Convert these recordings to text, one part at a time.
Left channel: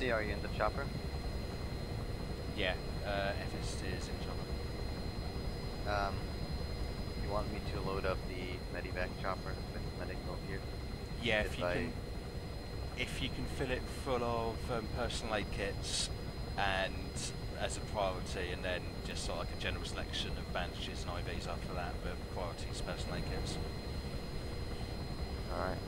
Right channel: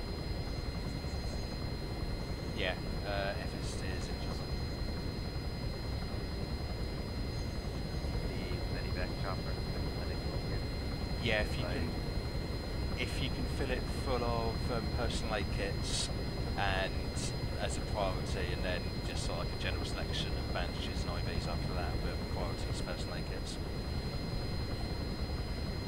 FSD, are you in the chopper? Yeah, FST is in chopper. You want me to load up the medivac chopper with medical here? Yeah, if you can fill it full of personal aid kits and as a priority, and then just sort of like a general selection of bandages and IVs after that, but priority is personal aid kits. Alright.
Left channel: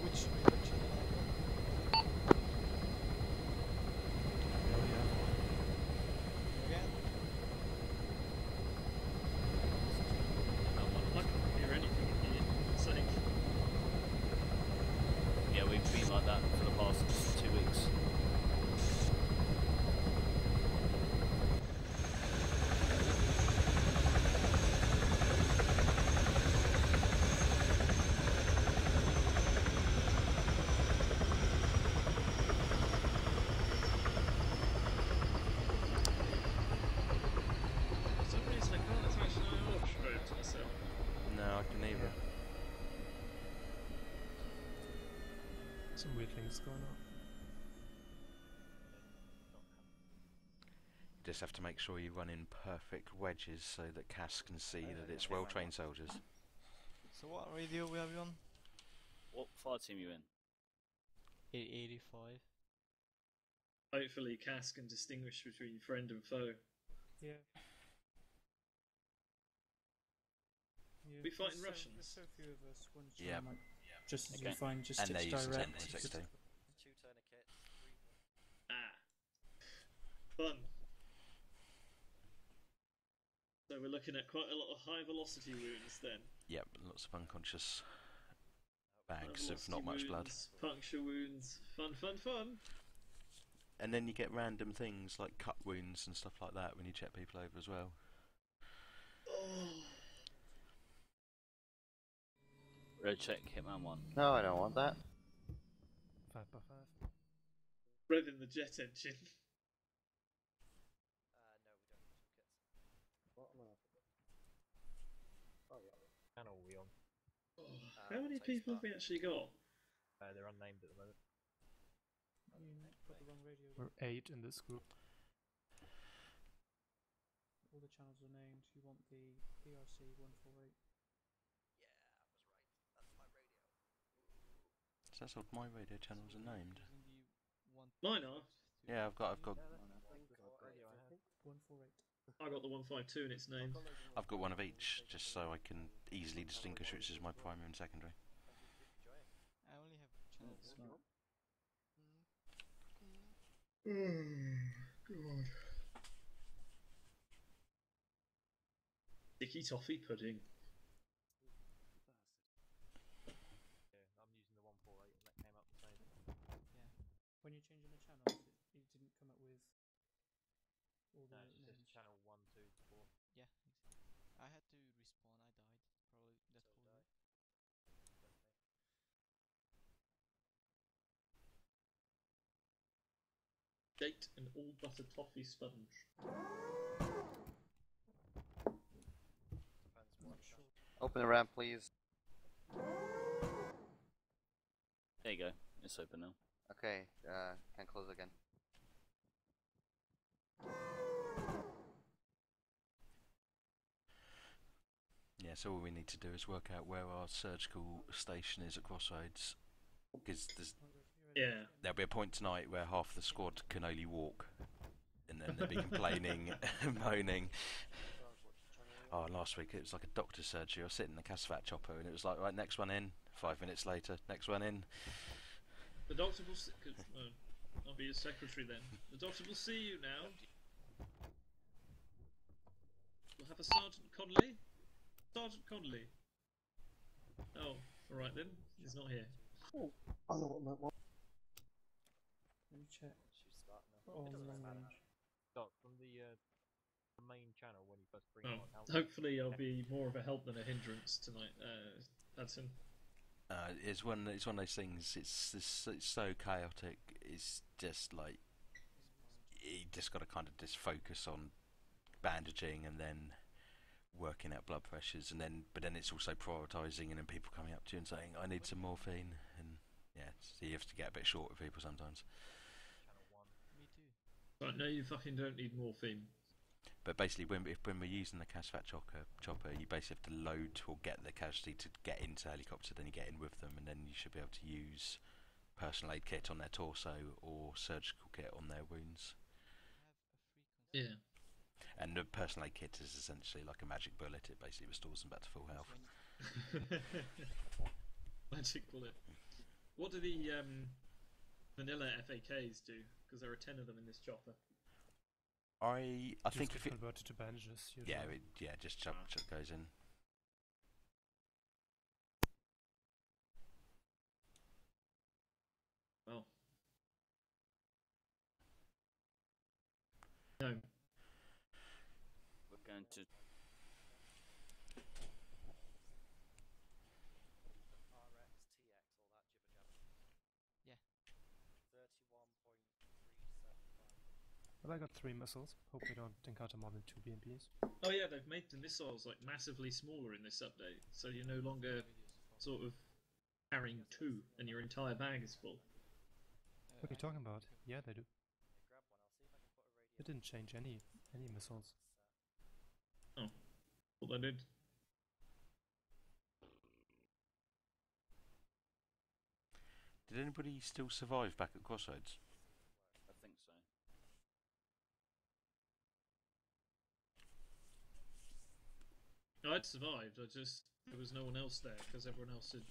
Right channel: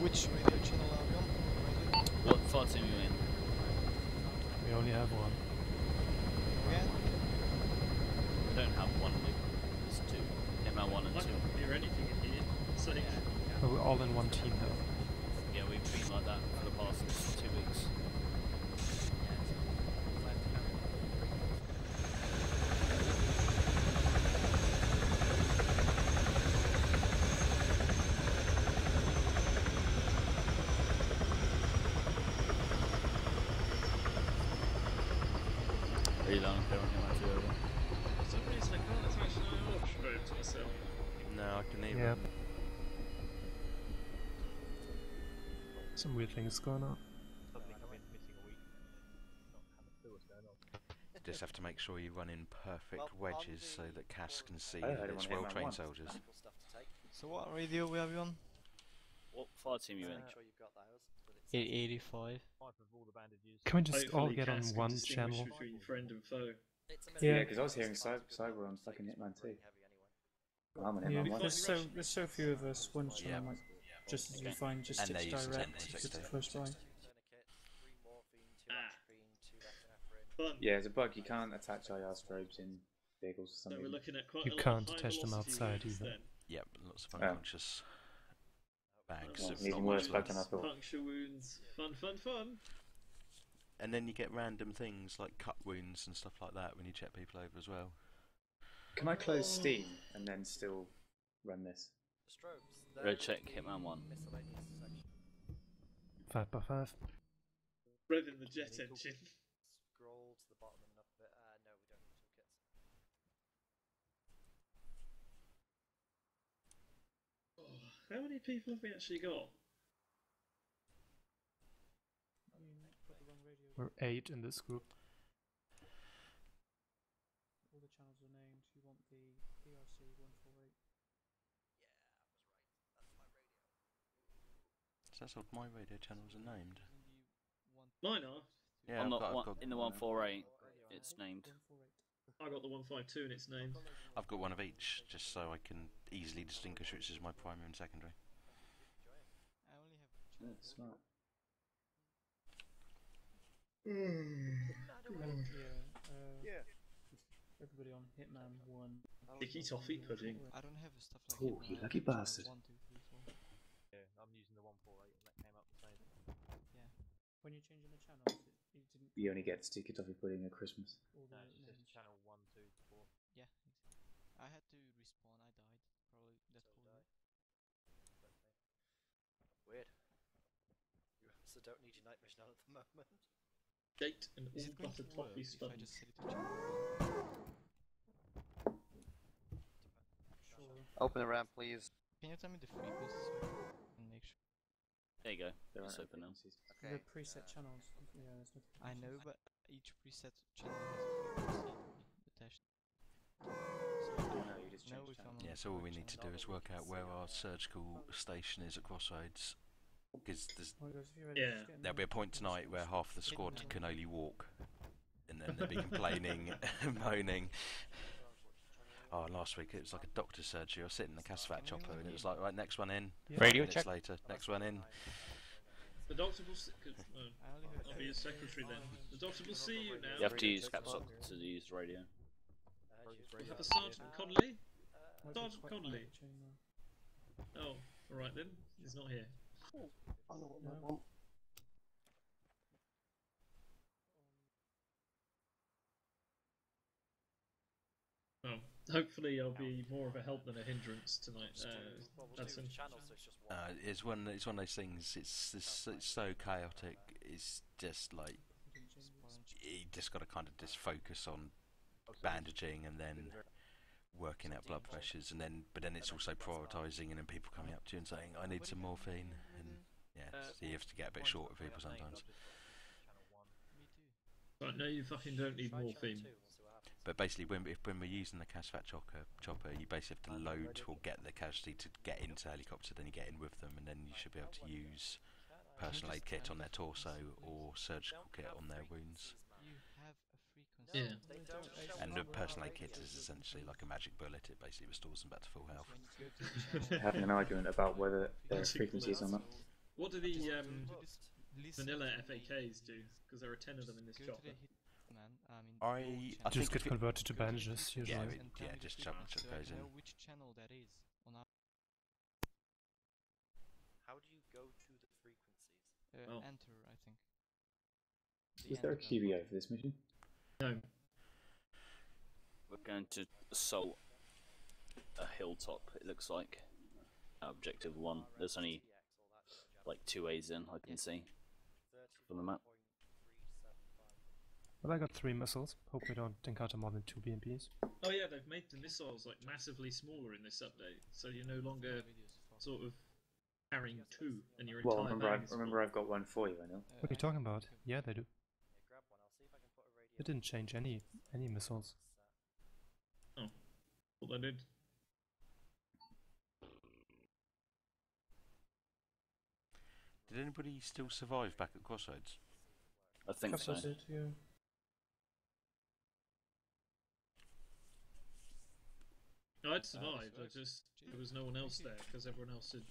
Which radio channel are we on? What thoughts are you in? We only have one. Again? I don't have one. It's two. ML1 and I 2. can't hear anything in here. It's like, We're all in one team. Yeah, we've been like that for the past 2 weeks. Really long. for some reason I can't attach an IR strobe to myself. No, I can even. Yeah. Some weird things going on. Just have to make sure you run in perfect wedges so that Cass can see that it's well-trained soldiers. So what radio we have you on? What fire team are you in? 885. Can we just all Hopefully get on Cass can one distinguish channel? between friend and foe. Yeah, because I was hearing Cyber on fucking Hitman 2. I'm an Yeah, Hitman 1. There's so few of us, one channel might just as Okay. fine, just And sticks they use the direct, same because it's text close by. Fun. Yeah, there's a bug. You can't attach IR strobes in vehicles or So something. we're looking at quite You a lot can't of high test them velocity outside wounds either. then. Yep, lots of unconscious bags of Needing not worse much blood. bug than I thought. Puncture wounds. Fun. And then you get random things like cut wounds and stuff like that when you check people over as well. Can I close Steam and then still run this? Red check Hitman 1. No, I don't want that. 5x5. Revving the jet engine. How many people have we actually got? We're 8 in this group. All the channels are named. You want the PRC 148. So that's what my radio channels are named. Mine are. Yeah, On I've the got in the 148, it's named. 148. I got the 152 and it's named. I've got one of each, just so I can easily distinguish which is my primary and secondary. I only have Smart. Everybody on Hitman 1. Sticky toffee pudding. I don't have stuff like Oh, you lucky bastard. 1, 2, 3, 4. When you're changing the channels, you didn't. You only get sticky toffee pudding at Christmas. All the names. Yeah, I had to respawn, I died. Probably that's probably. Weird. You also don't need your night mission on at the moment. Date and Is all it going butter to work toffee if I sponge. just set it to chat? Not sure. Open the ramp, please. Can you tell me the frequencies? And make sure. There you go. It's open now. Okay, Preset channels. can close again. It's not- I know, but each preset channel is attached. You just Now changed we channel. found Yeah, so all we need to do is work out where our surgical station is at Crossroads. Because Oh, guys, if you're ready, Yeah. just get in there'll be a point tonight where half the squad can only walk. And then they'll be complaining, moaning. Oh, last week it was like a doctor's surgery. I was sitting in the Casvat chopper and it was like, right, next one in. 5 minutes later, next one in. The doctor will see. I'll be his secretary then. The doctor will see you now. You have to use caps lock to use the radio. We'll have a Sergeant Connolly. Sergeant Connolly. Oh, alright then. He's not here. I know what that one. Let me check. On long range. Oh, hopefully I'll be more of a help than a hindrance tonight. Hudson. It's one of those things. It's so chaotic. It's just like you just got to kind of just focus on bandaging and then working out blood pressures, and then it's also prioritising, and then people coming up to you and saying, I need some morphine, and yeah, so you have to get a bit short with people sometimes. Right, no, you fucking don't need morphine. But basically, when we're using the CASVAT chopper, you basically have to load or get the casualty to get into the helicopter, then you get in with them, and then you should be able to use personal aid kit on their torso or surgical kit on their wounds. Yeah. And the personal aid kit is essentially like a magic bullet. It basically restores them back to full health. Having an argument about whether there's frequencies or not. What do the vanilla FAKs do? Because there are 10 of them in this chopper. I think get converted to bandages usually. Yeah, just chuck goes in. Which channel that is on our How do you go to the frequencies? enter, I think. Is there a QBO for this mission? No. We're going to assault a hilltop, it looks like. Objective 1. There's only like 2 A's in, I can see from the map. Well, I got 3 missiles. Hope we don't encounter more than 2 BMPs. Oh yeah, they've made the missiles like massively smaller in this update, so you're no longer sort of carrying 2 and your entire bag is full. Remember I've got one for you, I know. What are you talking about? Yeah, they do. They didn't change any missiles. Oh, what they did. Did anybody still survive back at Crossroads? I think so. I'd survived, there was no one else there, because everyone else had,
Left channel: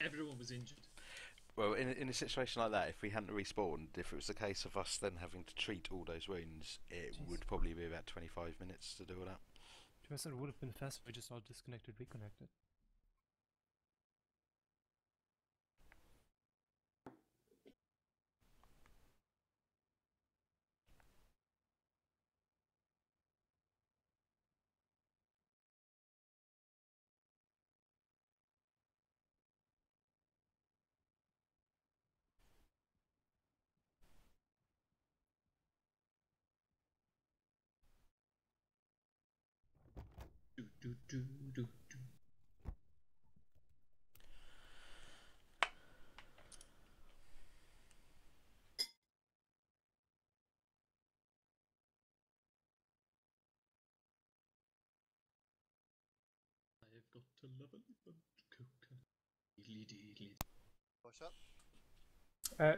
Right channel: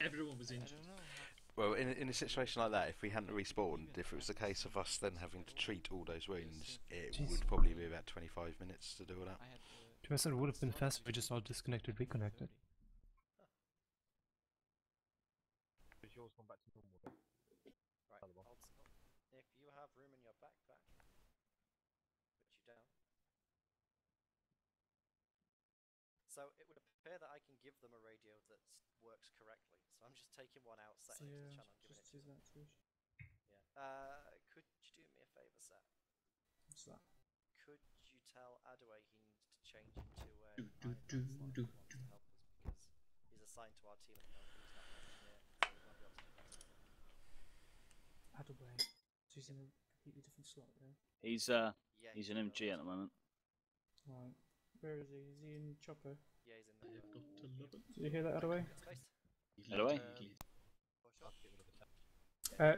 everyone was injured. Well, in a situation like that, if we hadn't respawned, if it was the case of us then having to treat all those wounds, it would probably be about 25 minutes to do all that. To be honest, it would have been faster if we just all disconnected, reconnected. If you have room in your backpack, put you down. So it would appear that I can give them a radio that works correctly. So I'm just taking one out, setting it to the channel, and giving it to them. Yeah. Could you do me a favour, Seth? What's that? Could you tell Adway he needs to change it to he's assigned to our team. Adway. So he's in a completely different slot, yeah? He's an MG at the moment. Right. Where is he? Is he in chopper? Yeah, he's in I there. have got to love it. Did you hear that, Adway? Adway? Push up.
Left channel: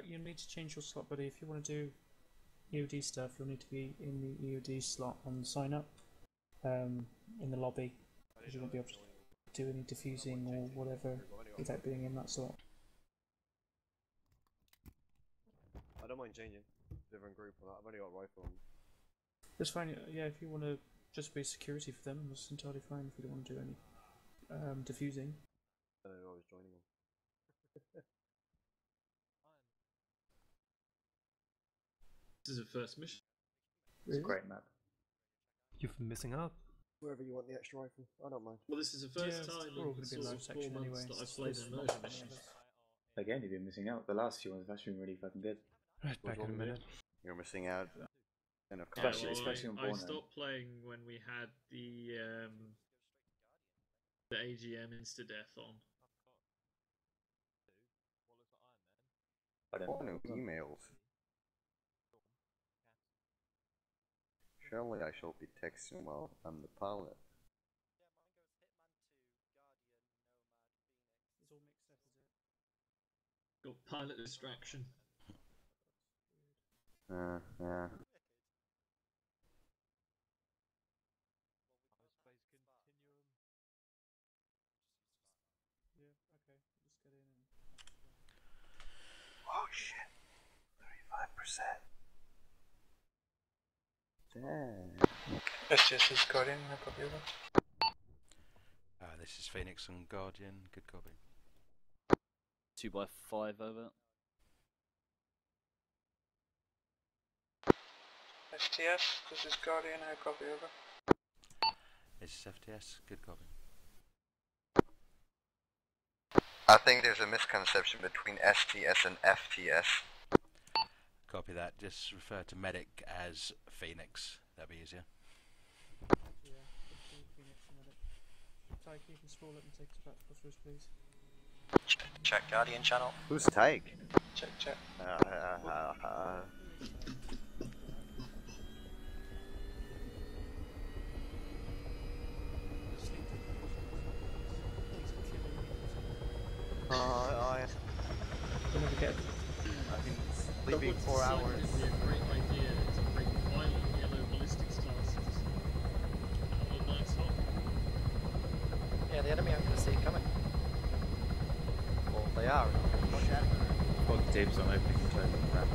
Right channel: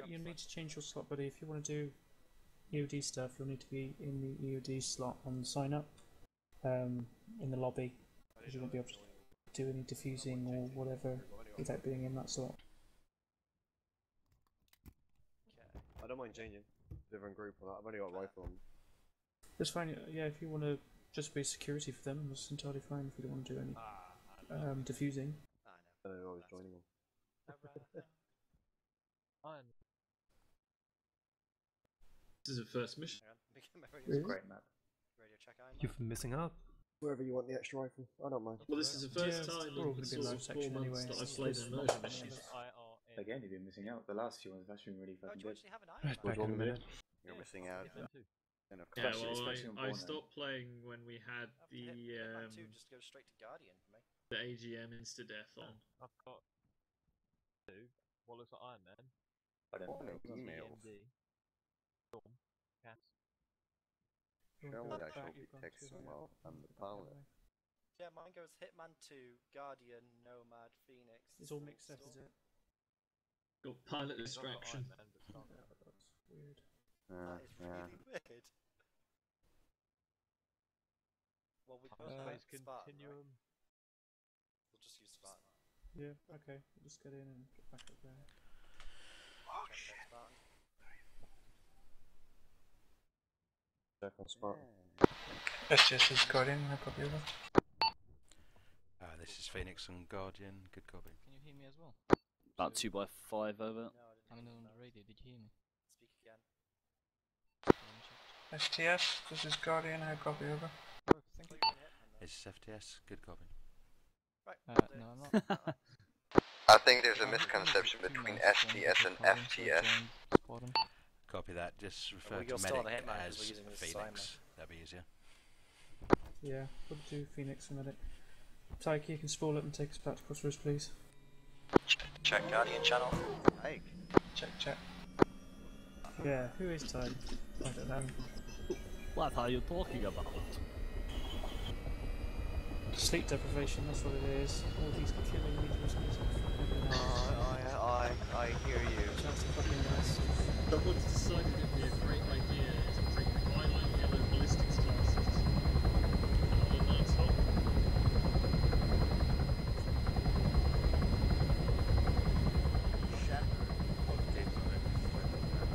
You need to change your slot, buddy. If you want to do EOD stuff, you'll need to be in the EOD slot on sign up in the lobby, because you won't be able to do any diffusing or whatever without being in that slot. I don't mind changing. Different group or that. I've only got a rifle on. That's fine. Yeah, if you want to just be security for them, that's entirely fine. If you don't want to do any diffusing. I don't know, I was joining them. This is a first mission. It's a great map. You're missing out. Wherever you want the extra rifle, I don't mind. Well, this is the first time we're all in going to be in sort low of 4 section months anyway. that I've played an immersion mission. Again, you've been missing out. The last few ones have actually been really fucking good. Right, back in a minute. You're missing out. And of Yeah, course, well, especially on I Bornholm. stopped playing when we had the Just go straight to Guardian for me. the AGM insta-death on. I've got 2. What looks like Iron Man. I don't oh, know. no emails. Surely I shall be texting while I'm the pilot. Yeah, mine goes Hitman 2, Guardian, Nomad, Phoenix. It's all mixed up, is it? Got pilot distraction. Weird. Yeah. Weird. Well, we both have Spartan, right? We'll just use Spartan. Yeah, okay. We'll just get in and get back up there. Oh shit. 35%. SGS is Guardian, no copy over. This is Phoenix and Guardian. Good copy. Can you hear me as well? About 2x5 over. I'm on the radio, did you hear me? Speak again. STS, this is Guardian, no copy over. This is FTS. Good copy. Right. No, I'm not. I think there's a misconception between STS and FTS. Copy that. Just refer to You're still medic the hitman, as we're using this Phoenix. That'd be easier. Yeah, we'll do Phoenix and Medic. Tyke, you can spool up and take us back to Crossroads, please. Check Guardian channel. Who's Take? Check. Yeah, who is Tyke? I don't know. What are you talking about? Sleep deprivation, that's what it is. All these killing meters. I hear you. But what's decided would be a great idea is to bring violent yellow ballistics classes out of Night's Hop. Yeah, the enemy I'm going to see coming. They are. Watch out. Fog dibs on opening the closing trap.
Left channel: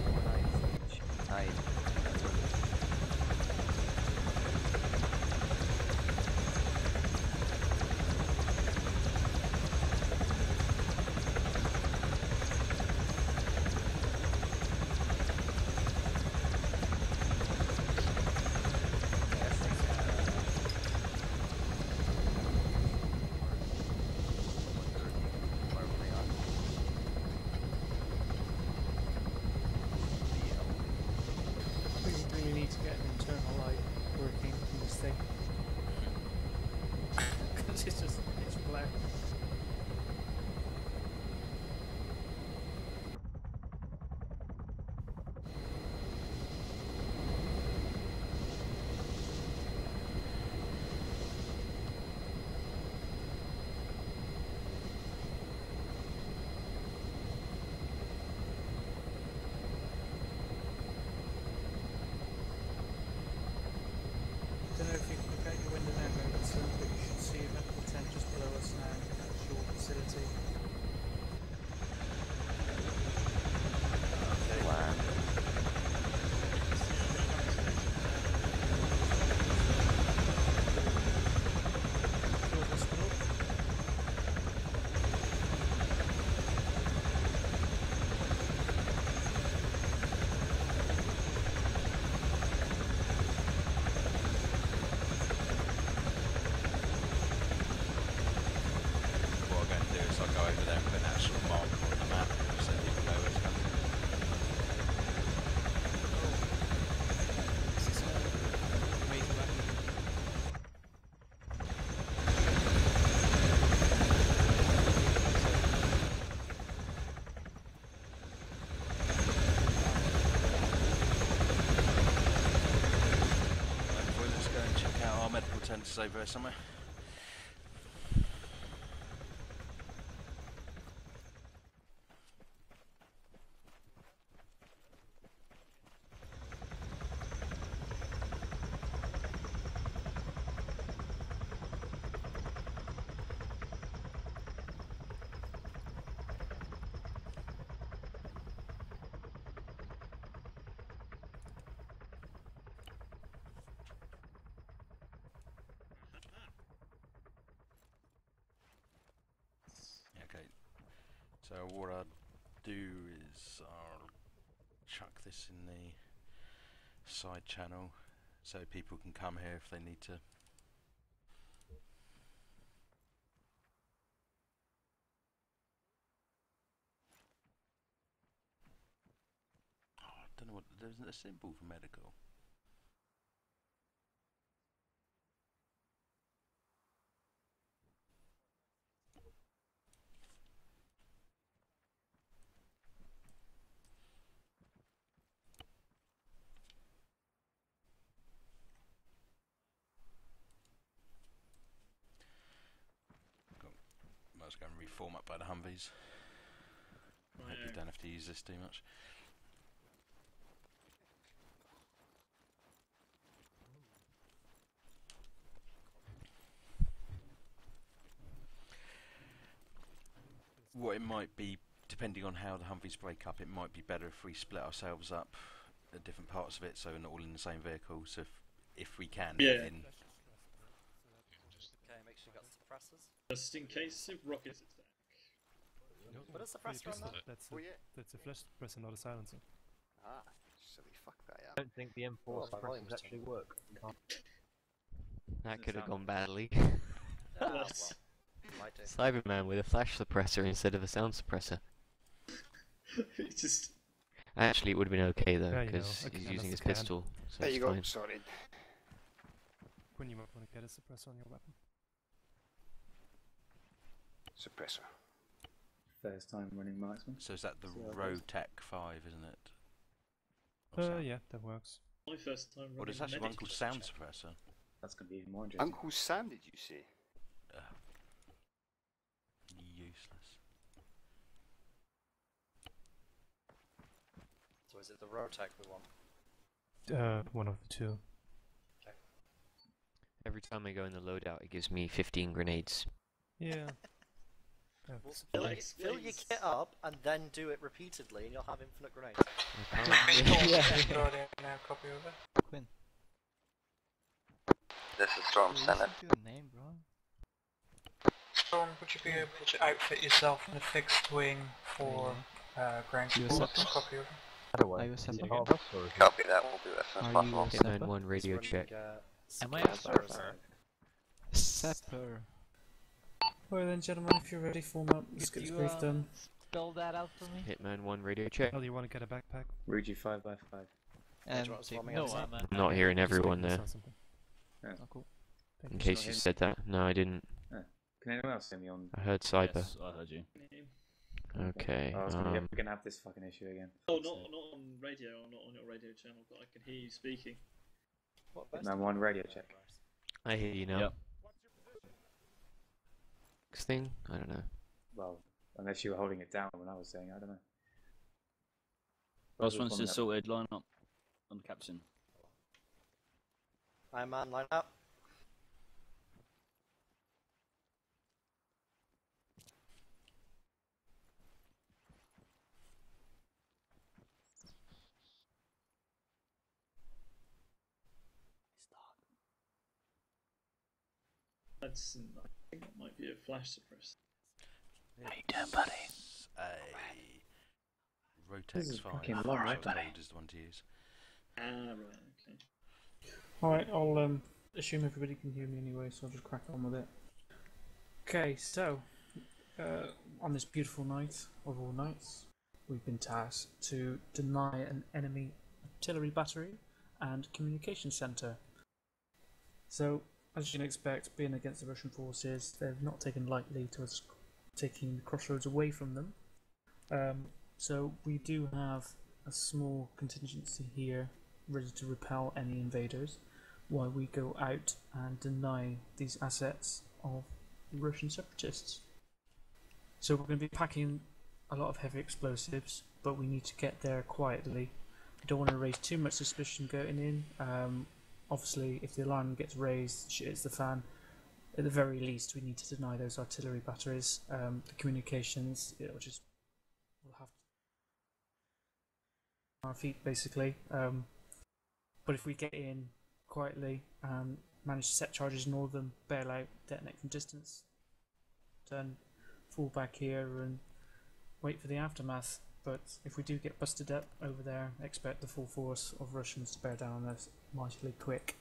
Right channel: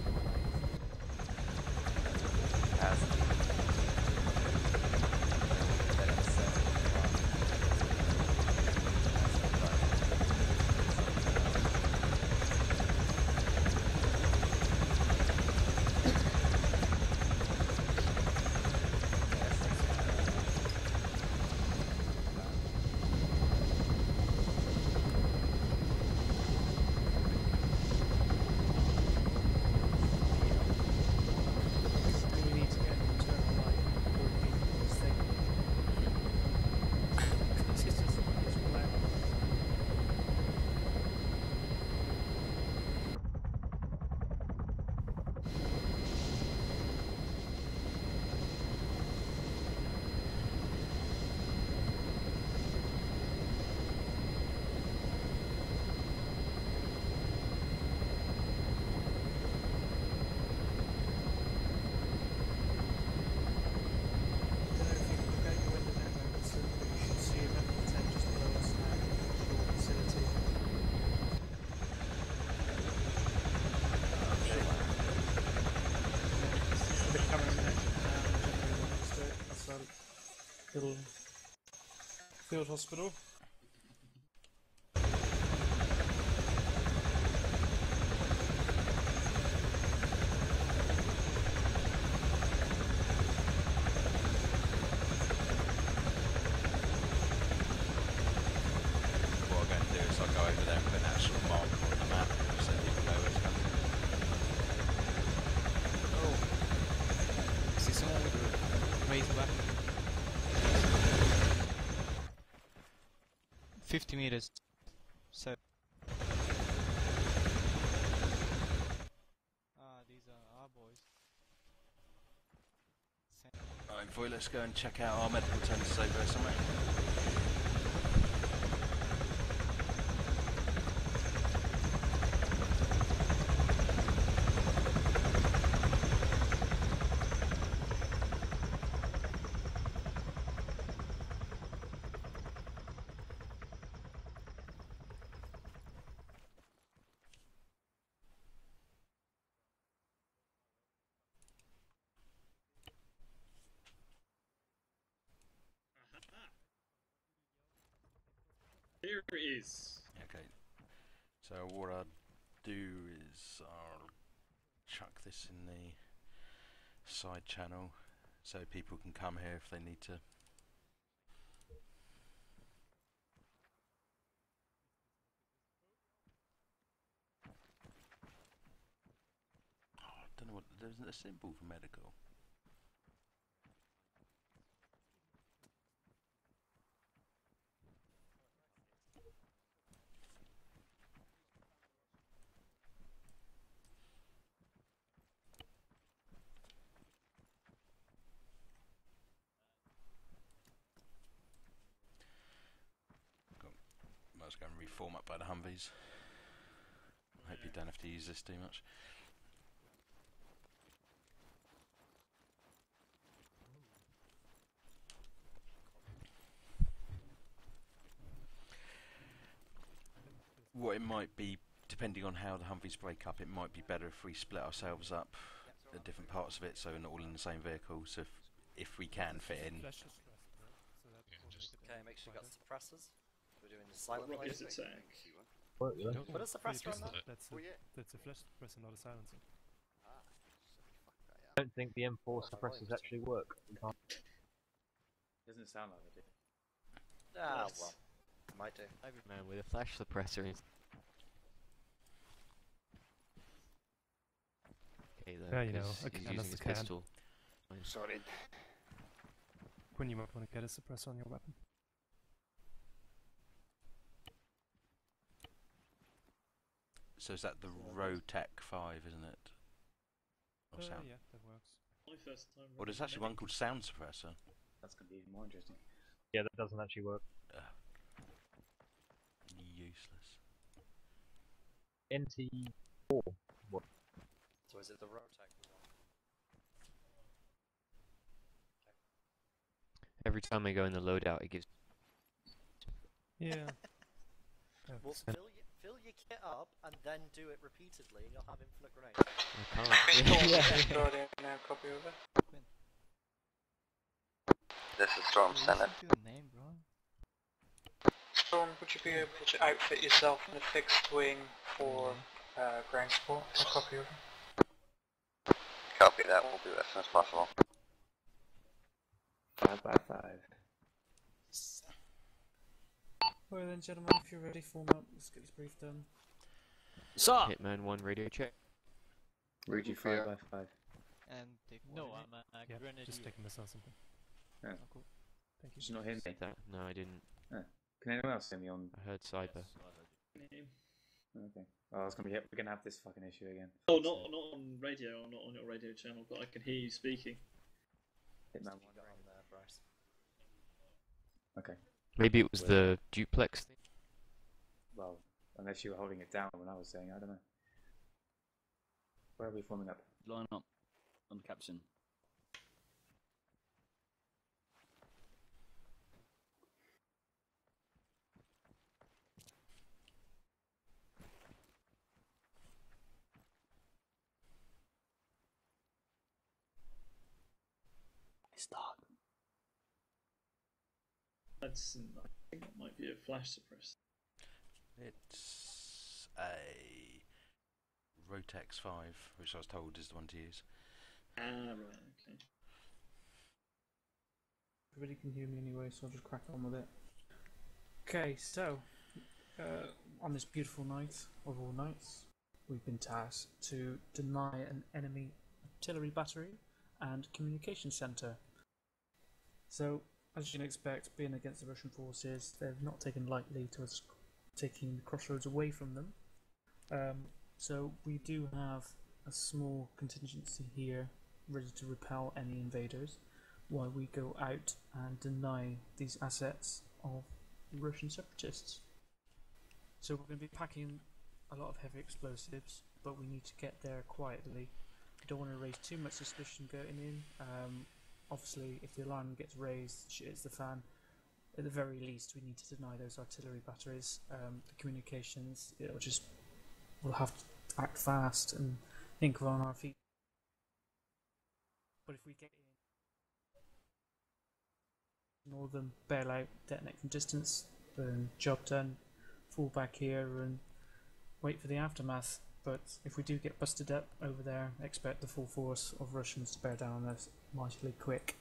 We really need to get an internal light working on this thing. Because it's black. Don't know if you can look out your window now, Robertson, but you should see a medical tent just below us now. Actual facility. They're coming down. Field hospital. What I'm going to do is I'll go over there and put an actual marker on the map so people know where it's coming. Is this all raised back? 50 meters. So, Right, boy, let's go and check out our medical tents over there somewhere. Here it is. Okay, so what I'll do is I'll chuck this in the side channel so people can come here if they need to. Oh, I don't know what, there isn't a symbol for medical. Might as well go and reformat by the Humvees. Hope you don't have to use this too much. What it might be, depending on how the Humvees break up, it might be better if we split ourselves up at different parts of it so we're not all in the same vehicle. So if we can Yeah. fit in. Okay, make sure you got suppressors. Just in case of rocket attack. What is suppressor on that? That's a flash suppressor, not a silencer. Ah, silly fuck that, yeah. I don't think the M4 suppressors actually work. That could have gone badly. Ah, well. Might do. Cyberman with a flash suppressor instead of a sound suppressor. Just Actually, it would have been okay though, Yeah, you know, because a he's can using is his a can. pistol, so There it's you go, fine. sorted. When you might want to get a suppressor on your weapon. Suppressor. First time running marksman. So is that the So Rotec 5, isn't it? Or sound? Yeah, that works. My first time Well, there's actually one called Sound Suppressor. That's going to be even more interesting. Uncle Sam? Yeah, that doesn't actually work. Useless. NT4. What? So is it the Rotec we want? One of the two. Okay. Every time I go in the loadout, it gives me 15 grenades. Yeah. Well, send fill, it. fill your kit up and then do it repeatedly, and you'll have infinite grenades. I can't. Copy over. Quinn. This is Storm Listen Senate. to your name, bro. Storm, would you be able to outfit yourself in a fixed wing for ground support? Copy over. Are you a Sep again? Copy that, we'll do as soon as Are possible. you a Sep? Hitman 1 radio check. Am I Yeah, a bye, bye. Sepper? Well then, gentlemen, if you're ready, form up. Let's get this brief done. Spell that out. Hitman 1 radio check. Oh, do you want to get a backpack? Rudy 5x5. No, I'm I'm not hearing everyone there. Yeah. Oh, cool. In Just case not you him. said that. No, I didn't. Can anyone else hear me on? I heard cyber. Yes, I heard you. Okay. Oh, I was gonna we're gonna have this fucking issue again. Oh, not on radio, or not on your radio channel, but I can hear you speaking. Hitman 1 radio check. I hear you now. Yep. Okay. Maybe it was the duplex thing? I don't know. Well, unless you were holding it down when I was saying, I don't know. Last one's just sorted, line up on captain. Iron Man, line up. It's dark. That's, I think that might be a flash suppressor. How you doing, buddy? A Rotex 5, which I was told is the one to use. Ah, right, okay. Alright, I'll assume everybody can hear me anyway, so I'll just crack on with it. Okay, so, on this beautiful night of all nights, we've been tasked to deny an enemy artillery battery and communication centre. So, as you can expect, being against the Russian forces, they've not taken lightly to us taking the crossroads away from them. So we do have a small contingency here ready to repel any invaders while we go out and deny these assets of the Russian separatists. So we're going to be packing a lot of heavy explosives, but we need to get there quietly. We don't want to raise too much suspicion going in. Obviously, if the alarm gets raised, shit hits the fan. At the very least, we need to deny those artillery batteries. The communications, we'll have to act fast and think on our feet, basically. But if we get in quietly and manage to set charges, ignore them, bail out, detonate from distance, then job done. Fall back here and wait for the aftermath. But if we do get busted up over there, expect the full force of Russians to bear down on us mightily quick.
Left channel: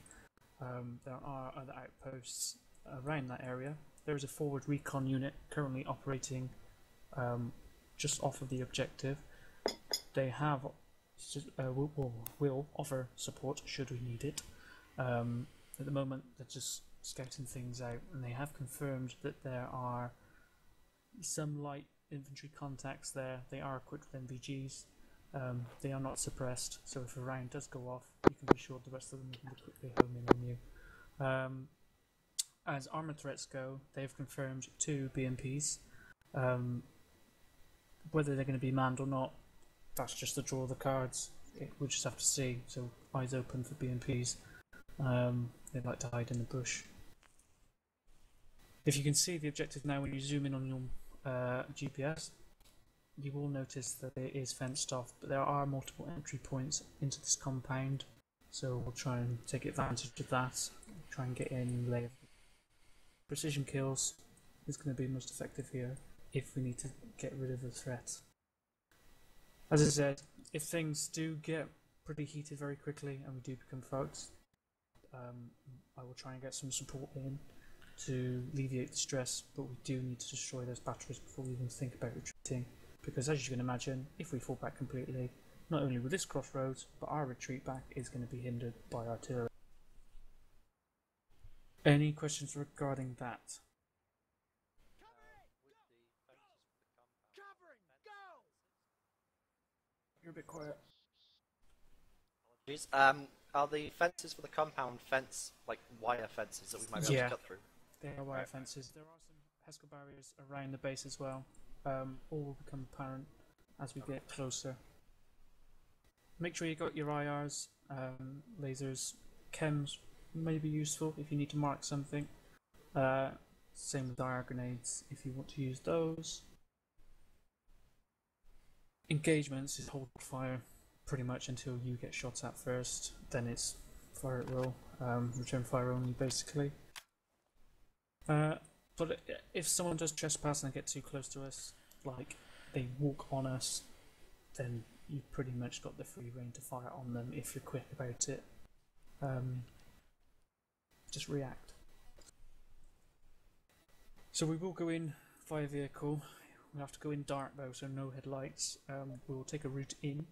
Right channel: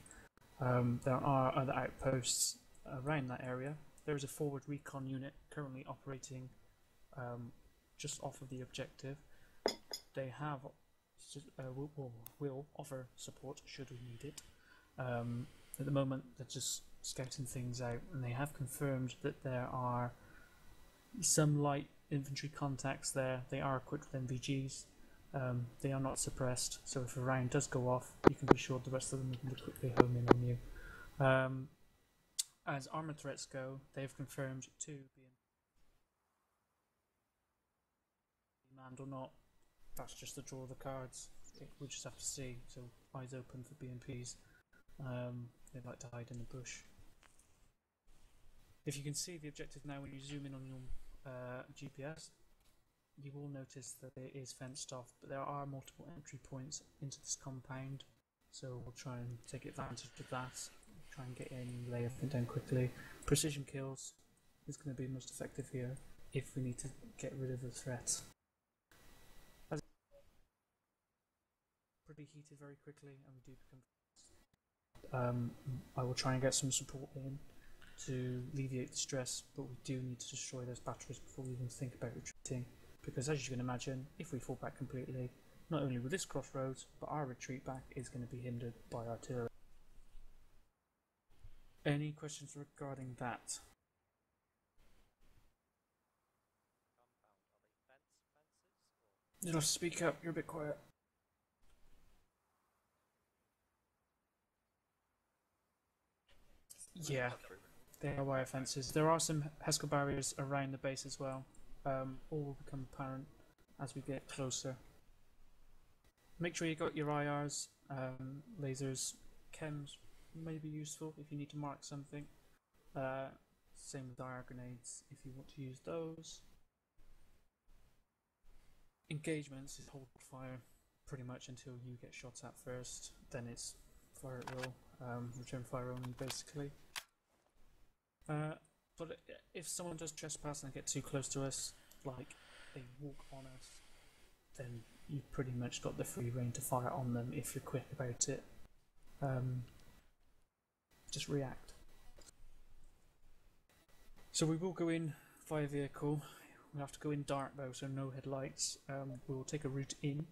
There are other outposts around that area. There is a forward recon unit currently operating just off of the objective. They have will offer support should we need it. At the moment, they're just scouting things out, and they have confirmed that there are some light infantry contacts there. They are equipped with MVGs. They are not suppressed, so if a round does go off, you can be sure the rest of them can quickly home in on you. As armor threats go, they have confirmed 2 BMPs. Whether they're going to be manned or not, that's just the draw of the cards. We'll just have to see. So eyes open for BMPs. They like to hide in the bush. If you can see the objective now when you zoom in on your GPS, you will notice that it is fenced off, but there are multiple entry points into this compound, so we'll try and take advantage of that, try and get in, lay everything down quickly. Precision kills is going to be most effective here if we need to get rid of the threat. As I said, if things do get pretty heated very quickly and we do become folks, I will try and get some support in to alleviate the stress, but we do need to destroy those batteries before we even think about retreating, because as you can imagine, if we fall back completely, not only with this crossroads, but our retreat back is going to be hindered by artillery. Any questions regarding that? You'll have to speak up, you're a bit quiet. Jeez. Are the fences for the compound fence like wire fences that we might be able to cut through? They are wire fences. There are some Heskel barriers around the base as well. All will become apparent as we get closer. Make sure you got your IRs, lasers, chems may be useful if you need to mark something. Same with IR grenades if you want to use those. Engagements is hold fire pretty much until you get shot at first. Then it's fire at will, return fire only basically. But if someone does trespass and get too close to us, like they walk on us, then you've pretty much got the free reign to fire on them if you're quick about it. Just react. So we will go in via vehicle. We'll have to go in dark though, so no headlights. We'll take a route in,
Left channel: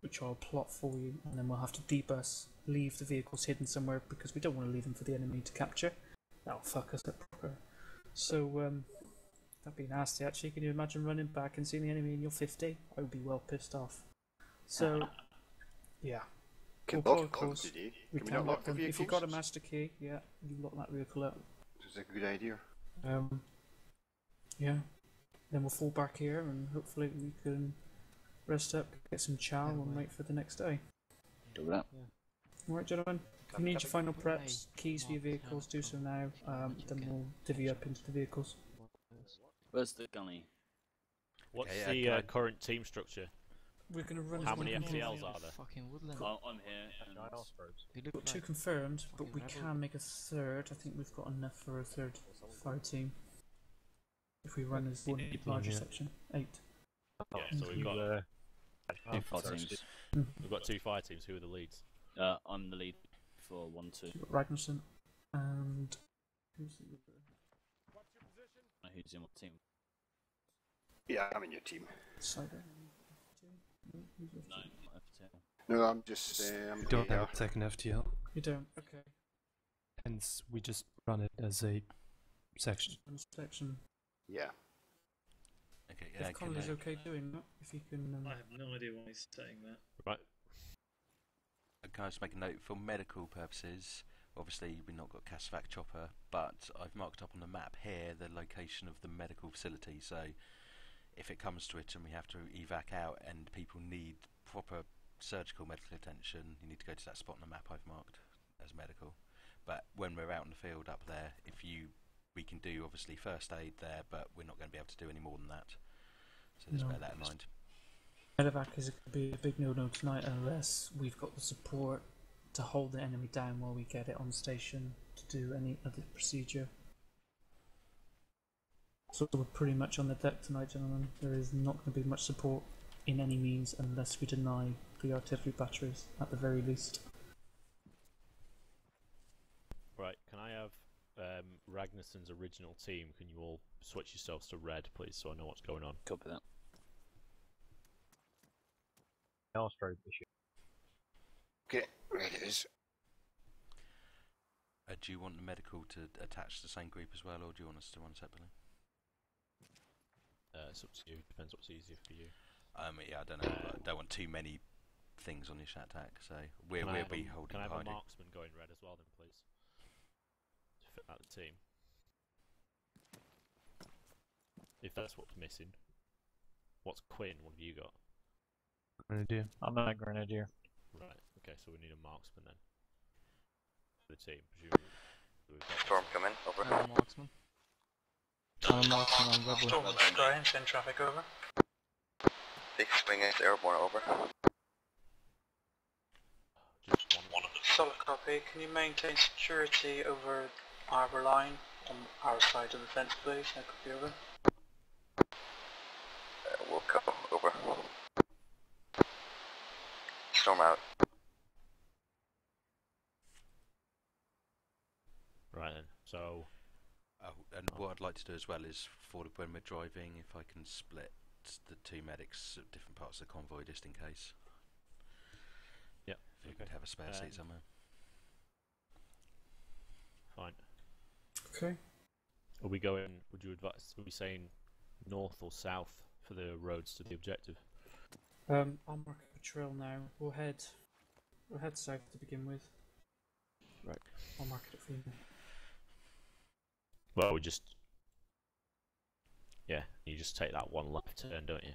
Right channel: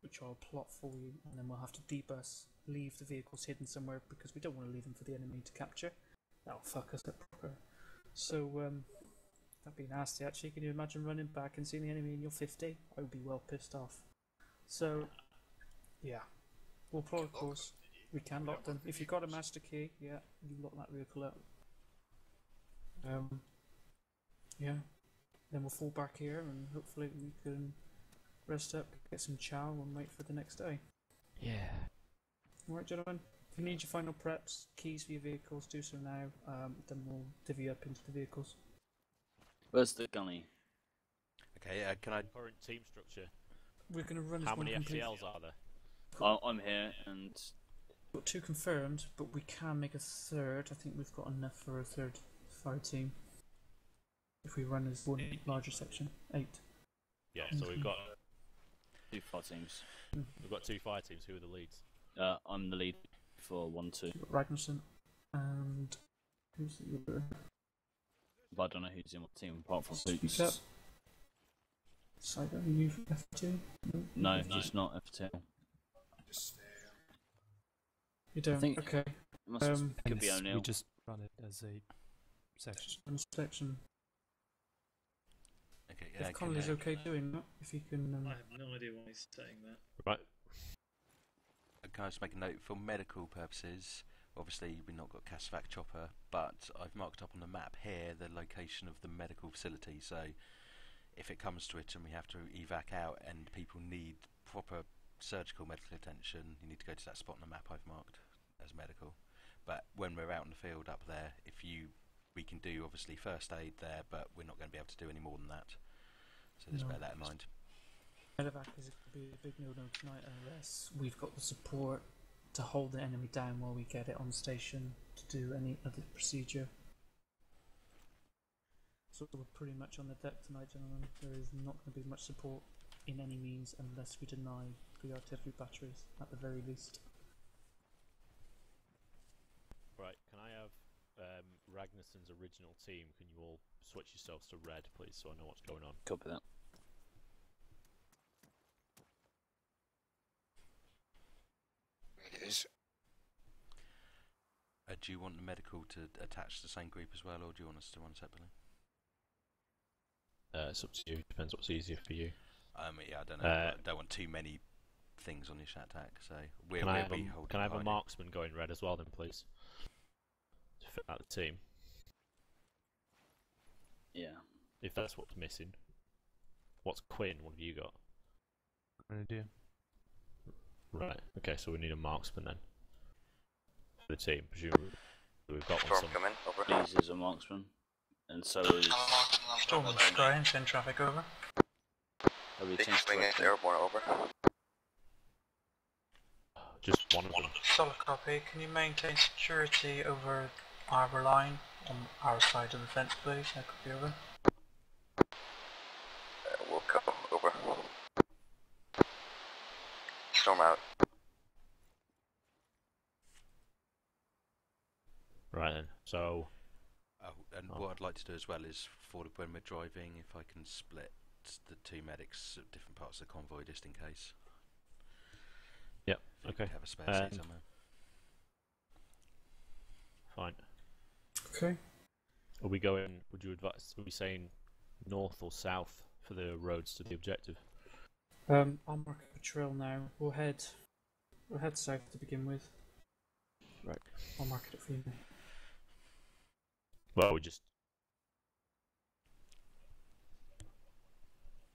which I'll plot for you, and then we'll have to debus, leave the vehicles hidden somewhere because we don't want to leave them for the enemy to capture. That'll fuck us up proper. So that'd be nasty actually. Can you imagine running back and seeing the enemy in your 50? I would be well pissed off. So yeah. We'll plot a course. We can lock them. If you've got a master key, yeah, you lock that vehicle up. That's a good idea. Yeah. Then we'll fall back here and hopefully we can rest up, get some chow and wait for the next day. Yeah. Alright gentlemen, if you need your final preps, keys for your vehicles, do so now, then we'll divvy up into the vehicles. Where's the gunny? What's the current team structure? We're going to run How as many one FTLs are there? I'm here and... We've got 2 confirmed, but we can make a third. I think we've got enough for a third fire team. If we run as one larger section. 8. Yeah, so we've got 2 fire teams. We've got 2 fire teams. Who are the leads? I'm the lead for 1-2. Ragnarsson and who's the other? But I don't know who's in what team apart from Speak Boots. up. Yeah, I'm in your team. Cyber, you F2? No, just not FTL. No, I'm just. We don't have a second FTL. You don't? think- Okay. And could be it's- O'Neill. we just run it as a section. Section. Yeah. Okay, If Connolly's okay doing that, if you can. I have no idea why he's saying that. Right. Can I just make a note for medical purposes? Obviously, we've not got Casvac chopper, but I've marked up on the map here the location of the medical facility. So, if it comes to it and we have to evac out and people need proper surgical medical attention, you need to go to that spot on the map I've marked as medical. But when we're out in the field up there, we can do obviously first aid there, but we're not going to be able to do any more than that. So just bear that in mind. Medevac is going to be a big no-no tonight unless we've got the support to hold the enemy down while we get it on station to do any other procedure. So we're pretty much on the deck tonight, gentlemen. There is not going to be much support in any means unless we deny the artillery batteries at the very least. Right. Can I have Ragnarsson's original team? Can you all switch yourselves to red, please, so I know what's going on? Copy that. Astro issue. Okay, right it is. Do you want the medical to attach to the same group as well, or do you want us to run separately? It's up to you. Depends what's easier for you. Yeah, I don't know. I don't want too many things on your shat attack, so we'll be holding. Can I have a behind you. marksman going red as well, then, please? To fit out the team. Yeah. If that's what's missing. What's Quinn? What have you got? Grenadier. I'm not a grenadier. Right. Okay, so we need a marksman then. For the team, presumably. We've got Storm one. coming, over. Yeah, there's a marksman. And so... Storm on Sky, send traffic over. Big swing is airborne, over. Just one of them. Solid copy. Can you maintain security over Harbour Line on our side of the fence, please? That could be over. We'll come, over. Storm out. Right then, so... And what I'd like to do as well is, for when we're driving, if I can split the two medics at different parts of the convoy just in case. Yep. If you Okay. could have a spare seat somewhere. Fine. Okay. Are we going? Would you advise? Are we saying north or south for the roads to the objective? I'll mark a trail now. We'll head south to begin with. Right. I'll mark it for you. Well, we just you just take that one left turn, don't you?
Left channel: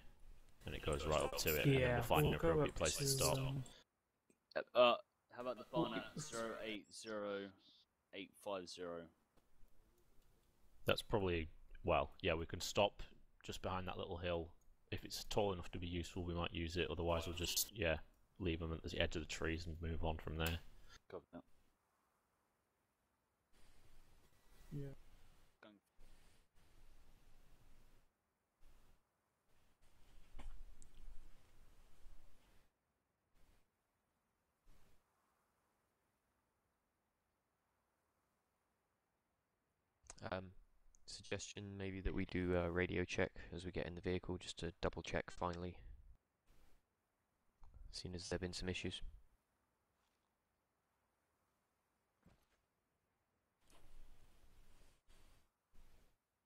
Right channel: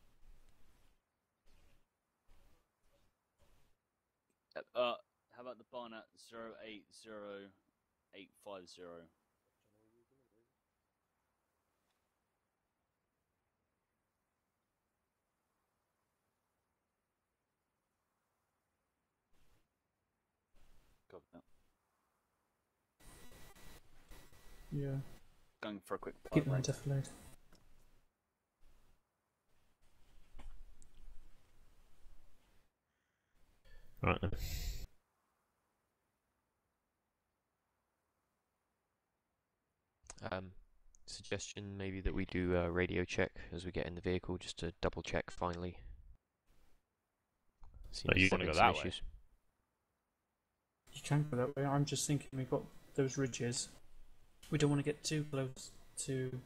And it goes right up to it, and then we'll find an appropriate place to stop. How about the barn at 080850? That's probably, well, yeah, we can stop just behind that little hill. If it's tall enough to be useful, we might use it. Otherwise, we'll just, leave them at the edge of the trees and move on from there. Got that. Yeah. Going for a quick Keep my defilade. Right then. Suggestion maybe that we do a radio check as we get in the vehicle, just to double check finally. Seems you there's want to go some that way? issues. You can go that way. I'm just thinking we've got those ridges. We don't want to get too close to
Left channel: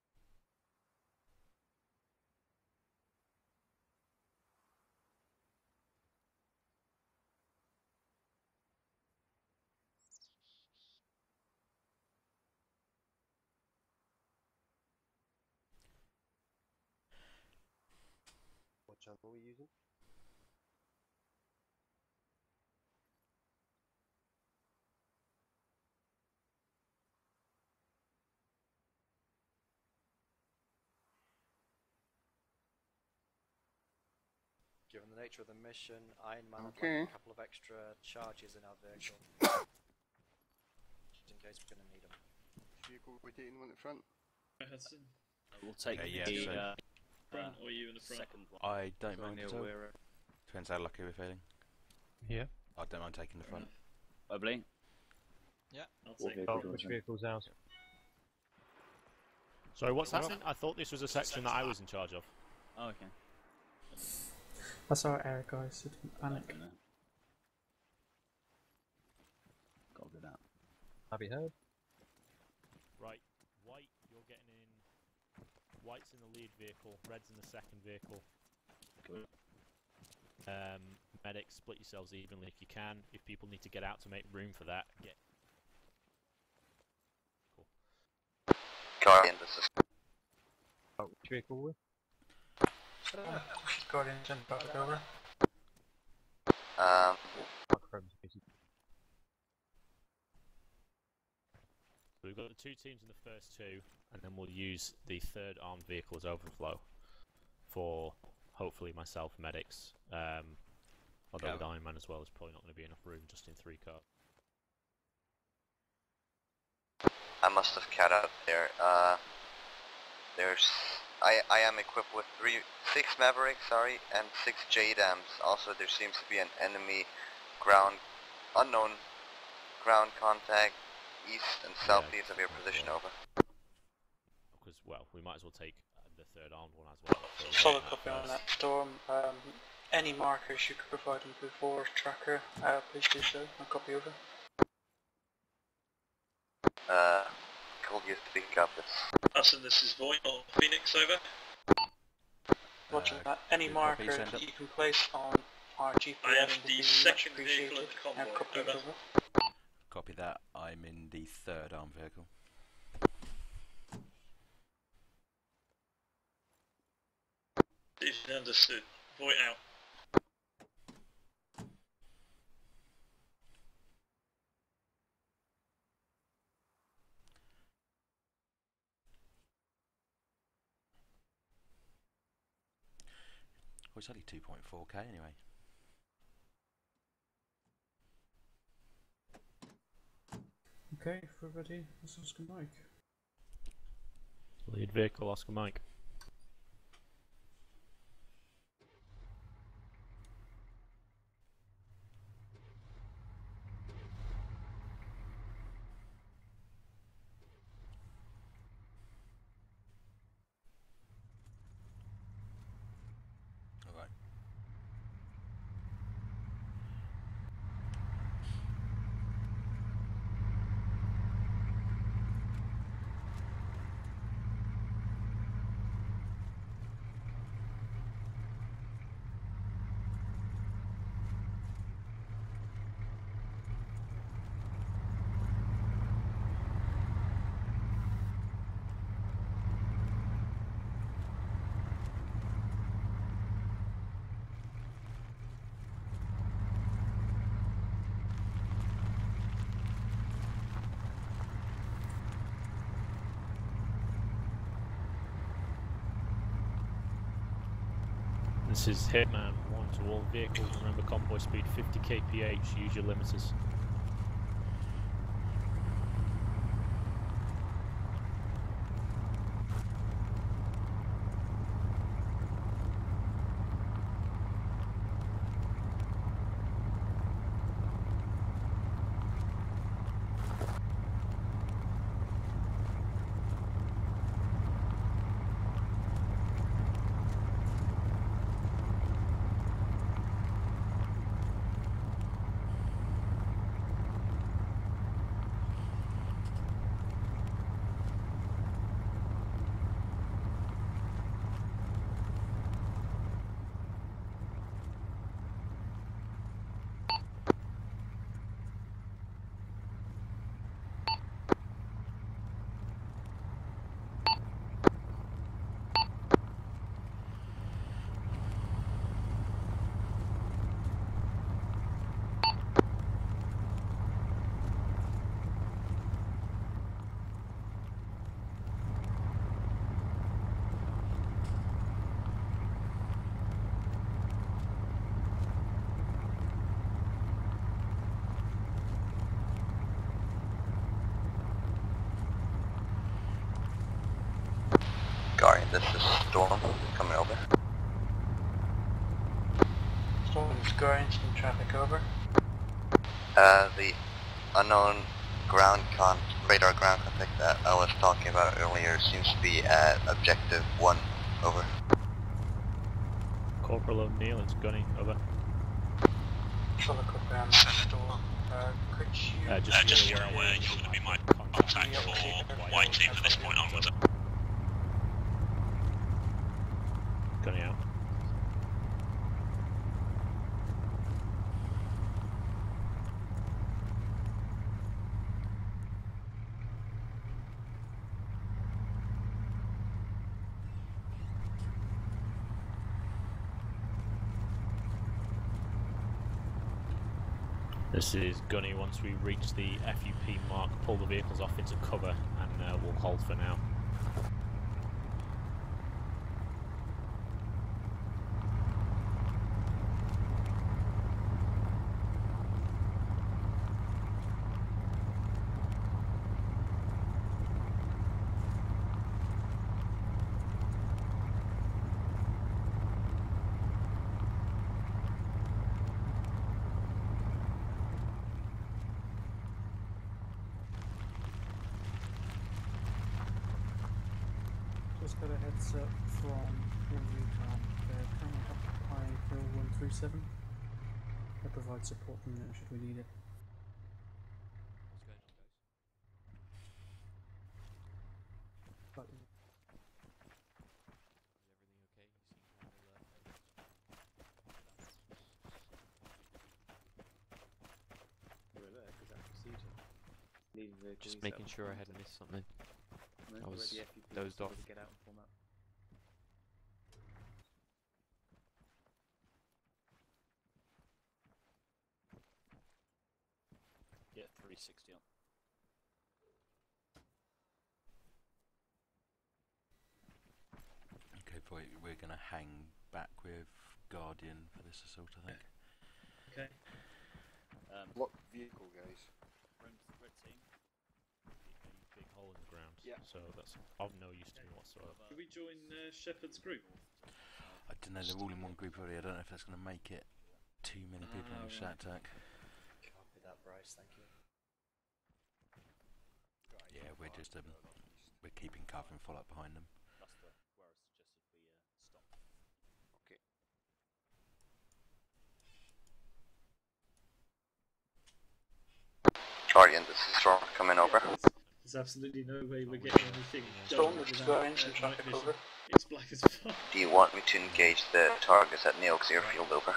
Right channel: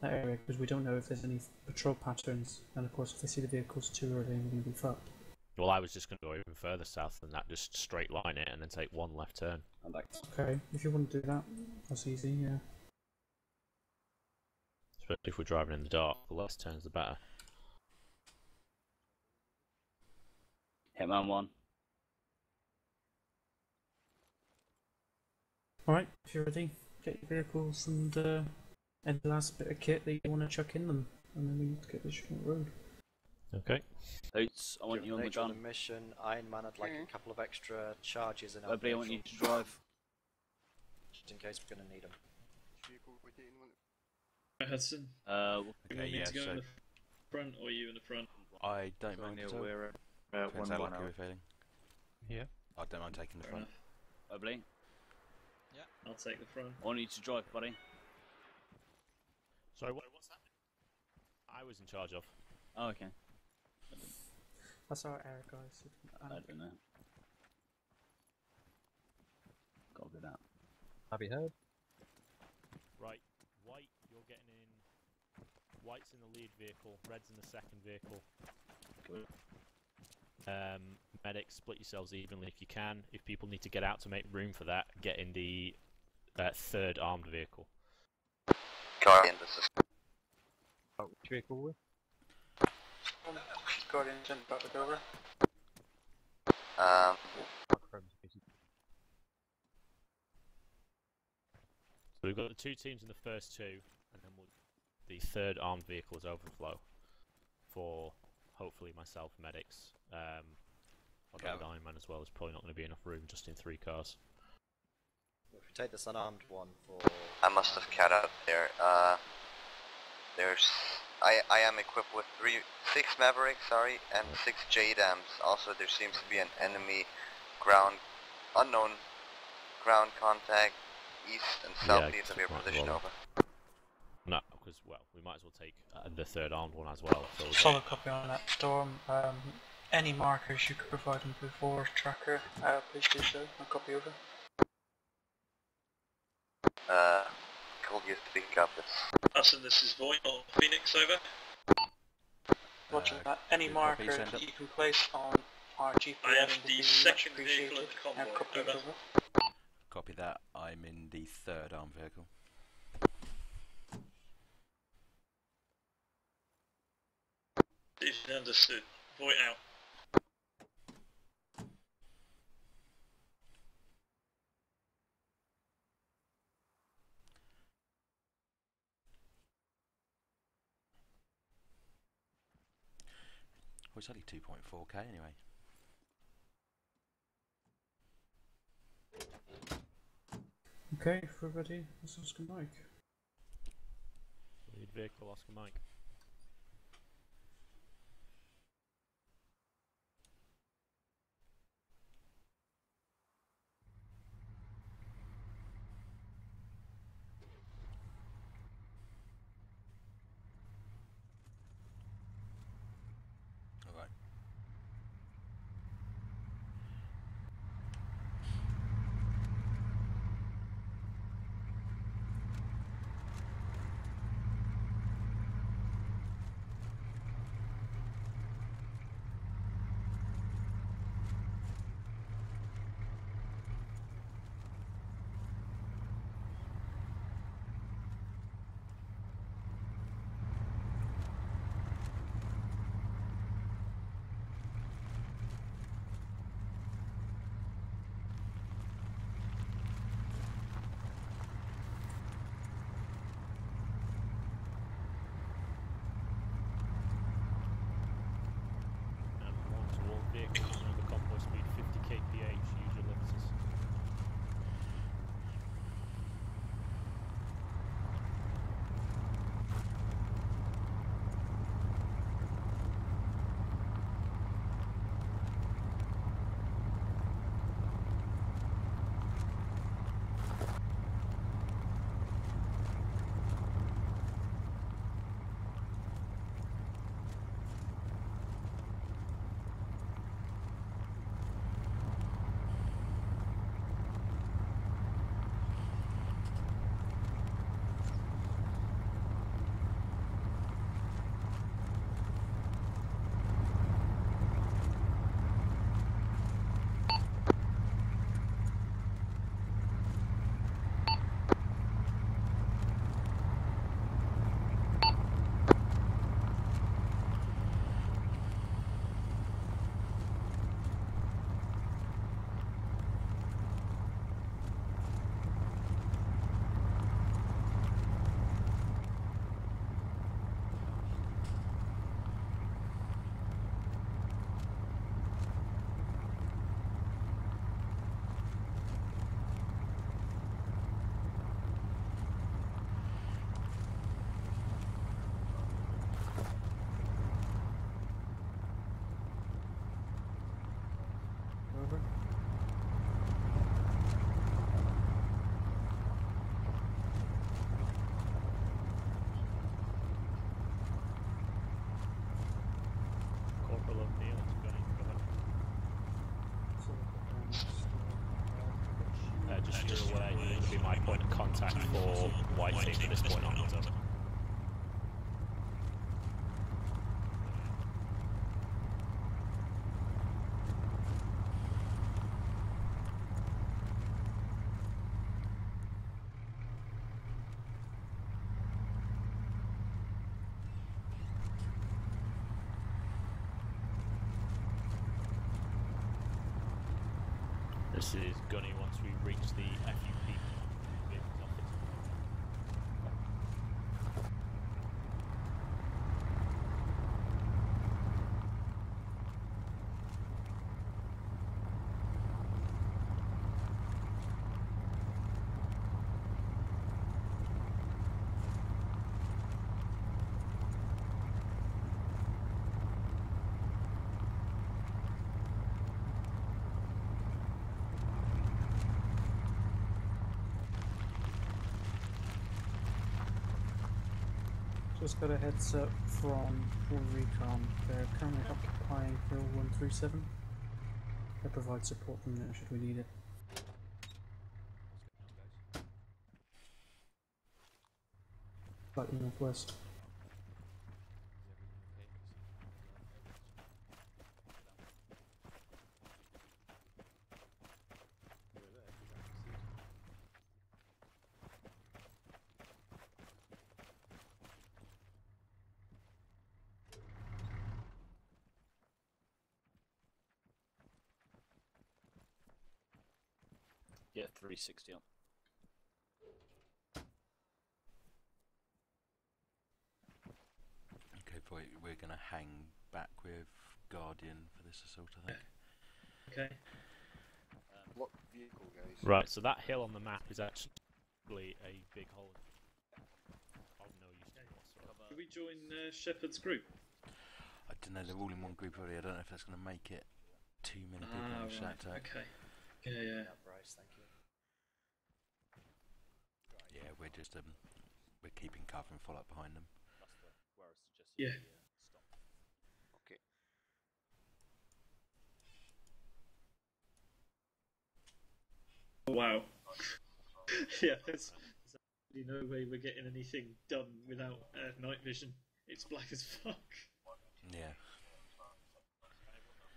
that area because we don't know if there's any patrol patterns. And of course, if they see the vehicles too early, we're going to be fucked. Well, I was just going to go even further south than that, just straight line it and then take one left turn. Okay, if you want to do that, that's easy, yeah. Especially if we're driving in the dark, the less turns the better. What channel are we using? Hitman 1. Alright, if you're ready, get your vehicles and the last bit of kit that you want to chuck in them, and then we need to get this shit on the road. Okay. Hoots, I want you on the nature of gun. the mission, Iron Man had like a couple of extra charges in our Nobody, I want you vehicle, to drive. just in case we're going to need them. Vehicle rotating one at front. Hudson, We'll take you so front or you in the front? I don't mind at all. We're Depends how lucky we're feeling. Yeah. I don't mind taking the front. Bubbly. Yeah. I'll take the front. I want you to drive, buddy. Sorry, what's happening? I thought this was a section that I was in charge of. Oh, okay. That's our air guys, so don't I panic. don't know. Copy that. Happy heard. Right, white, you're getting in. White's in the lead vehicle, red's in the second vehicle. Good. Medics, split yourselves evenly if you can. If people need to get out to make room for that, get in the third armed vehicle. Guardian, this is. Oh, which vehicle were we? Guardian, jump back over. So we've got the two teams in the first two, and then we'll use the third armed vehicle as overflow for hopefully myself, medics. Although with Iron Man as well, there's probably not going to be enough room just in 3 cars. If we take this unarmed one for... I must have cat out there. I am equipped with 6 Mavericks, and 6 JDAMs. Also, there seems to be an enemy unknown ground contact east and southeast of your position, over. No, because, well, we might as well take the third armed one as well. Solid copy on that, Storm. Any markers you could provide them before tracker, please do so. I'll copy over. Could you speak up? Hudson, this is Void or Phoenix, over. Roger that. Any marker that you can place on our GPS I am would the be second much vehicle of appreciated. the convoy, Copy over. Copy that. I'm in the third armed vehicle. Decision understood. Void out. Well, it's only 2.4k anyway. Okay, if we're ready, let's Oscar Mike. Lead vehicle, Oscar Mike. This is Hitman 1 to all vehicles. Remember convoy speed 50 kph. Use your limiters. Guardian, this is Storm, coming over. Storm is Guardian, some traffic over. The unknown radar ground contact that I was talking about earlier seems to be at objective 1, over. Corporal O'Neill, it's Gunny, over. Solid ground, Storm. Just so you're aware, you're going to be my point of contact for White Team at this point onwards. Gunny out. This is Gunny. Once we reach the FUP mark, pull the vehicles off into cover and we'll hold for now. Just got a heads up from All Recon. They're currently occupying Hill 137. They provide support from there should we need it. Slightly northwest. Just making sure I hadn't missed something. I was dozed off. Yeah, 360 on. Okay, boy, we're going to hang back with Guardian for this assault, I think. Okay. What vehicle, guys? Right, so that hill on the map is actually a big hole in the ground. Yeah. So that's of no use to me whatsoever. Should we join Shepard's group? I don't know, they're all in one group already. I don't know if that's going to make it too many people in a shack attack. Okay. Yeah. Bryce, thank you. Yeah, we're just we're keeping cover and follow up behind them. That's where I suggested Yeah. stop. Okay. Oh, wow. Guardian, this is Storm, coming over. There's absolutely no way we're getting anything done without night vision. It's black as fuck. Do you want me to engage the targets at Neox Airfield, over?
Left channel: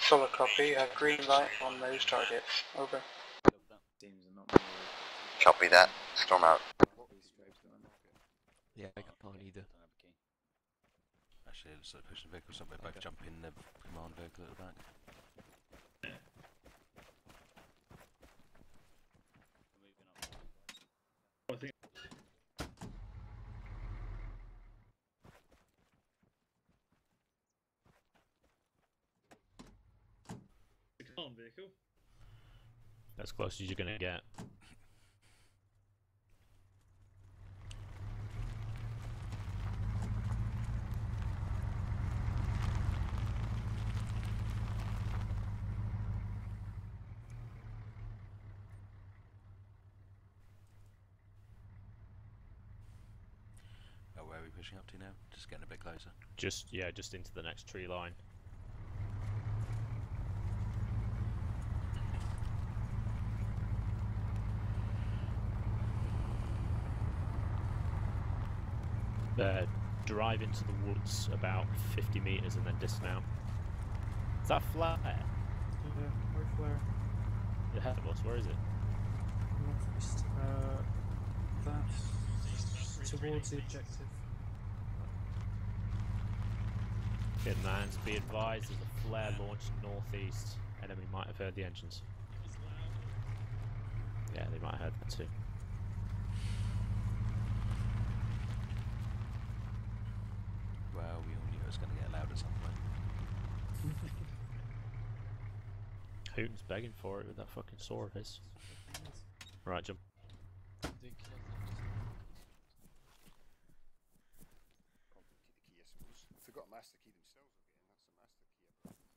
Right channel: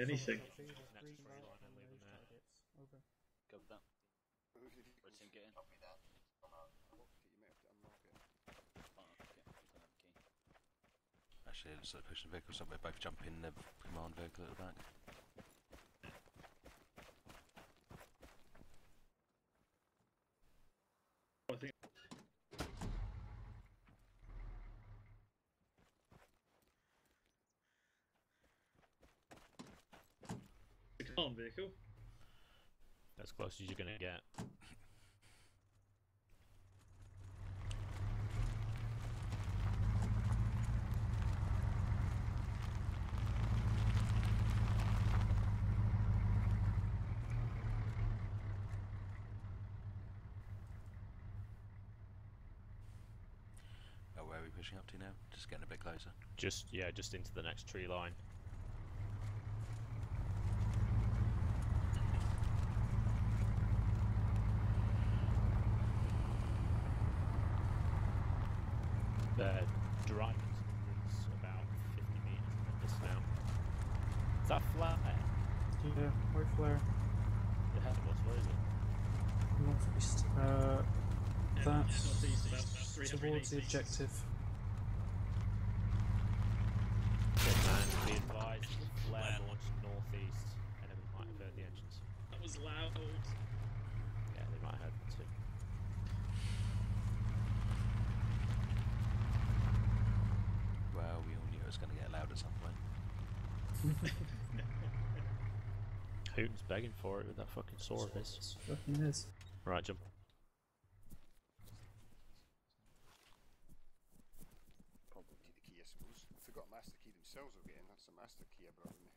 Solid copy, green light on those targets. Over. Copy that. Storm out. Yeah, I can't either. Actually, let's push the vehicles up. We both jump in the command vehicle at the back. I think armed vehicle. As close as you're gonna get. Oh, where are we pushing up to now? Just getting a bit closer. Just into the next tree line. Drive into the woods about 50 meters and then dismount. Is that flare? Yeah, where flare? Ahead of us, where is it? Northeast. That's towards the objective. Good man, be advised there's a flare launched northeast. Enemy might have heard the engines. That was loud. Yeah, they might have heard that too. Well, we all knew it was going to get loud at some point. Hooten's begging for it with that fucking saw of his. Fucking is. Right, jump. Probably the key, I suppose. If they got a master key themselves, they'll get in. That's a master key I brought in.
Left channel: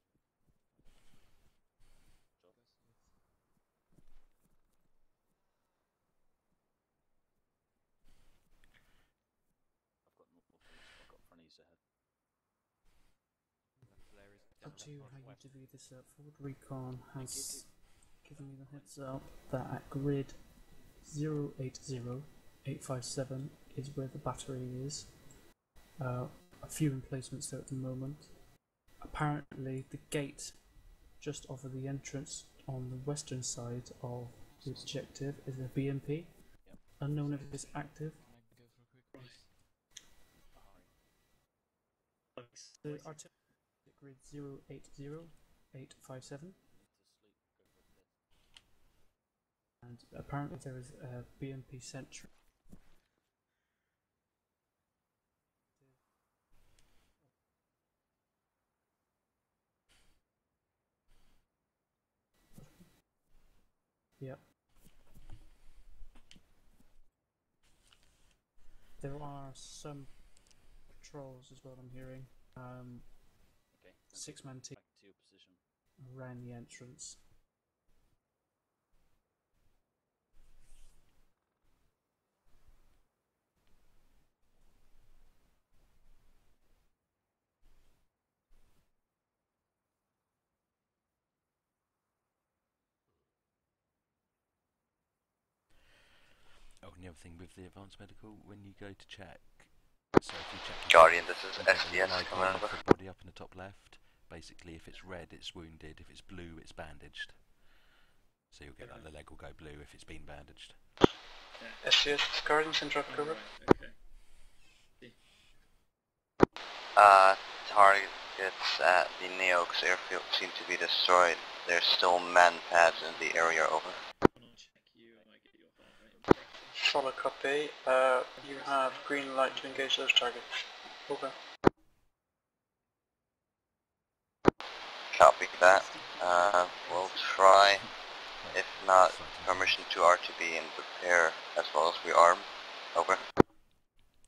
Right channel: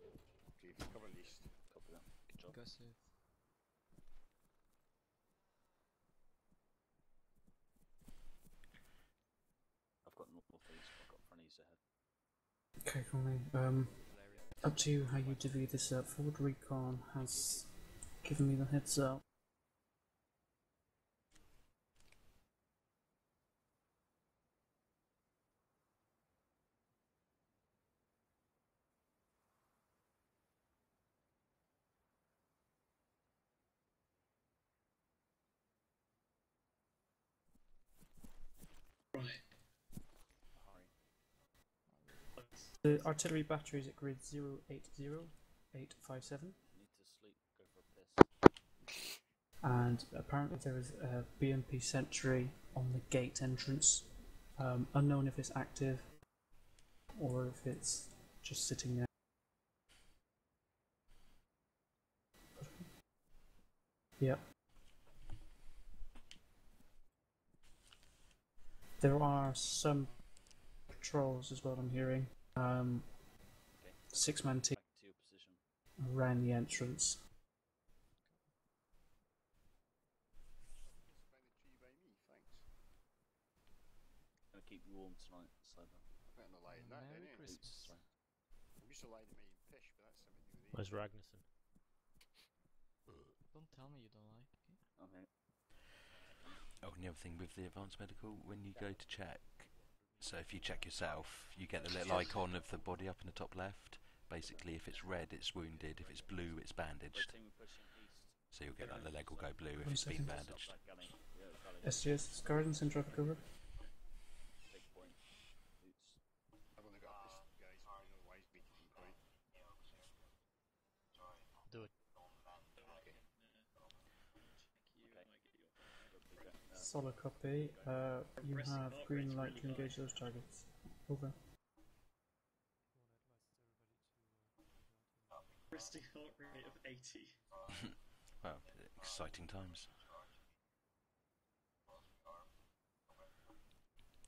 Okay, cover east. Copy that. Good job. Go south. I've got northeast. I've got front east ahead. Okay, cool. Up to you how you divvy this up. Forward Recon has given me the heads up that at grid 080857 is where the battery is. A few emplacements there at the moment. Apparently the gate just off of the entrance on the western side of the objective is a BMP. Unknown if it's active. The artillery battery is at grid 080857. And apparently there is a BMP sentry on the gate entrance. Unknown if it's active or if it's just sitting there. Yep. There are some patrols as well, I'm hearing. 6-man team Back to your position. around the entrance. Gonna keep you warm tonight, so. Merry Christmas. I'm used to lying to me in fish, but that's something new. Where's Ragnarsson? Don't tell me you don't like it. Okay. Oh, and the other thing with the advanced medical, when you go to check, so if you check Guardian, yourself, this is you get the SDS icon of commander. the body up in the top left. Basically, if it's red, it's wounded. If it's blue, it's bandaged. So you'll get that the leg will go blue if it's been bandaged. SDS, Guardian, send traffic over. Targets at the Neox airfield seem to be destroyed. There's still man pads in the area, over. Solid copy. You have green light to engage those targets. Over. Copy that. We'll try. If not, permission to RTB and prepare as well as rearm. Over.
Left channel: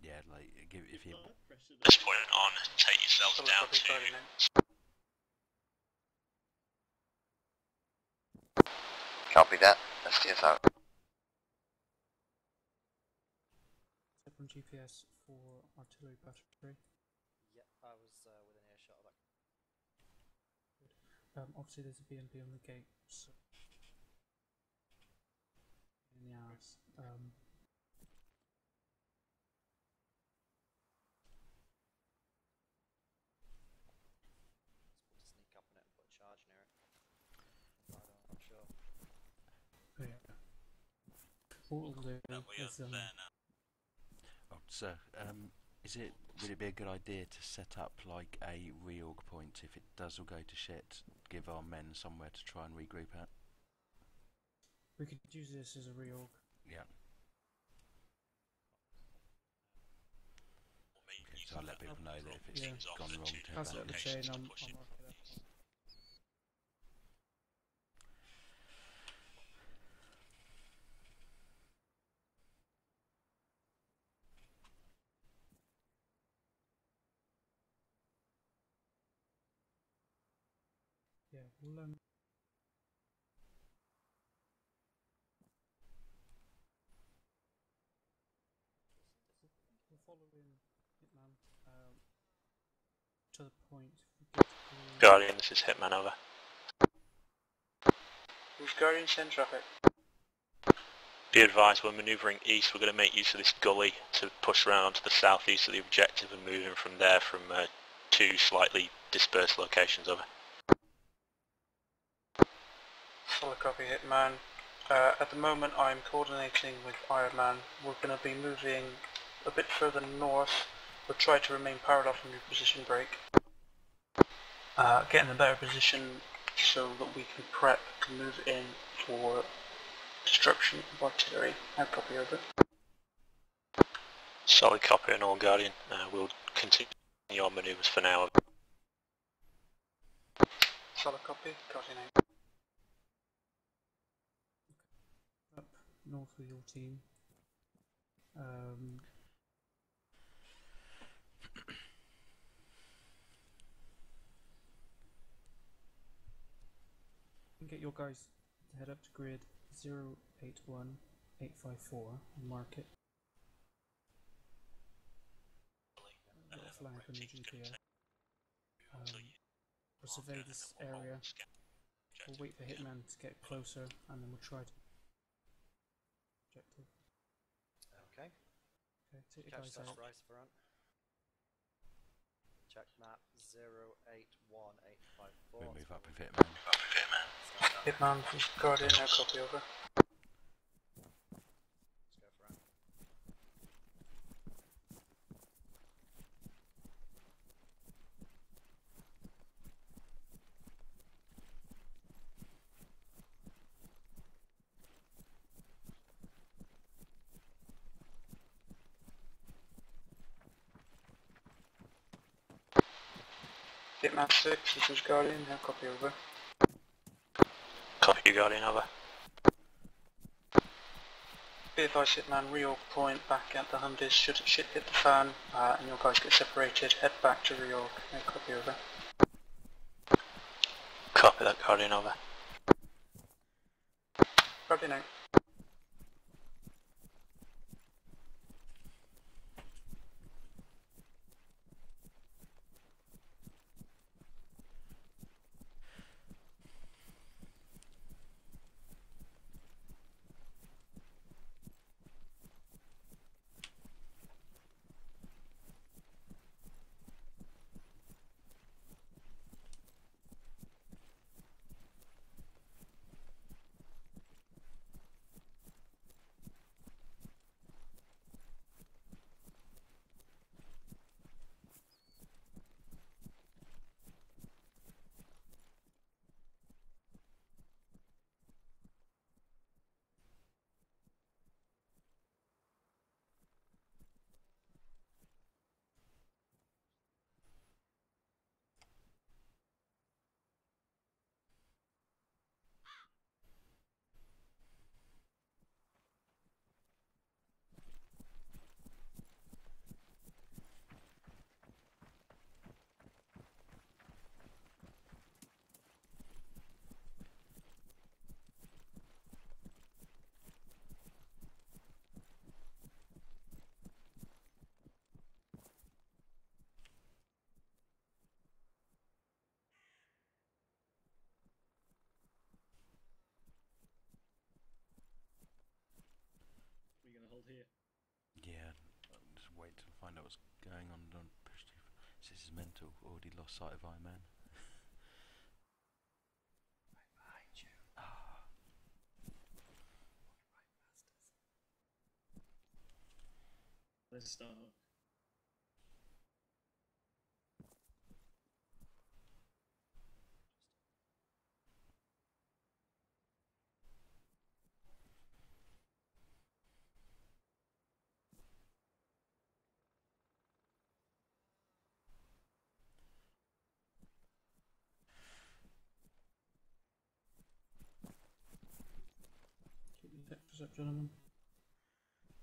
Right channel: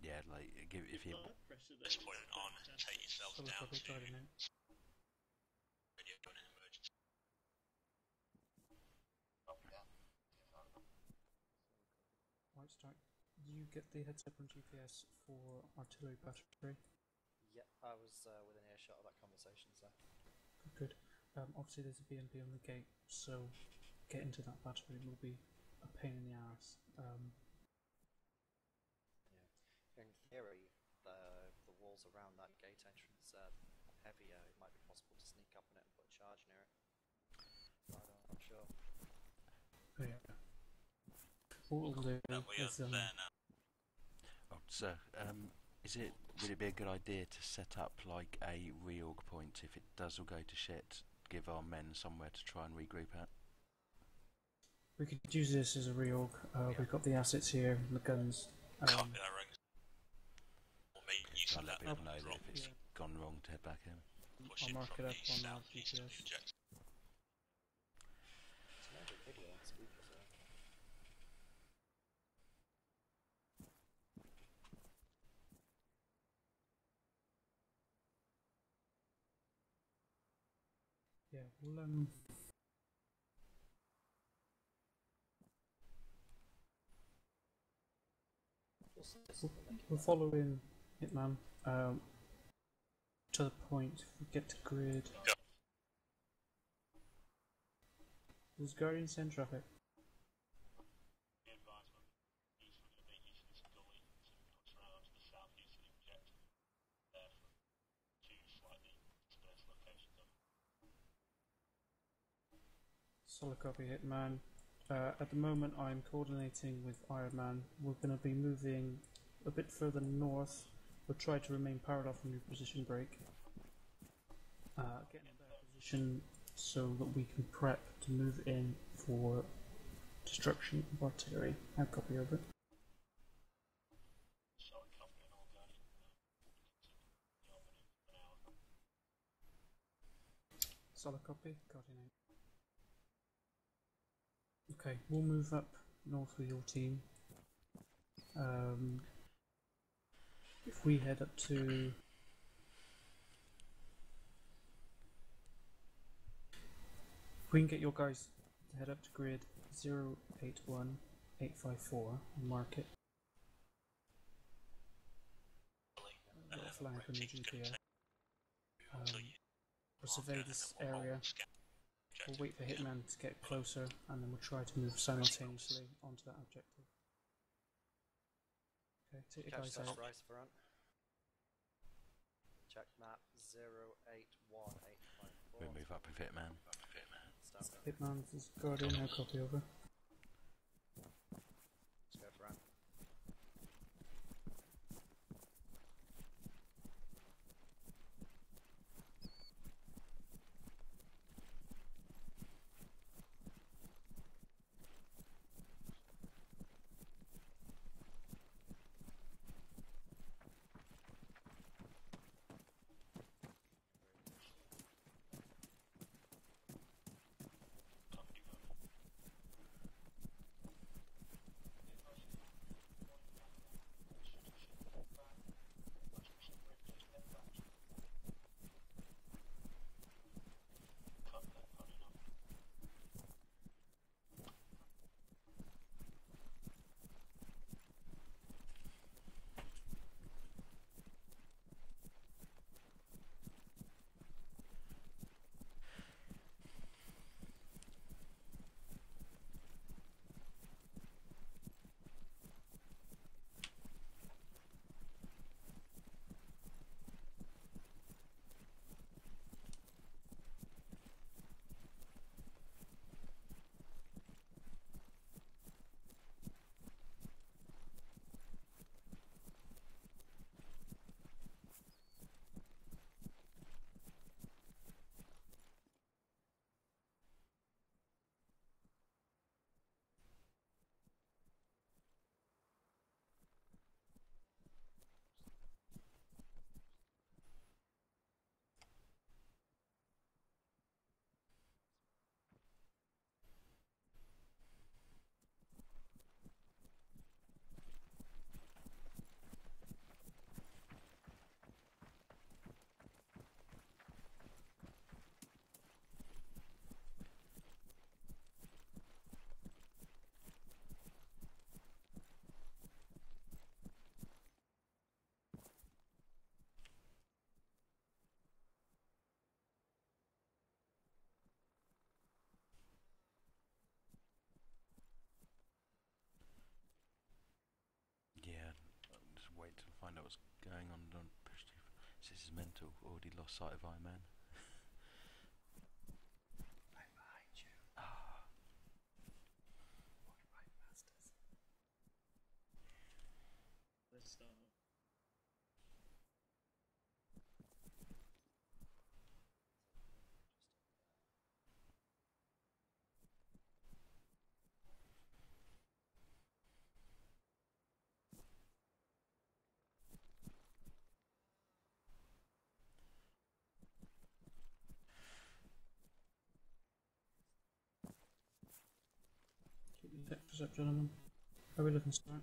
Yeah, like if you. At this point on, take yourselves down to. Copy that. SDS out. White Strike, you get the heads up on GPS for artillery battery. Yep, I was within earshot of that conversation, so. Good. Obviously there's a BMP on the gate, so getting to that battery will be a pain in the ass. In theory, the walls around that gate entrance are heavier. It might be possible to sneak up on it and put a charge near it. But I'm not sure. Yeah. What we'll do is, Oh, sir, would it be a good idea to set up like a reorg point if it does all go to shit? Give our men somewhere to try and regroup at. we could use this as a reorg. We've got the assets here, and the guns. Just try to let people know that if it's gone wrong to head Pass back it up the in. chain, I'll mark it up on our GPS. Yeah, we'll follow in Hitman to the point. If we get to grid. Guardian, this is Hitman, over. Who's Guardian, send traffic. Be advised, we're manoeuvring east. We're going to make use of this gully to push around to the southeast of the objective and move in from there from two slightly dispersed locations, over. Solid copy, Hitman. At the moment I'm coordinating with Iron Man. We're going to be moving a bit further north. We'll try to remain parallel from your position break. Get in a better position so that we can prep to move in for destruction of artillery. I copy, over. Solid copy on all, Guardian. We'll continue our manoeuvres for now. Solid copy, Guardian. Okay, we'll move up north with your team. If we head up to... If we can get your guys to head up to grid 081854 and mark it. Got a flag on your GPS. We'll survey this area. We'll wait for Hitman to get closer and then we'll try to move simultaneously onto that objective. Okay. Okay, take the Catch guys out. Rice front. Check map 081854. We'll move up with Hitman. Hitman, just Guardian, no copy, over. Let's go front. Hitman 6, this is Guardian, no copy, over. Copy, Guardian, over. Be advised, Hitman, reorg point back at the Hundis. Should shit hit the fan and your guys get separated, head back to reorg, no copy, over. Copy that, Guardian, over. Guardian out. Yeah, just wait to find out what's going on. Don't push too far. This is mental. Already lost sight of Iron Man. Right behind you. Ah. Right, masters. Let's start. What's up, gentlemen? How are we looking, start?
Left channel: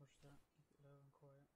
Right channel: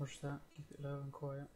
Watch that, keep it low and quiet.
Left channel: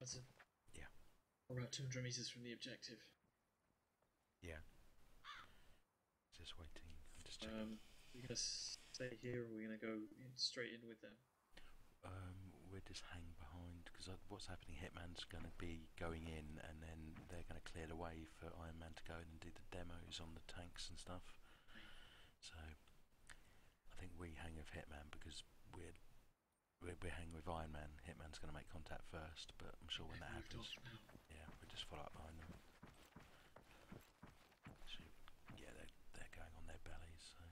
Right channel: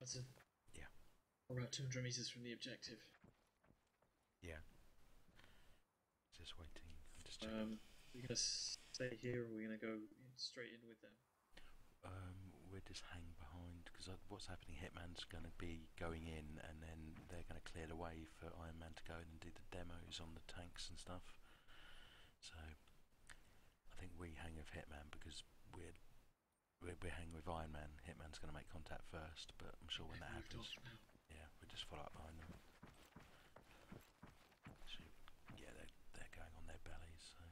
That's it. Yeah. About 200 meters from the objective. Yeah. Just waiting. I'm just checking. We're gonna stay here, or we're gonna go straight in with them. We'll just hang behind because what's happening? Hitman's going to be going in, and then they're going to clear the way for Iron Man to go in and do the demos on the tanks and stuff. So I think we hang with Hitman because we're hanging with Iron Man. Hitman's going to make contact first, but I'm sure when that happens, yeah, we'll just follow up behind them. So, yeah, they're going on their bellies. So.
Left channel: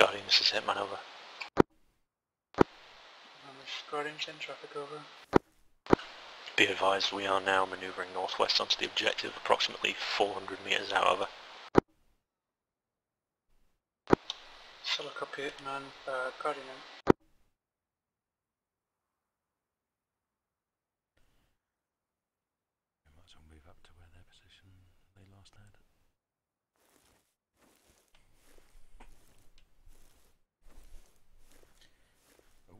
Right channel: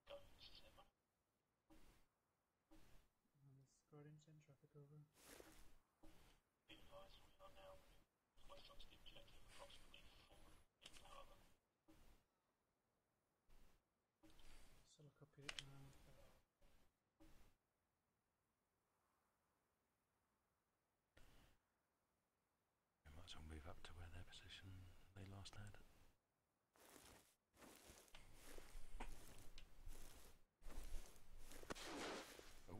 Guardian, this is Hitman, over. Guardian 10, traffic over. Be advised, we are now manoeuvring northwest onto the objective, approximately 400 metres out, over. Solid copy, Hitman, Guardian in. We might as well move up to where their position they last had. Oh.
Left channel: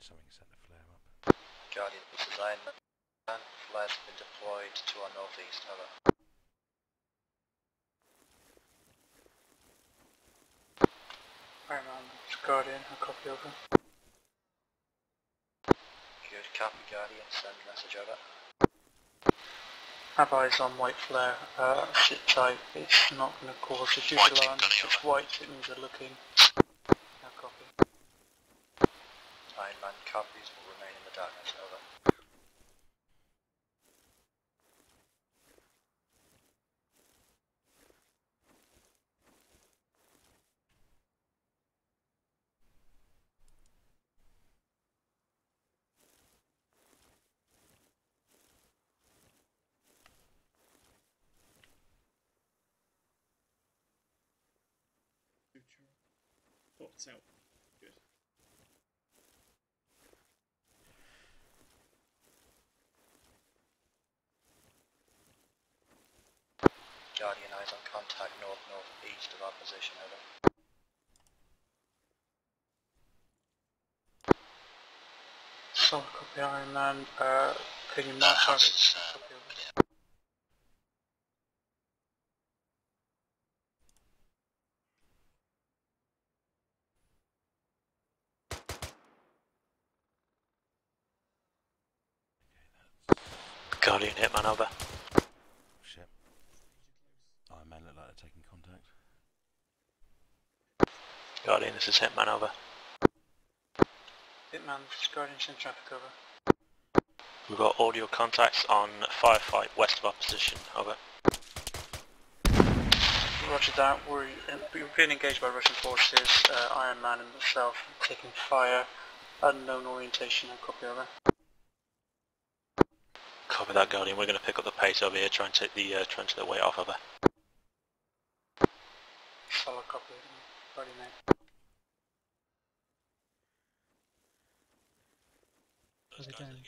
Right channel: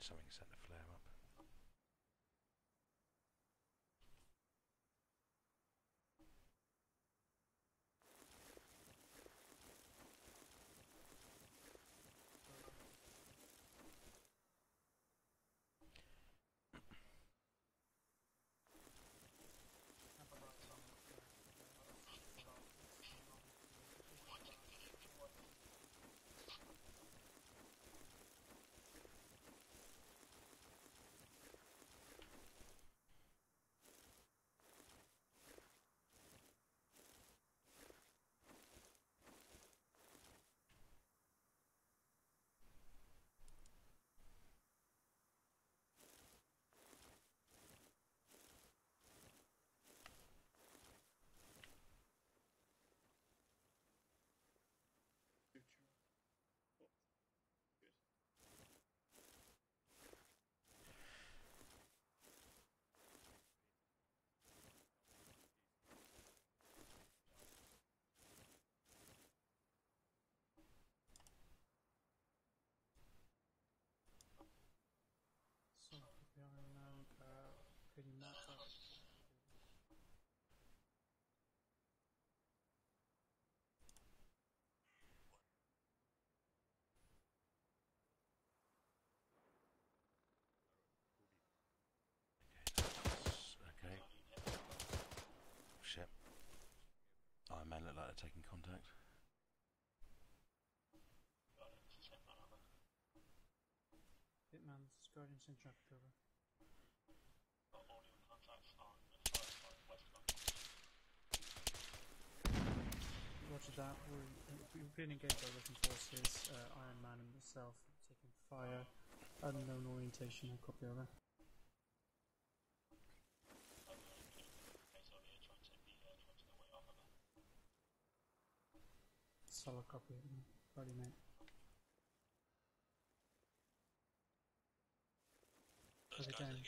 Something sent a flare up. Guardian, this is Iron Man. Flares have been deployed to our northeast, over. Iron Man, it's Guardian, a copy over. Good, copy Guardian, send message over. Have eyes on white flare, sit tight, it's not going to cause a huge alarm. It's white, it means they're looking. Now copy. Iron Man copies, will remain in the darkness, over. Thoughts out. Good. Guardian eyes on contact north-northeast of our position, over. Solid copy, Iron Man, can you mark targets? Copy over. Guardian Hitman over. Shit. Iron Man look like they're taking contact. Guardian, this is Hitman over. Hitman, this is Guardian, send traffic over. We've got audio contacts on firefight west of our position, over. Roger that, we're being engaged by Russian forces, Iron Man and myself, taking fire, unknown orientation, and copy over. Copy that, Guardian. We're going to pick up the pace over here, try and take the weight off, over. Solid copy, Guardian mate. How's it going?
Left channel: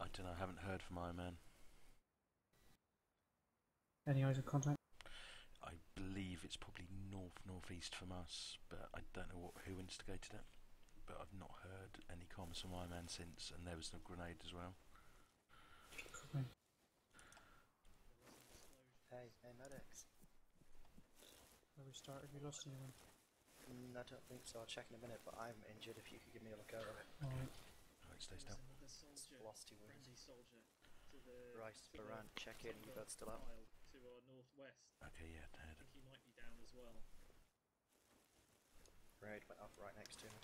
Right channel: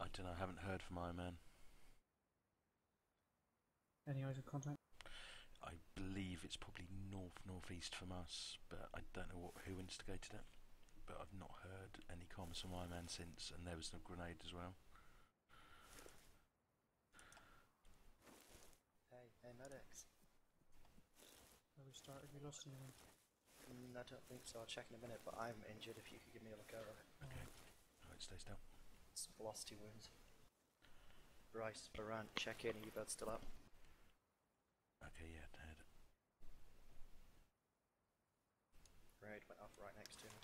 I don't know, I haven't heard from Iron Man. Any eyes of contact? I believe it's probably northeast from us, but I don't know who instigated it. But I've not heard any comments from Iron Man since, and there was a grenade as well. Hey medics. Where we started, we lost anyone? I don't think so, I'll check in a minute, but I'm injured if you could give me a look over it. Alright, stay still. It's velocity wounds. Right, Baran, check in, are you both still up? Okay, yeah, head. Grenade went off right next to me.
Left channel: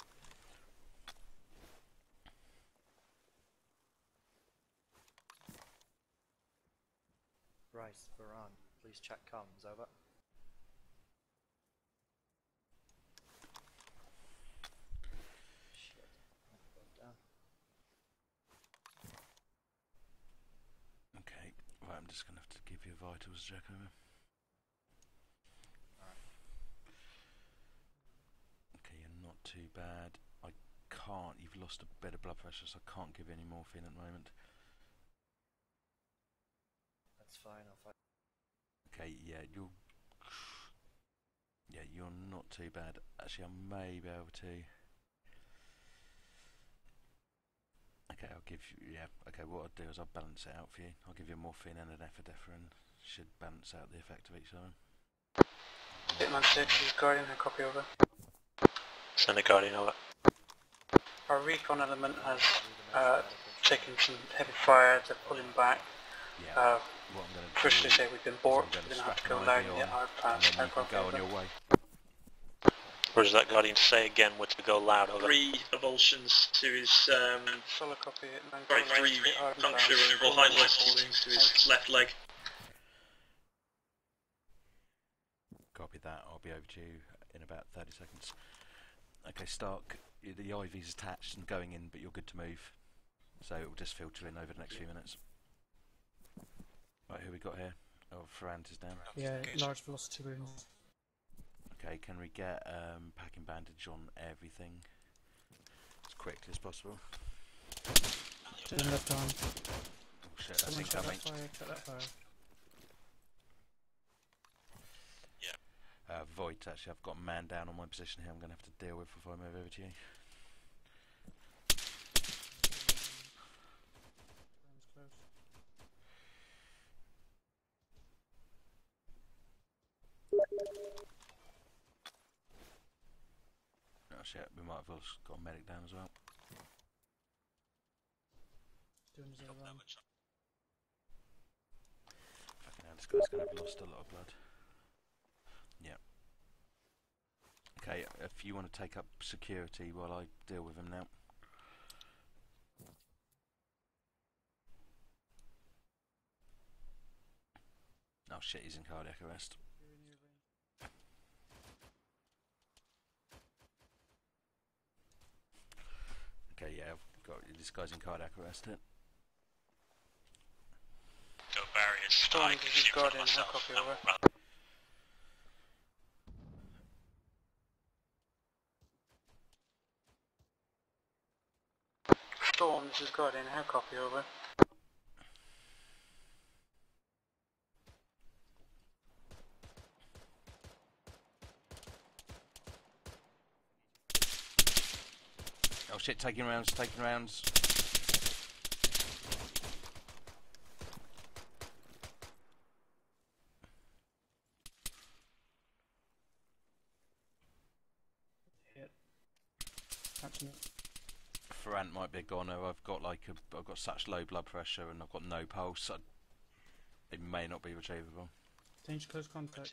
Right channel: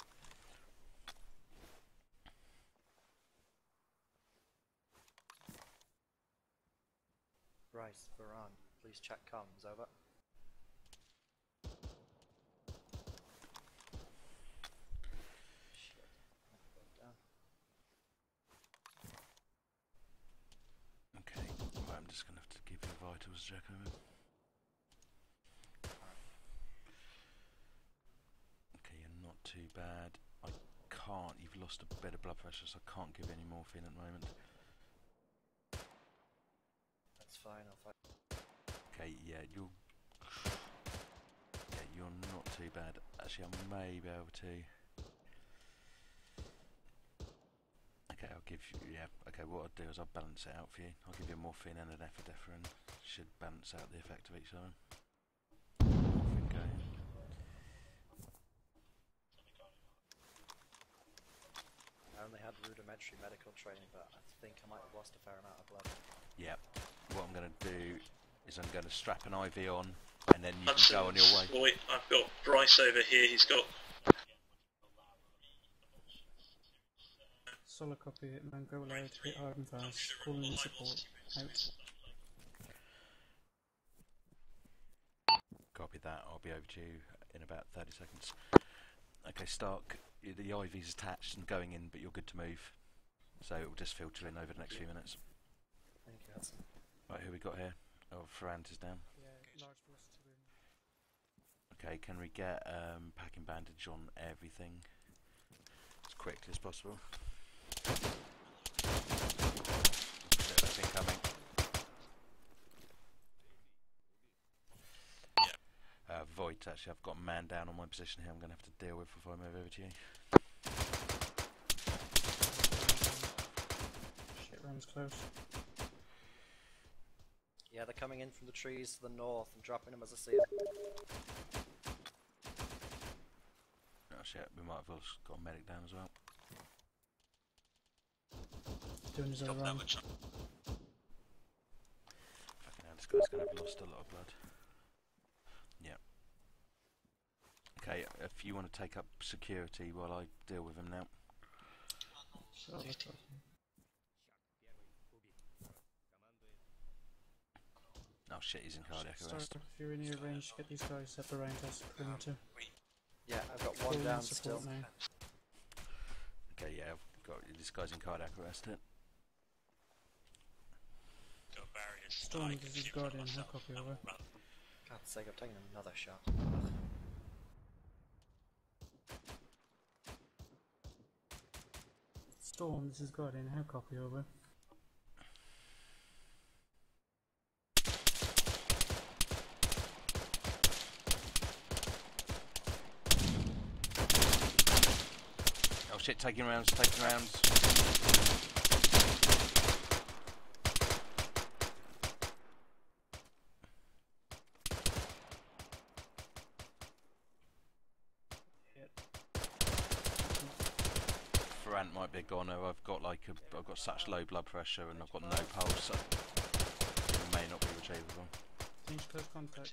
Right, Baran, please check comms, over. Shit, down. Okay, right, I'm just going to have to give you a vitals check over. Okay, you're not too bad. I can't, you've lost a bit of blood pressure, so I can't give you any morphine at the moment. That's fine, I'll fight. Okay, yeah, you're not too bad. Actually, I may be able to. Okay, I'll give you. Yeah. Okay, what I'll do is I'll balance it out for you. I'll give you a morphine and an epinephrine. Should balance out the effect of each other. Hitman 6, this is Guardian, a copy over. Send a Guardian over. Our recon element has taken some heavy fire, they're pulling back. Yeah. What I'm going to do we've been is I'm going to strap an IV on, and then you can go on your way. Wait, I've got Bryce over here. What is that Guardian to say again? We're to go loud over. 3 avulsions to his solid copy, Hitman. right 3 puncture or hind to his left leg. Copy that. I'll be over to you in about 30 seconds. Okay, Stark, the IV's attached and going in, but you're good to move. So it will just filter in over the next few minutes. Right, who we got here? Oh, Ferrand is down. Yeah, large velocity wounds. Okay, can we get packing bandage on everything as quickly as possible? Oh shit, that's incoming. Void, actually, I've got a man down on my position here I'm going to have to deal with before I move over to you. Shit, room's close. Yeah, they're coming in from the trees to the north and dropping them as I see it. Oh shit, we might have also got a medic down as well. Doing his own run. Fucking hell, this guy's going to have lost a lot of blood. Yeah. Okay, if you want to take up security while I deal with him now. Oh shit, he's in cardiac arrest. If you're in your range, get these guys up around us. Yeah, I've got one down still. Now. Okay, yeah, I've got this guy's in cardiac arrest here. Got barriers. Storm, this is Guardian, no copy over. God's sake, I've taken another shot. Storm, this is Guardian, how copy over? Oh shit, taking rounds, taking rounds. Ferrant might be a goner. I've got such low blood pressure and I've got no pulse. So it may not be retrievable. Change close contact.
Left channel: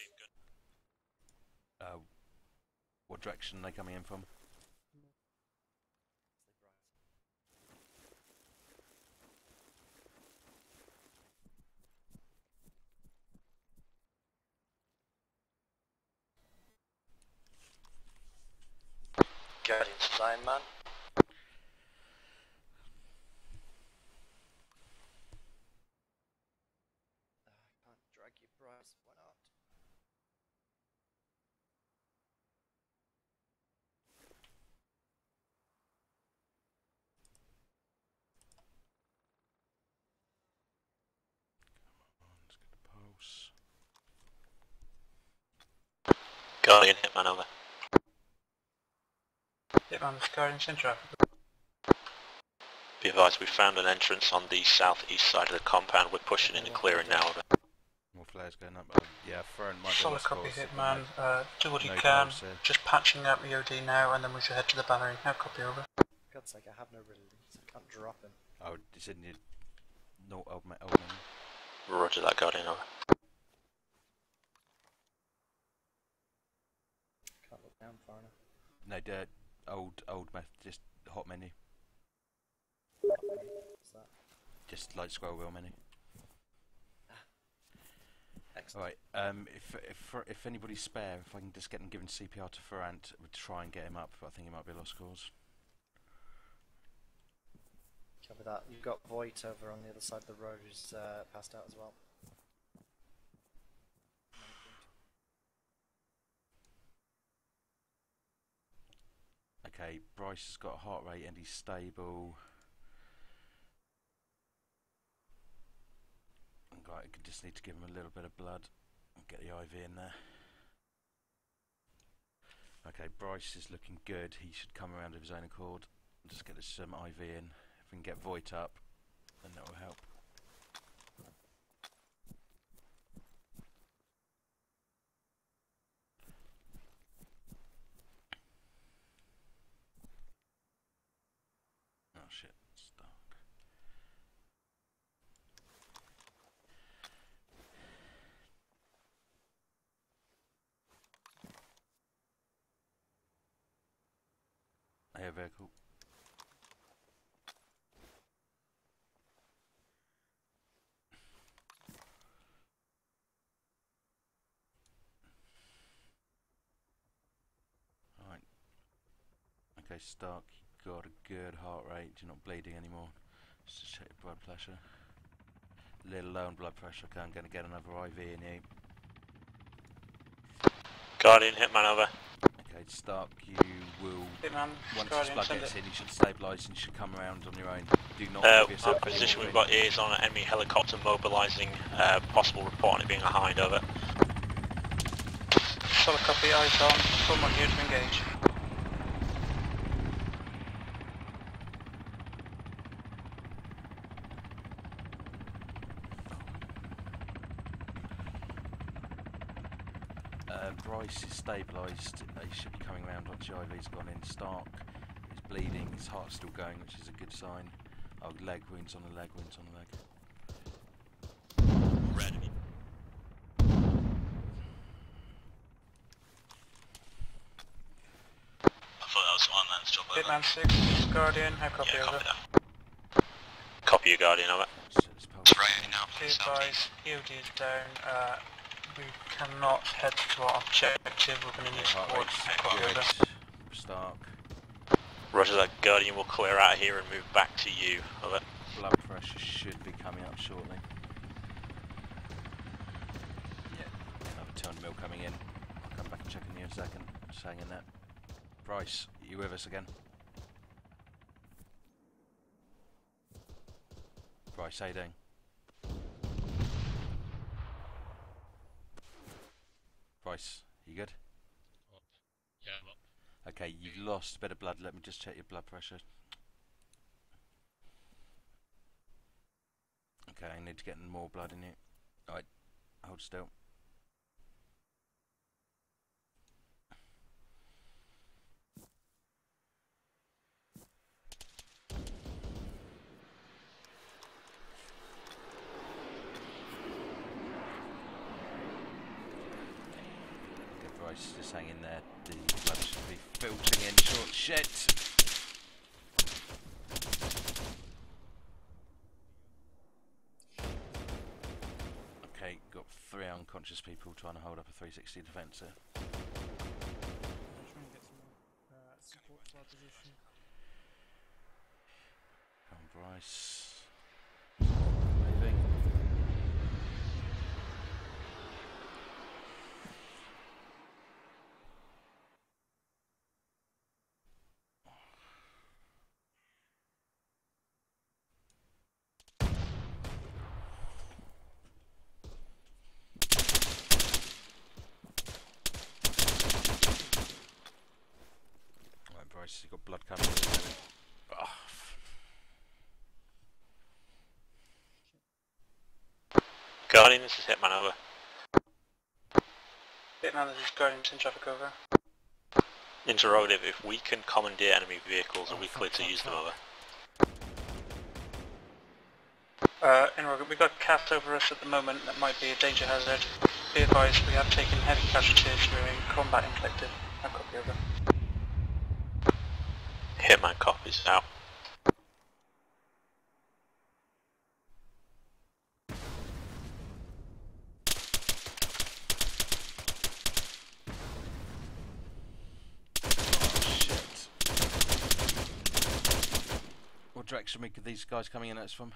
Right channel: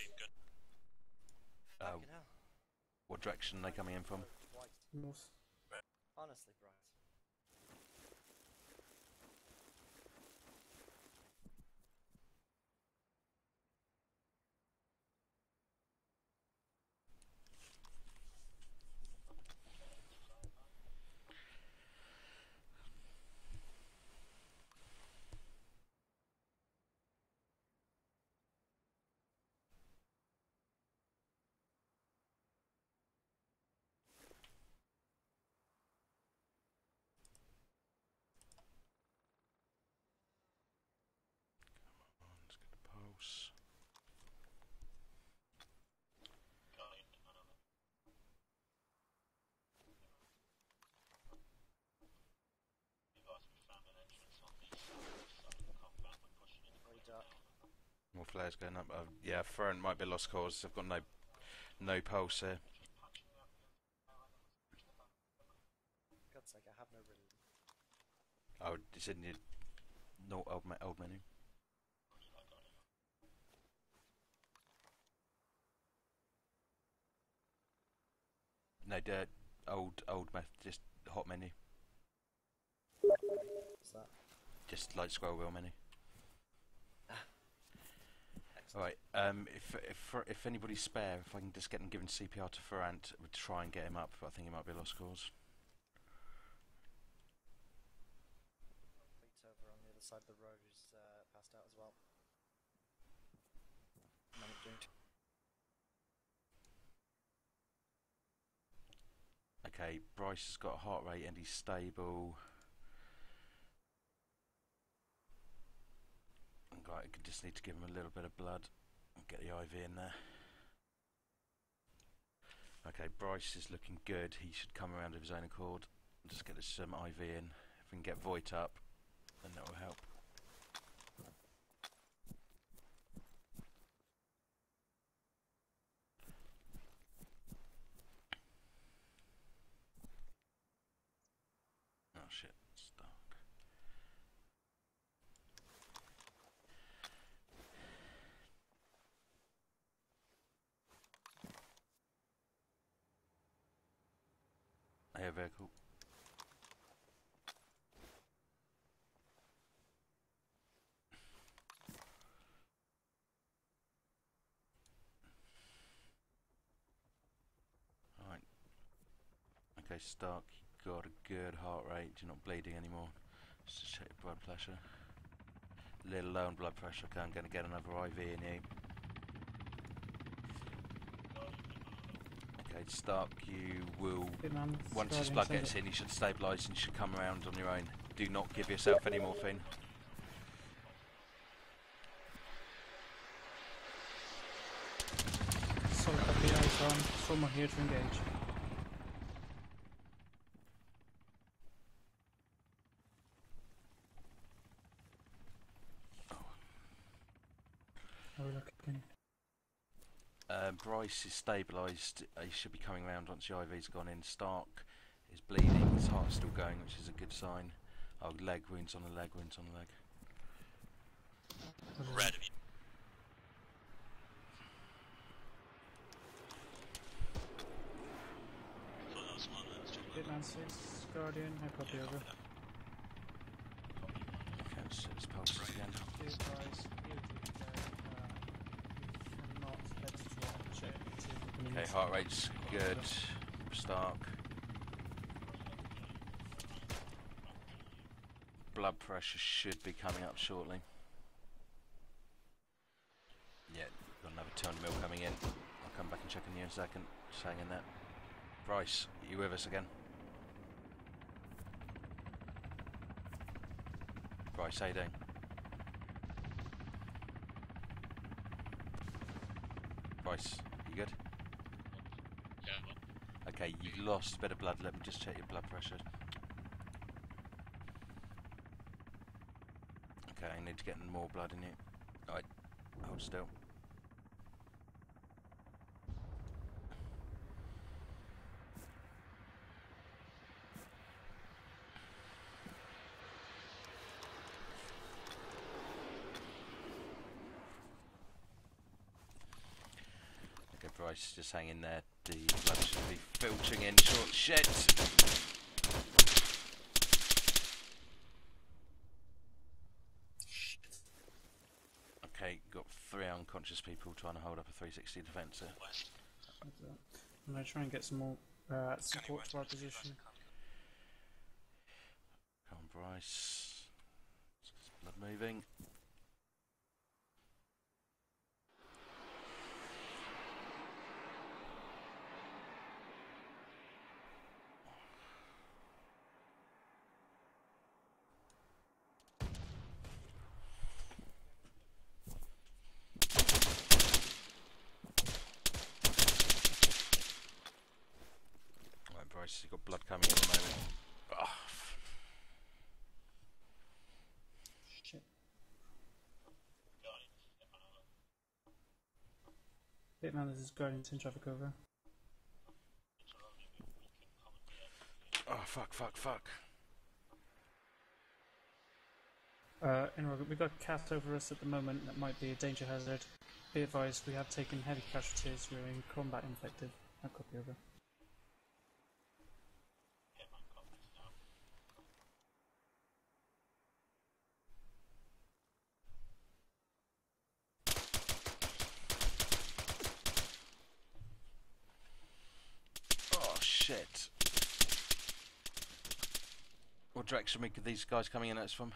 What direction are they coming in from? North. Honestly, Bryce. Guardian sign, man. Can't drag you, Bryce. Why not? Let's get the pulse. Guardian, hitman over. Hitman, this Guardian's in traffic. Be advised, we found an entrance on the southeast side of the compound. We're pushing in and clearing now. Over. More flares going up. Yeah, Ferrant might be Solid lost copy, cause. They've Hitman. got Do what you no can. pulse here. Just patching out the OD now, and then we should head to the battery. Now, copy over. For God's sake, I have no release. I can't drop him. Oh, it's in your... No, old man. Roger that, Guardian over. Can't look down far enough. No, old method, just hot menu. What's that? Just like scroll wheel menu. Excellent. Alright, if anybody's spare, if I can just get them given CPR to Ferrant, we'll try and get him up, but I think he might be a lost cause. Copy that. You've got Voight over on the other side of the road who's passed out as well. Okay, Bryce has got a heart rate and he's stable. Right, I just need to give him a little bit of blood and get the IV in there. Okay, Bryce is looking good. He should come around of his own accord. Just get this IV in. If we can get Voight up, then that will help. Oh shit, it's dark. Air vehicle. Alright. Okay, Stark, you got a good heart rate, you're not bleeding anymore. Just check your blood pressure. A little low on blood pressure, okay, I'm going to get another IV in you. Guardian, hitman over. Okay, Stark, you will, Hitman, once his Guardian, blood send gets it. in, you should stabilise and you should come around on your own. Do not give yourself any position, we've morphine. got ears on an enemy helicopter mobilising. Possible report on it being a hind over. Solid copy, eyes on. Someone here to engage. Bryce is stabilised, he should be coming around once the IV's gone in. Stark is bleeding, his heart's still going, which is a good sign. Oh, leg wounds on the leg, wounds on the leg. Red. I thought that was one man's job. Hitman 6, Guardian, how copy over? Copy you, Guardian over. It's raining now from the Be southeast. advised, EOD is down. We cannot head to our objective. We're going to need Heart support. rate's good. Stark. Roger that, Guardian will clear out here and move back to you. Over. Blood pressure should be coming up shortly. Yeah, another 200 mil coming in. I'll come back and check on you in a second. Just hang in there. Bryce, are you with us again? Bryce, how you doing? Bryce, you good? Yeah, well. Okay, you've lost a bit of blood. Let me just check your blood pressure. Okay, I need to get more blood in you. Alright, hold still. Bryce, just hang in there. The blood should be filtering in short shit. Okay, got 3 unconscious people trying to hold up a 360 defensive. I'm going to try and get some more support to our position. Come on, Bryce. Moving. Right, Bryce, you've got blood coming in at the moment. Oh. Guardian, this is Hitman over. Hitman, this is Guardian, send traffic over. Interrogative, if we can commandeer enemy vehicles, are we clear to use them over? Interrogative, we've got cast over us at the moment that might be a danger hazard. Be advised, we have taken heavy casualties during combat inflicted. I copy over. Hitman copies out. Oh shit. What direction are these guys coming in at us from?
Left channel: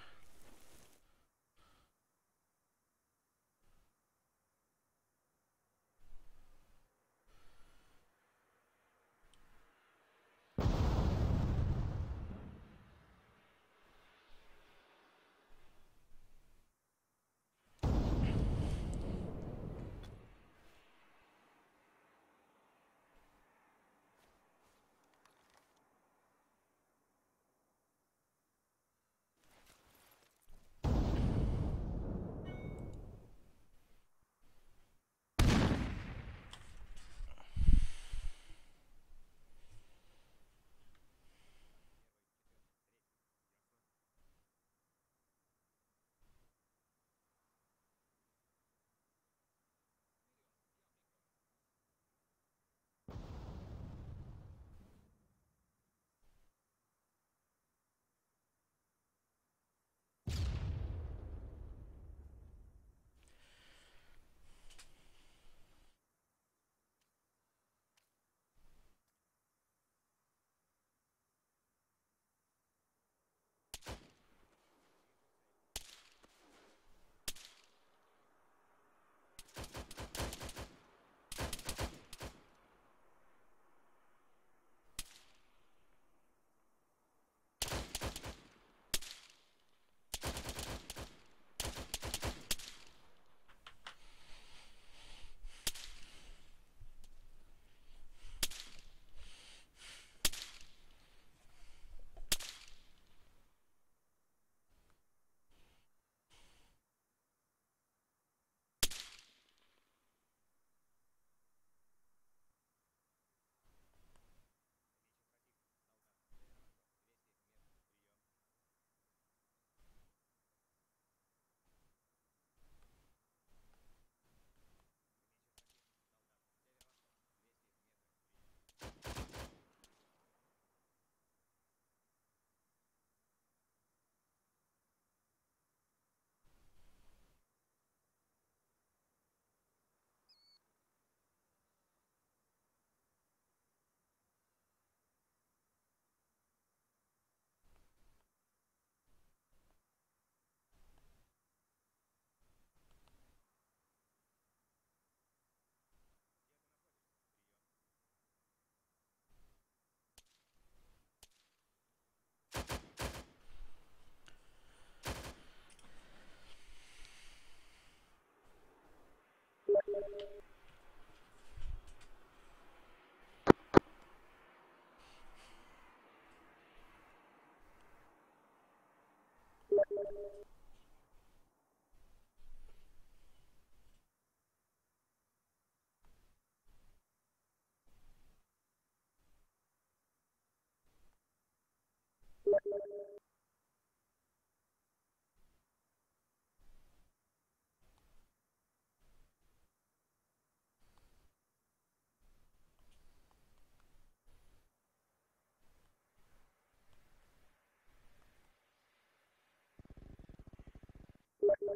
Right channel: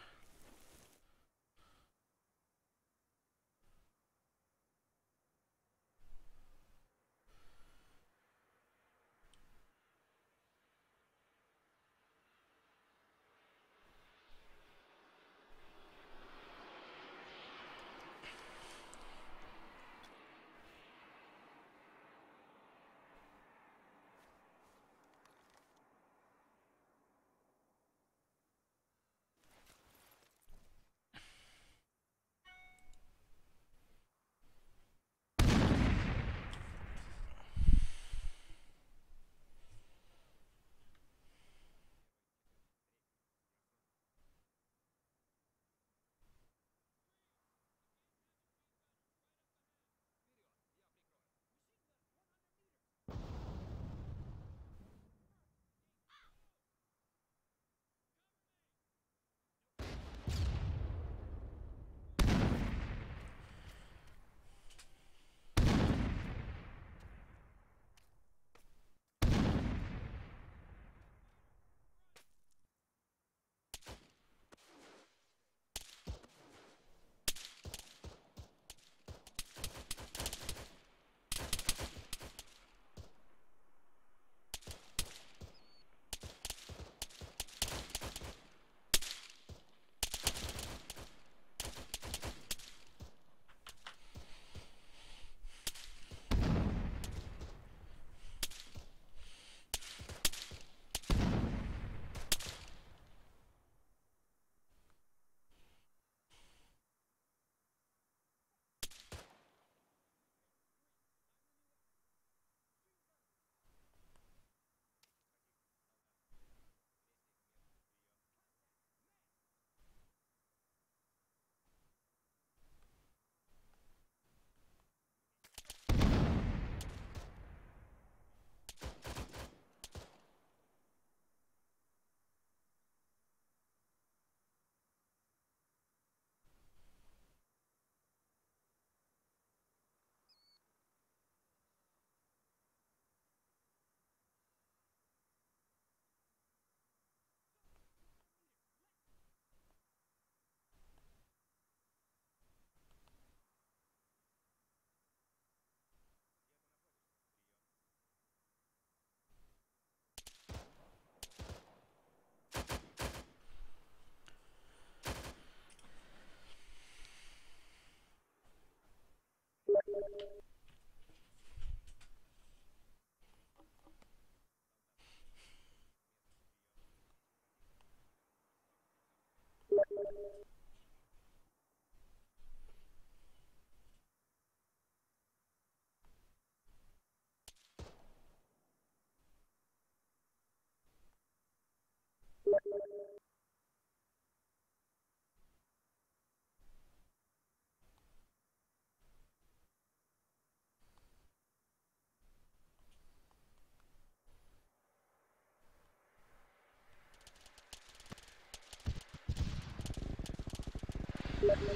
No,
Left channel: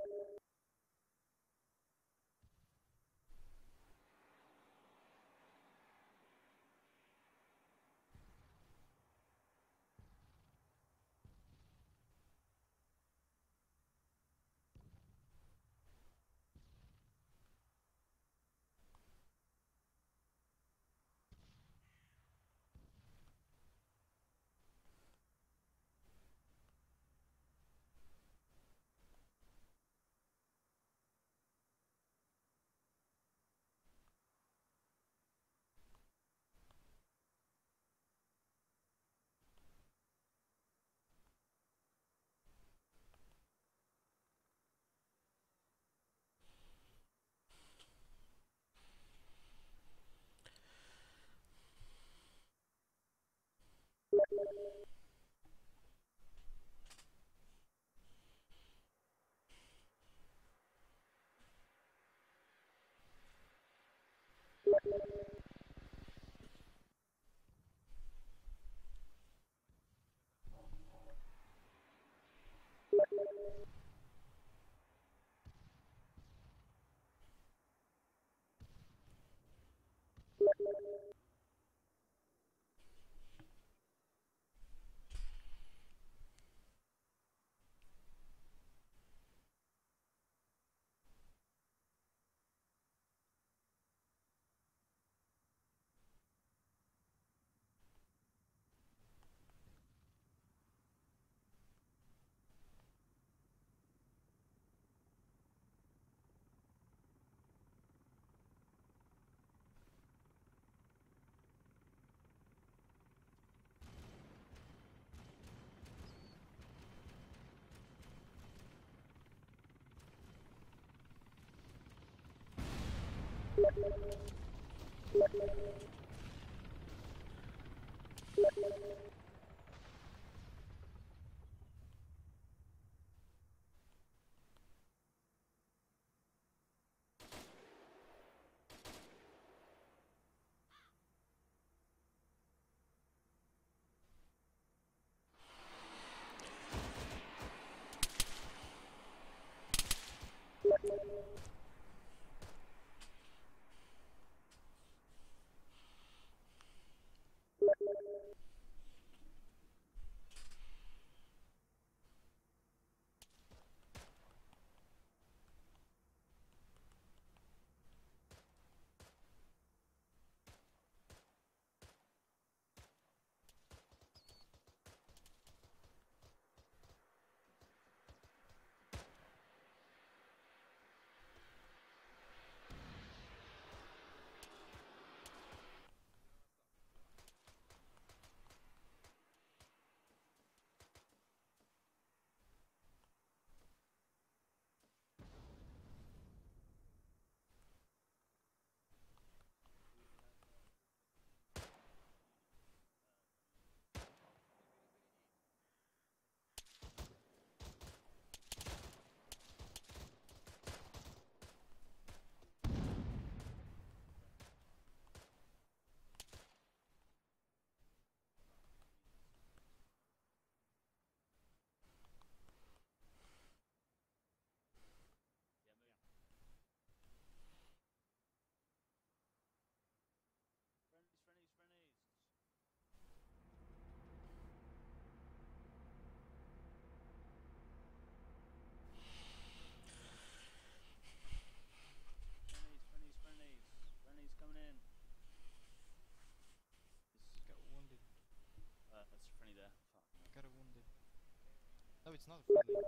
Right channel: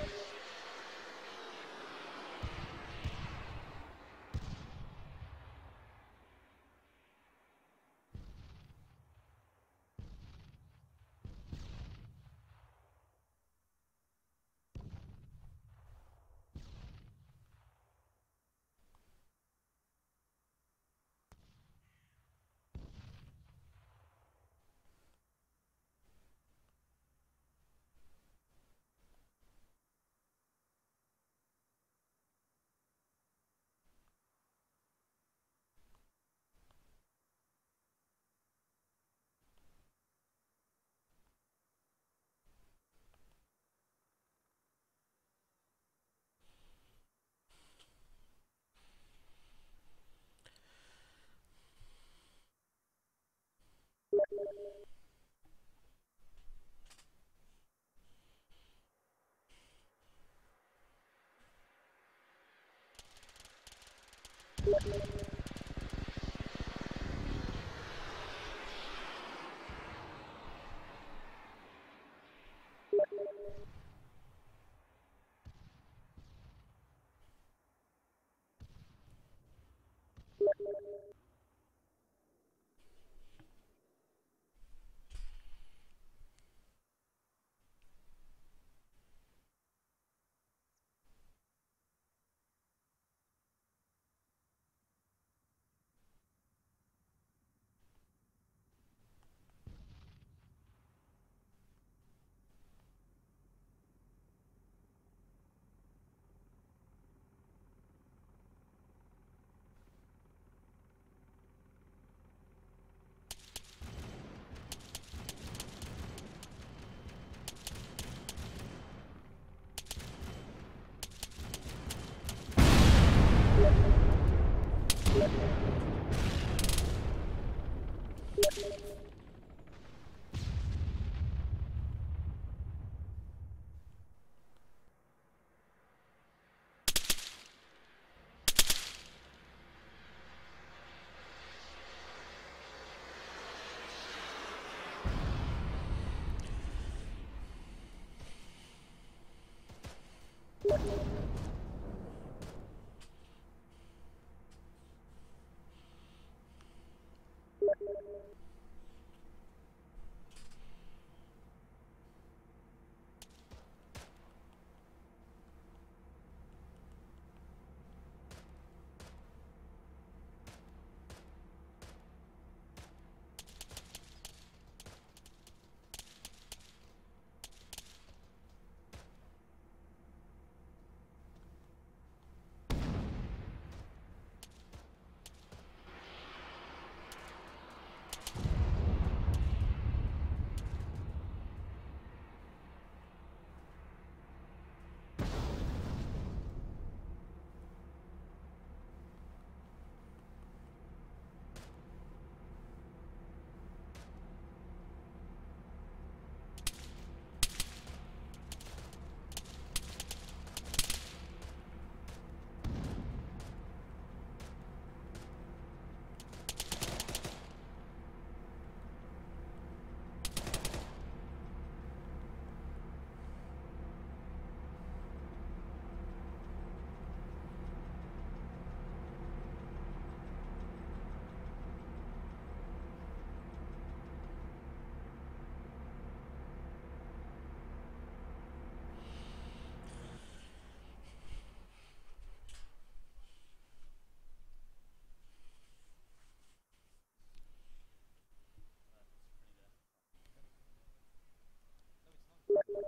it's not friendly.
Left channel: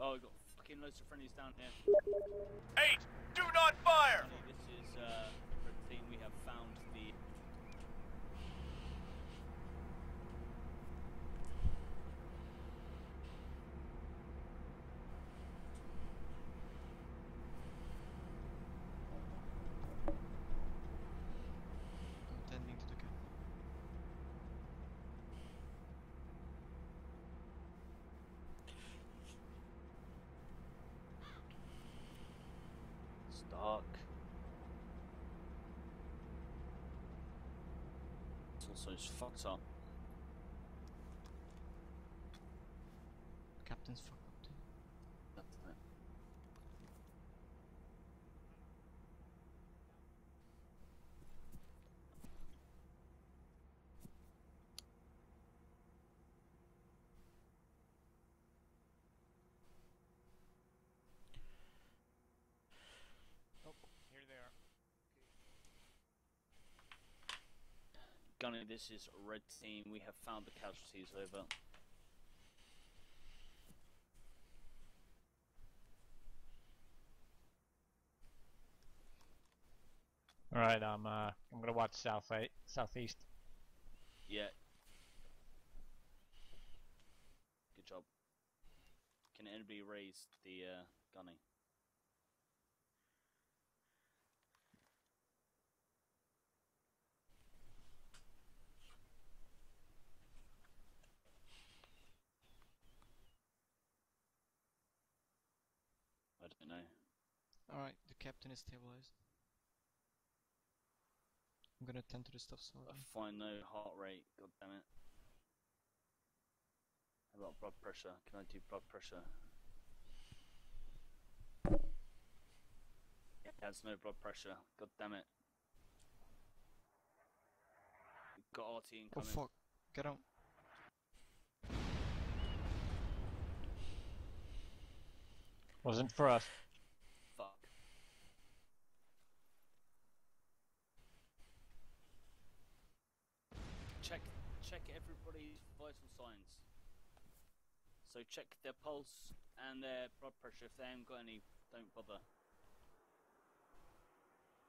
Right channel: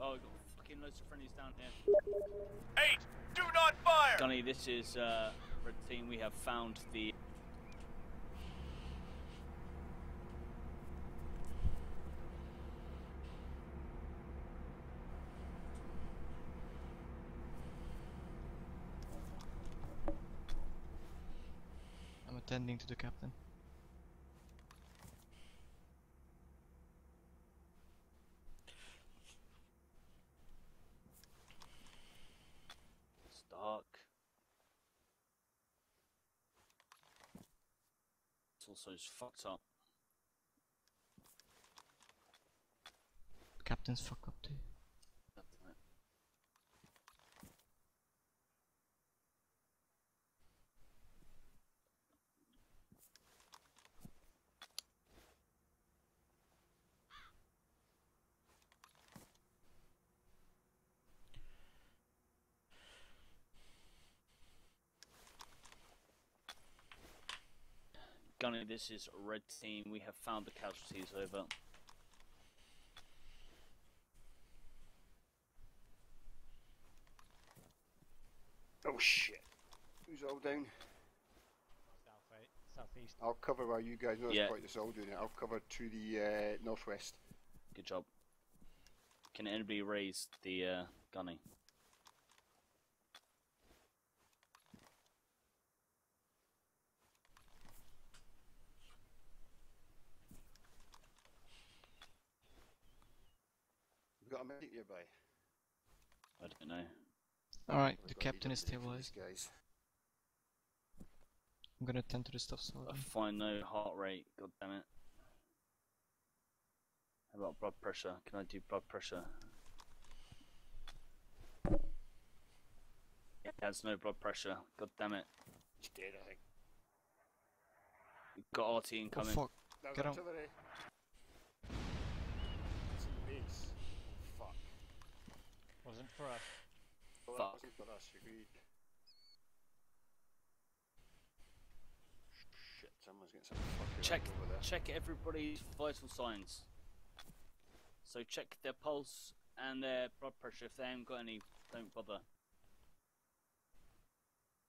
Oh, we've got fucking loads of friendlies down here. 8! Do not fire! Gunny, this is Red Team. We have found the... I'm attending to the captain. It's dark. It's also just fucked up. Captain's fuck up too. Gunny, this is red team. We have found the casualties. Over. Oh shit. Who's all down? Right, I'm gonna watch southeast. I'll cover while you guys know Yeah. it's quite this all doing it. I'll cover to the northwest. Good job. Can anybody raise the Gunny? We've got a medic nearby. I don't know. Alright, We've the got captain is AWP for stabilized. these guys. I'm gonna tend to the stuff, so. Find no heart rate. God damn it. How about blood pressure? Can I do blood pressure? It has no blood pressure. God damn it. He's dead, I think. We've got RT incoming. Oh fuck, There's get on. artillery. It's fuck. Wasn't for us. Well, Fuck. that wasn't for us. Shit, someone's getting some fucking Check, over there. check everybody's vital signs. So check their pulse and their blood pressure. If they haven't got any, don't bother.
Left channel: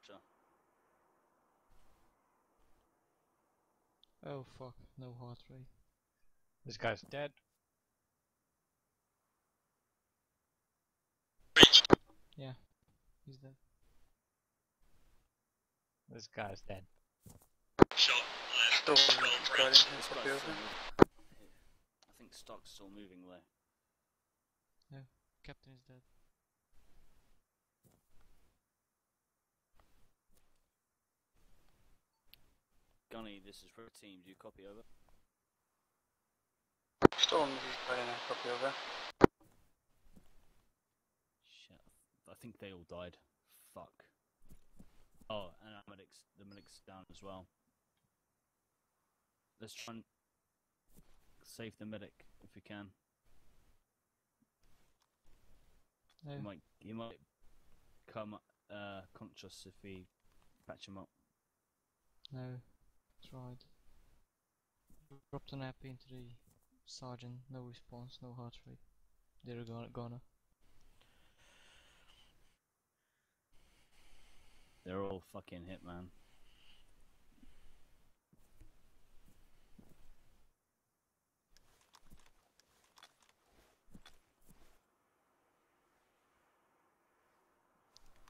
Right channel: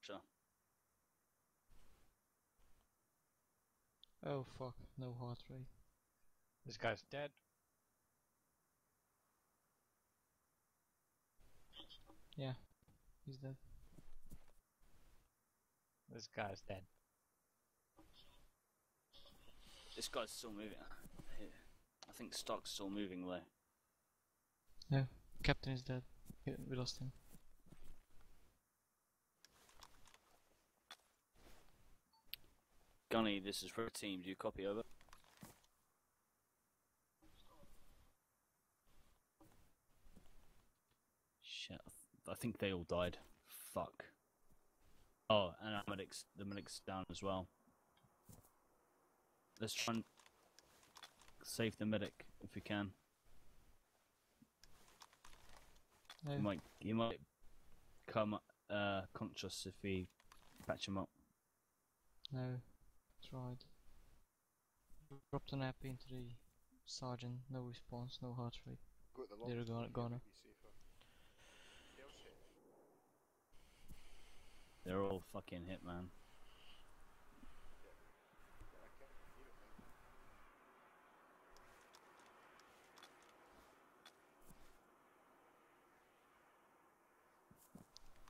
Sure. Oh fuck, no heart rate. This guy's dead. Yeah, he's dead. This guy's dead. Still This guy's still moving. I think Stock's still moving though. No, captain is dead. We lost him. Gunny, this is red team. Do you copy over? Still on the plane, copy over. Shit, I think they all died. Fuck. Oh, and our medics, the medic's down as well. Let's try and save the medic if we can. No. He might come conscious if we patch him up. No, tried. Dropped an app into the sergeant, no response, no heart rate. They're gone. They're all fucking hit, man.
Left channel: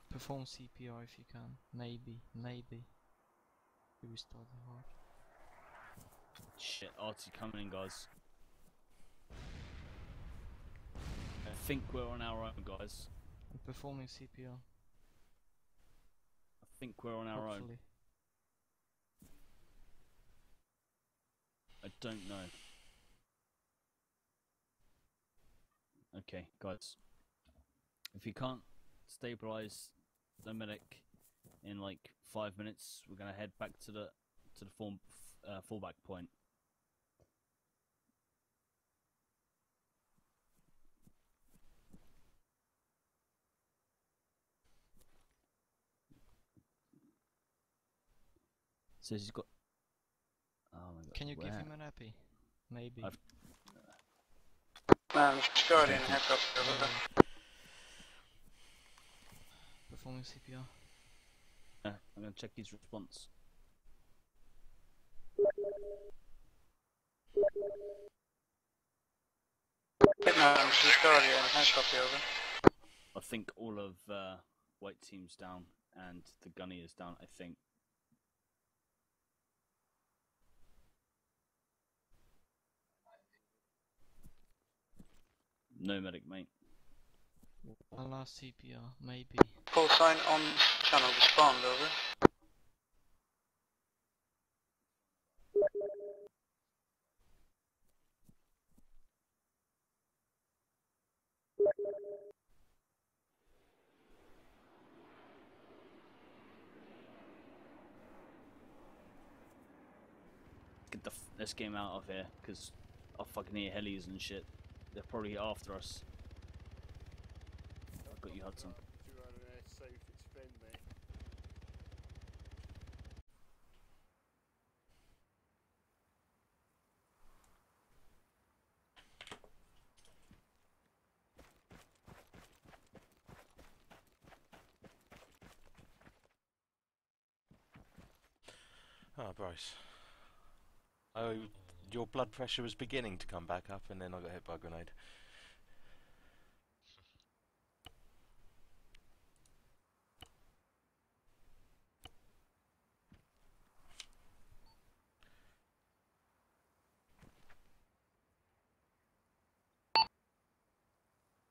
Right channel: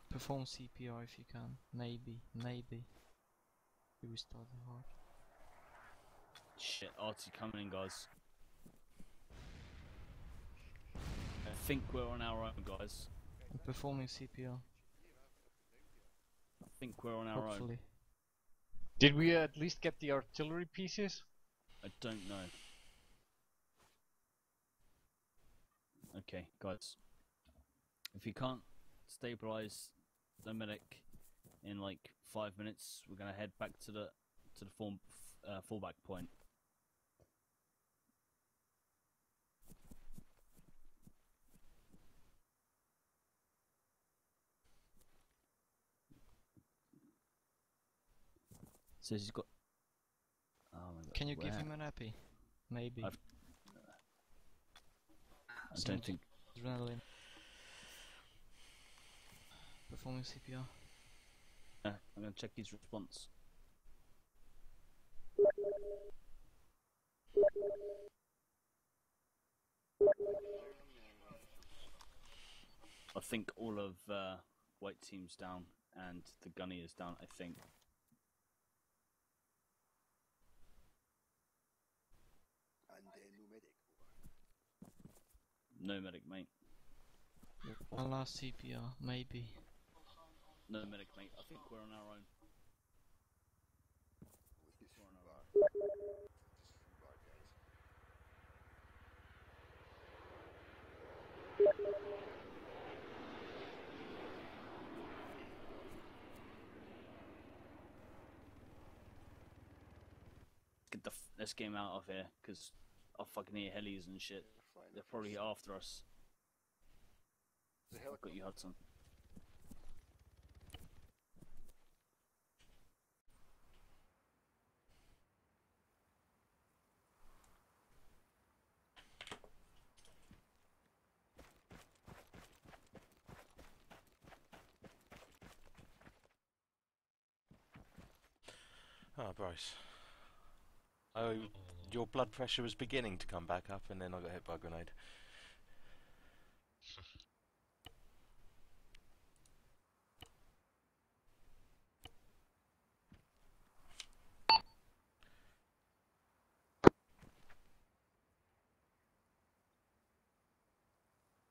Perform CPR if you can. Maybe. You restart the heart. Shit, RT coming in, guys. I think we're on our own, guys. I'm performing CPR. I think we're on our Hopefully. own. Did we at least get the artillery pieces? I don't know. Okay, guys. If you can't stabilize the medic in like 5 minutes, we're gonna head back to the fallback point. Says he's got. Oh my god. Can you give him an appy? Maybe. Guardian, heck up. Performing CPR. I'm gonna check his response. Guardian, heck copy over. I think all of white team's down and the gunny is down. I think. No medic, mate. One last CPR, maybe. Call sign on channel, respond, over. Let's get him out of here, because I fucking hear helis and shit. They're probably after us. I've got you, Hudson. Bryce. Oh, your blood pressure was beginning to come back up, and then I got hit by a grenade.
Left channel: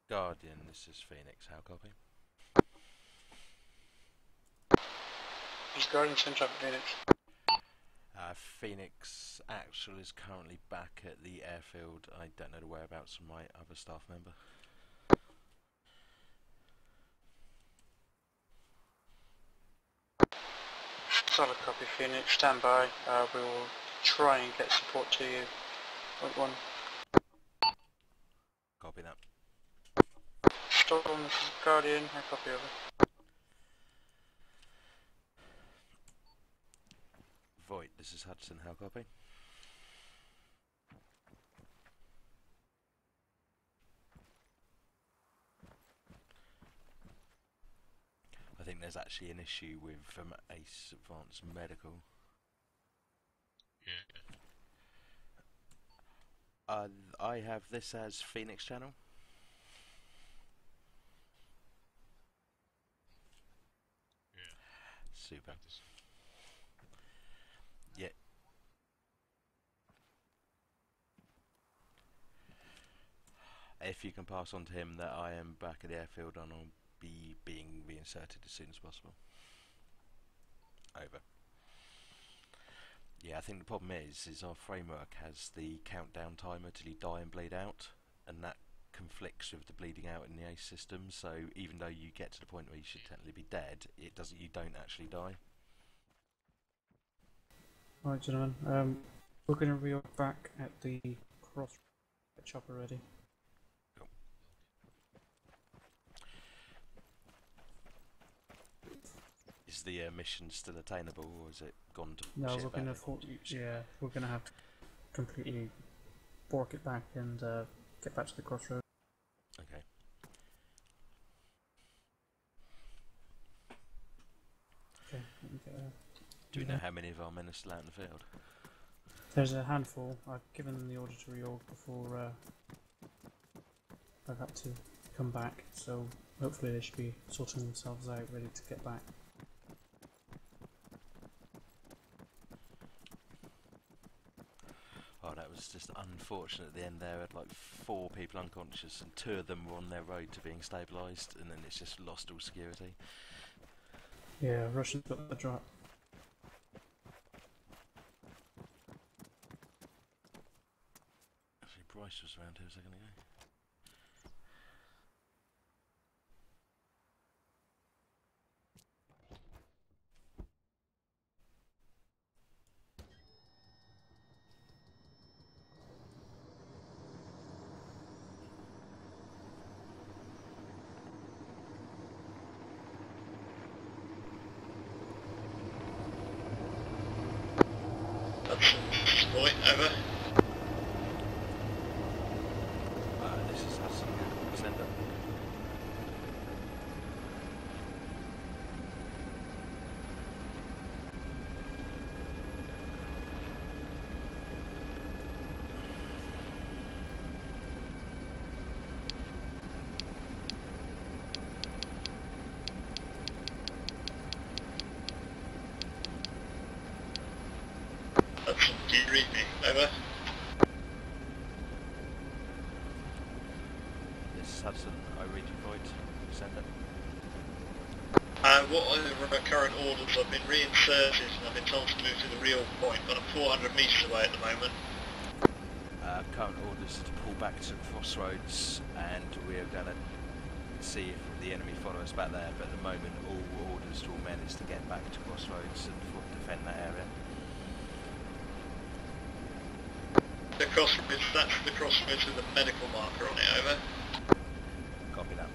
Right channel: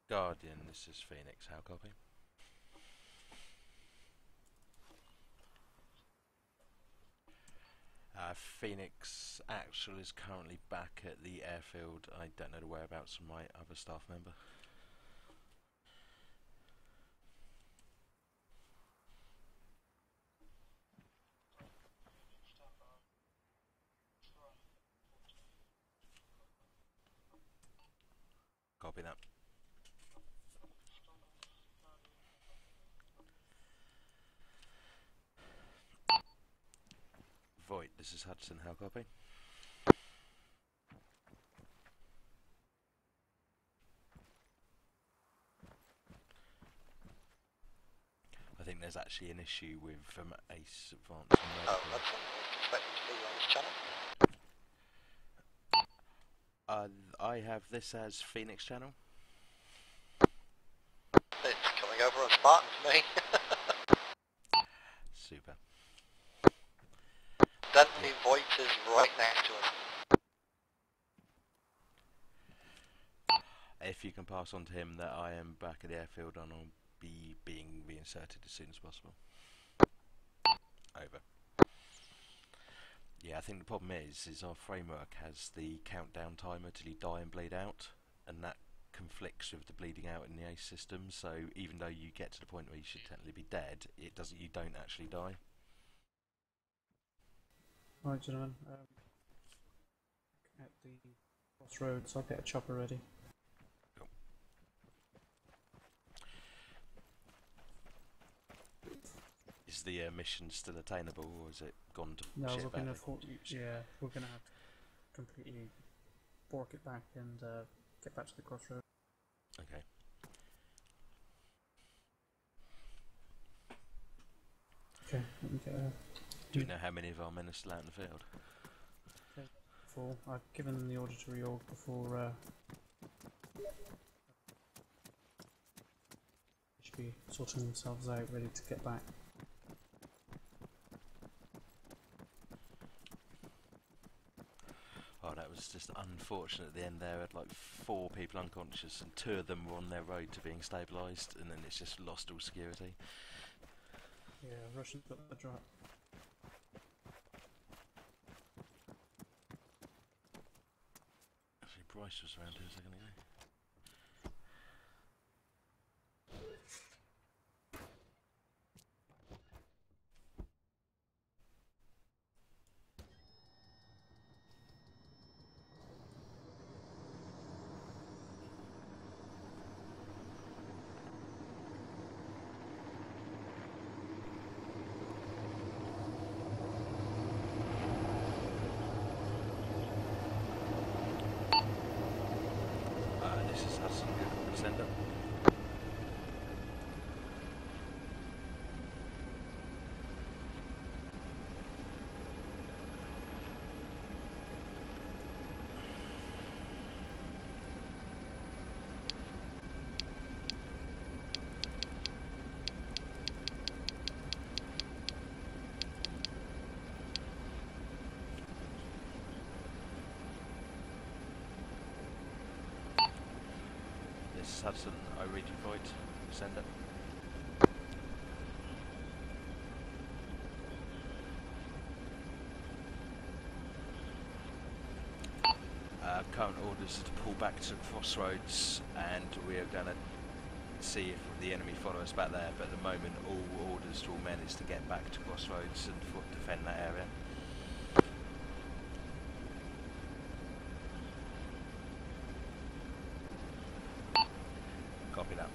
Guardian, this is Phoenix. How copy? Is Guardian sent up Phoenix? Phoenix Actual is currently back at the airfield. I don't know the whereabouts of my other staff member. Solid copy, Phoenix. Stand by. We will try and get support to you. Point one. Copy that. Storm, this is Guardian. I copy over. Void, this is Hudson. How copy? I think there's actually an issue with Ace Advanced Medical. Oh, that's expecting to be on this channel. I have this as Phoenix channel. It's coming over on Spartan to me. Super. Dante Voight is right next to him. If you can pass on to him that I am back at the airfield and I'll be being reinserted as soon as possible. Over. Yeah, I think the problem is our framework has the countdown timer till you die and bleed out, and that conflicts with the bleeding out in the ACE system, so even though you get to the point where you should technically be dead, it doesn't. You don't actually die. Right, gentlemen, we're going to reorg back at the crossroads. I'll get a chopper ready. Cool. Is the mission still attainable, or is it gone to No, shit we're going to badly? we're going to have to completely bork it back and get back to the crossroads. Okay. Okay, let me get Do we know how many of our men are still out in the field? There's a handful. I've given them the order to reorg before I've had to come back, so hopefully they should be sorting themselves out, ready to get back. Oh, that was just unfortunate at the end there. I had like 4 people unconscious and 2 of them were on their road to being stabilised, and then it's just lost all security. Yeah, Russians got the drop. Actually, Bryce was around here a second ago. Point, over. This is Hudson. Good. Send up. Hudson, do you read me? Over. This is Hudson. I read you, Void. Send it. What are the current orders? I've been reinserted and I've been told to move to the real point, but I'm 400 metres away at the moment. Current orders are to pull back to the crossroads, and we're going to see if the enemy follow us back there, but at the moment all orders to all men is to get back to crossroads and defend that area. The crossroads, that's the crossroads with a medical marker on it, over. Copy that.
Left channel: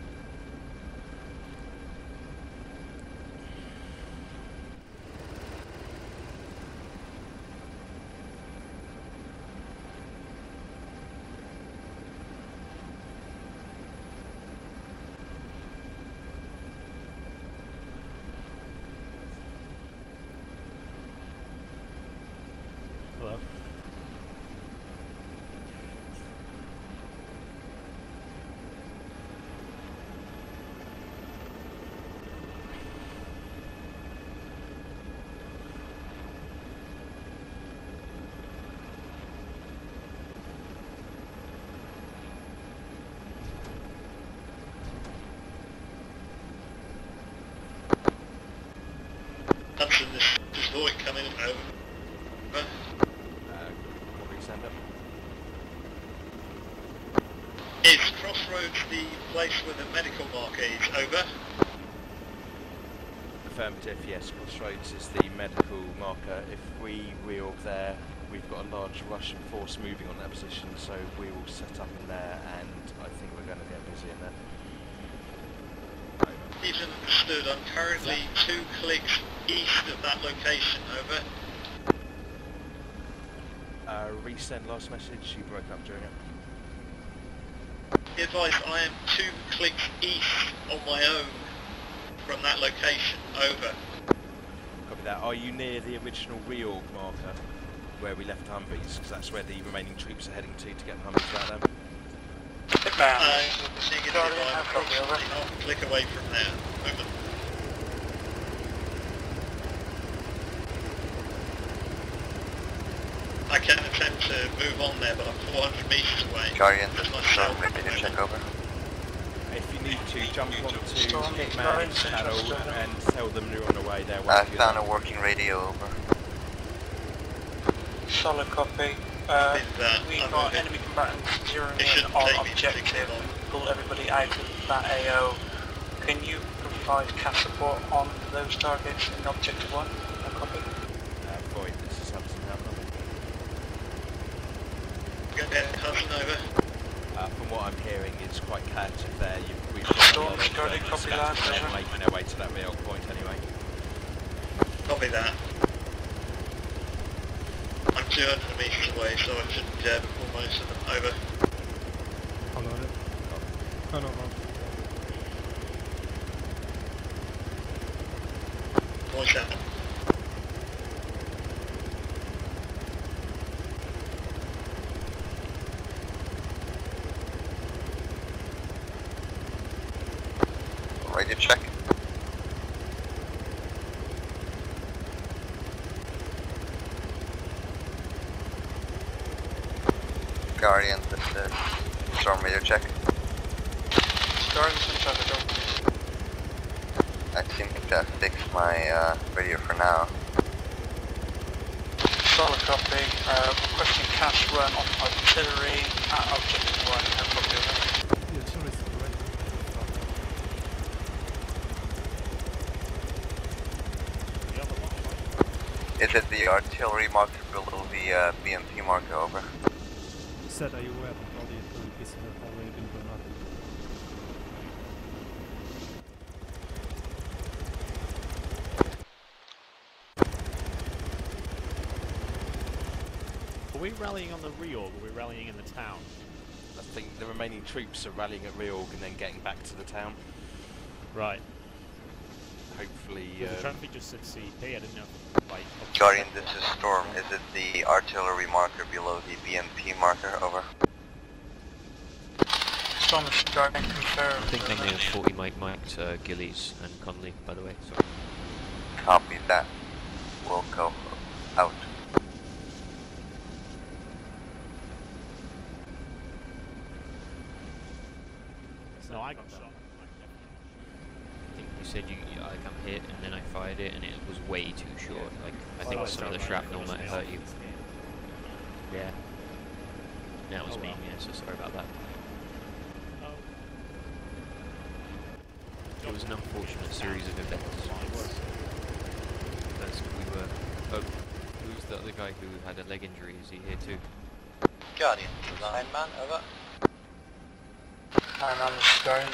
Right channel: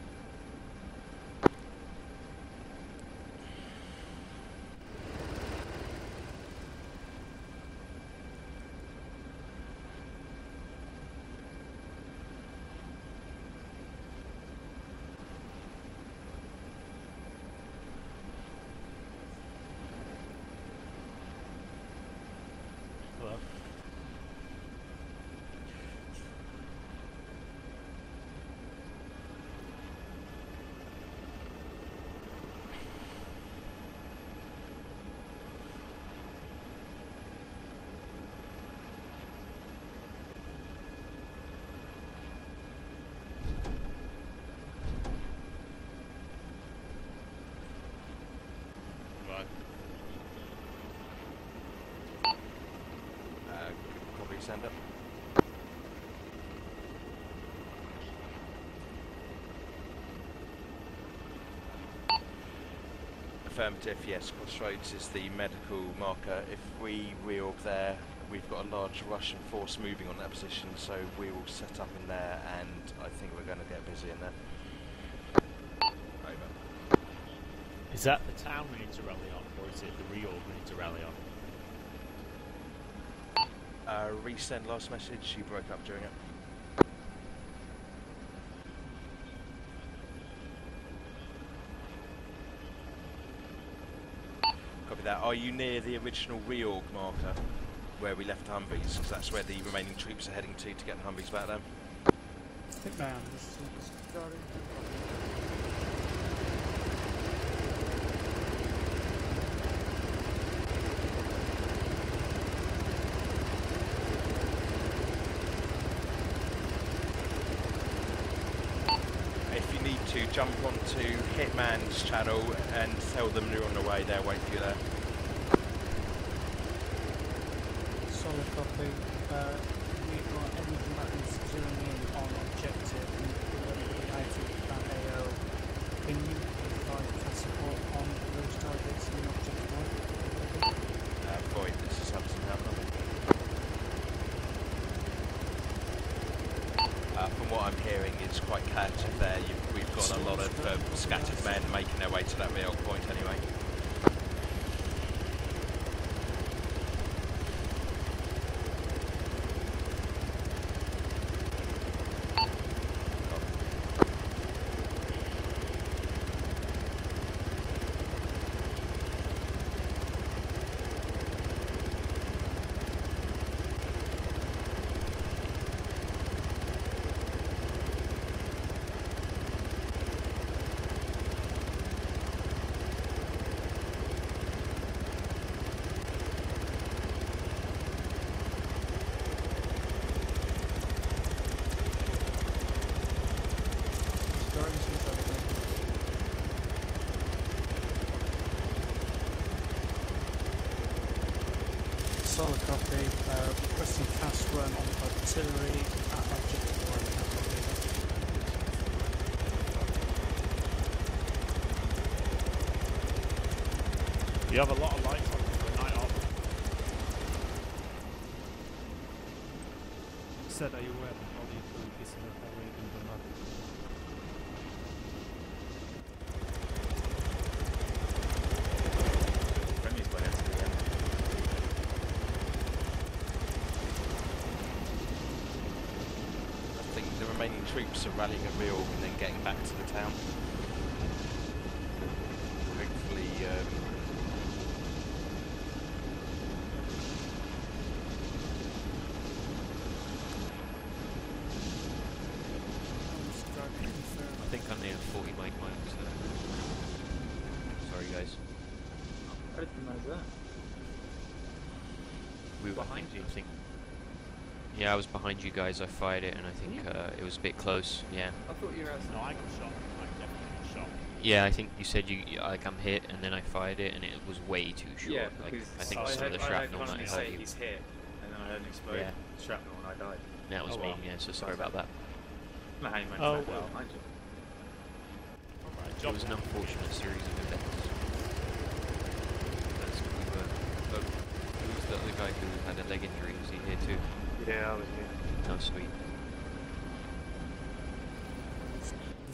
towards the place where the medical marker is, over. Affirmative, yes, Crossroads is the medical marker. If we reorg there, we've got a large Russian force moving on that position, so we will set up in there, and I think we're going to get busy in there. He's understood. I'm currently 2 clicks east of that location, over. Resend last message, you broke up during it. Be advised, I am 2 clicks east on my own from that location, over. Copy that. Are you near the original reorg marker where we left Humvees? Because that's where the remaining troops are heading to get the Humvees back then. Approximately 1 click away from there, over. I can attempt to move on there, but I'm 400 metres away. Guardian, That's myself. check over. If you need to, jump onto Hitman's channel and tell them you're on the way there. I found a working radio, over. Solid copy. We've got enemy combatants zeroing in on objective. Pull everybody out of that AO. Can you provide CAS support on those targets in objective 1? Copy. Void, this is Hudson, how copy? From what I'm hearing, it's quite chaotic there. We've got a lot of scattered men making their way to that real point anyway. Copy that. I'm 200 metres away, so I should almost over. What's that? Radio check. Guardian, this is Storm radio check. I think that fixed my radio for now. Solid copy. Requesting CAS run on artillery at objective 1. You have a lot of light. Is it the artillery marker below the BMP marker, over? Said, are you aware that all the artillery pieces have already been blown up? Are we rallying on the reorg? We're rallying in the town. I think the remaining troops are rallying at reorg and then getting back to the town. Right. Hopefully, Guardian, this is Storm. Is it the artillery marker below the BMP marker, over? Storm is Guardian, confirm. I think I may have 40 marked Gillies and Conley, by the way. Sorry, guys. Copy that. We'll go out. We were behind me, I think. Yeah, I was behind you guys. I fired it, and I think it was a bit close. Yeah. I thought you were outside. No, I got shot. I definitely got shot. Yeah, I think you said like I'm hit, and then I fired it, and it was way too short. Yeah, like I think some of the shrapnel might hurt you. Yeah. That was me. Yeah, so sorry about that. Oh well. It was an unfortunate series of events. As we were. Oh, who's the other guy who had a leg injury? Is he here too? Yeah. Guardian, Iron Man, over. Iron Man is Guardian,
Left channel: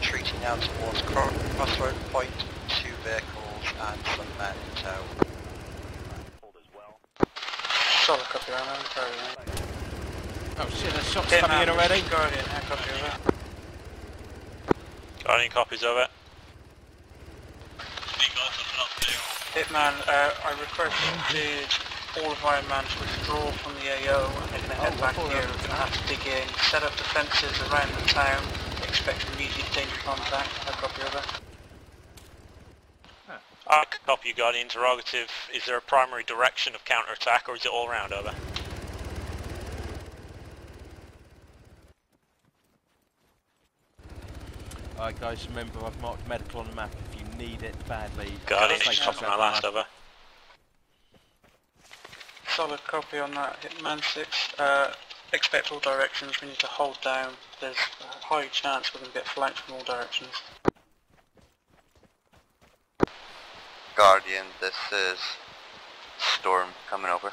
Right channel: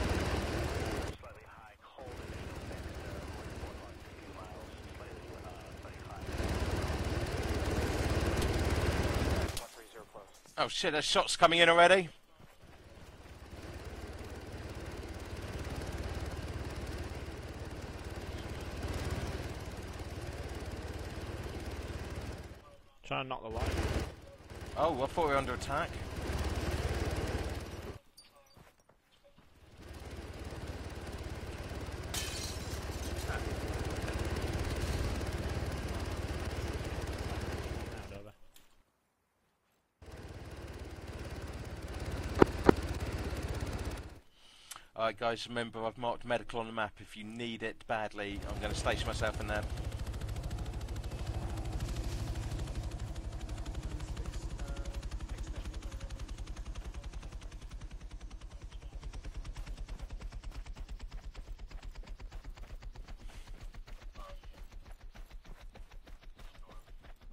Retreating now towards Crossroad Point, 2 vehicles and some men in tow. Solid copy, Iron Man. Oh shit, there's shots coming in already? Guardian, copy, over. Guardian copies, over. Hitman, I requested all of Iron Man to withdraw from the AO and they're going to head back here and have to dig in, set up defences around the town, expect immediate danger contact, no copy over. Copy, Guardian, interrogative. Is there a primary direction of counter-attack or is it all round, over? Alright guys, remember I've marked medical on the map if you need it badly. Guardian, stay it's close on my last, over. Solid copy on that, Hitman 6. expect all directions. We need to hold down. There's a high chance we're going to get flanked from all directions. Guardian, this is Storm coming over.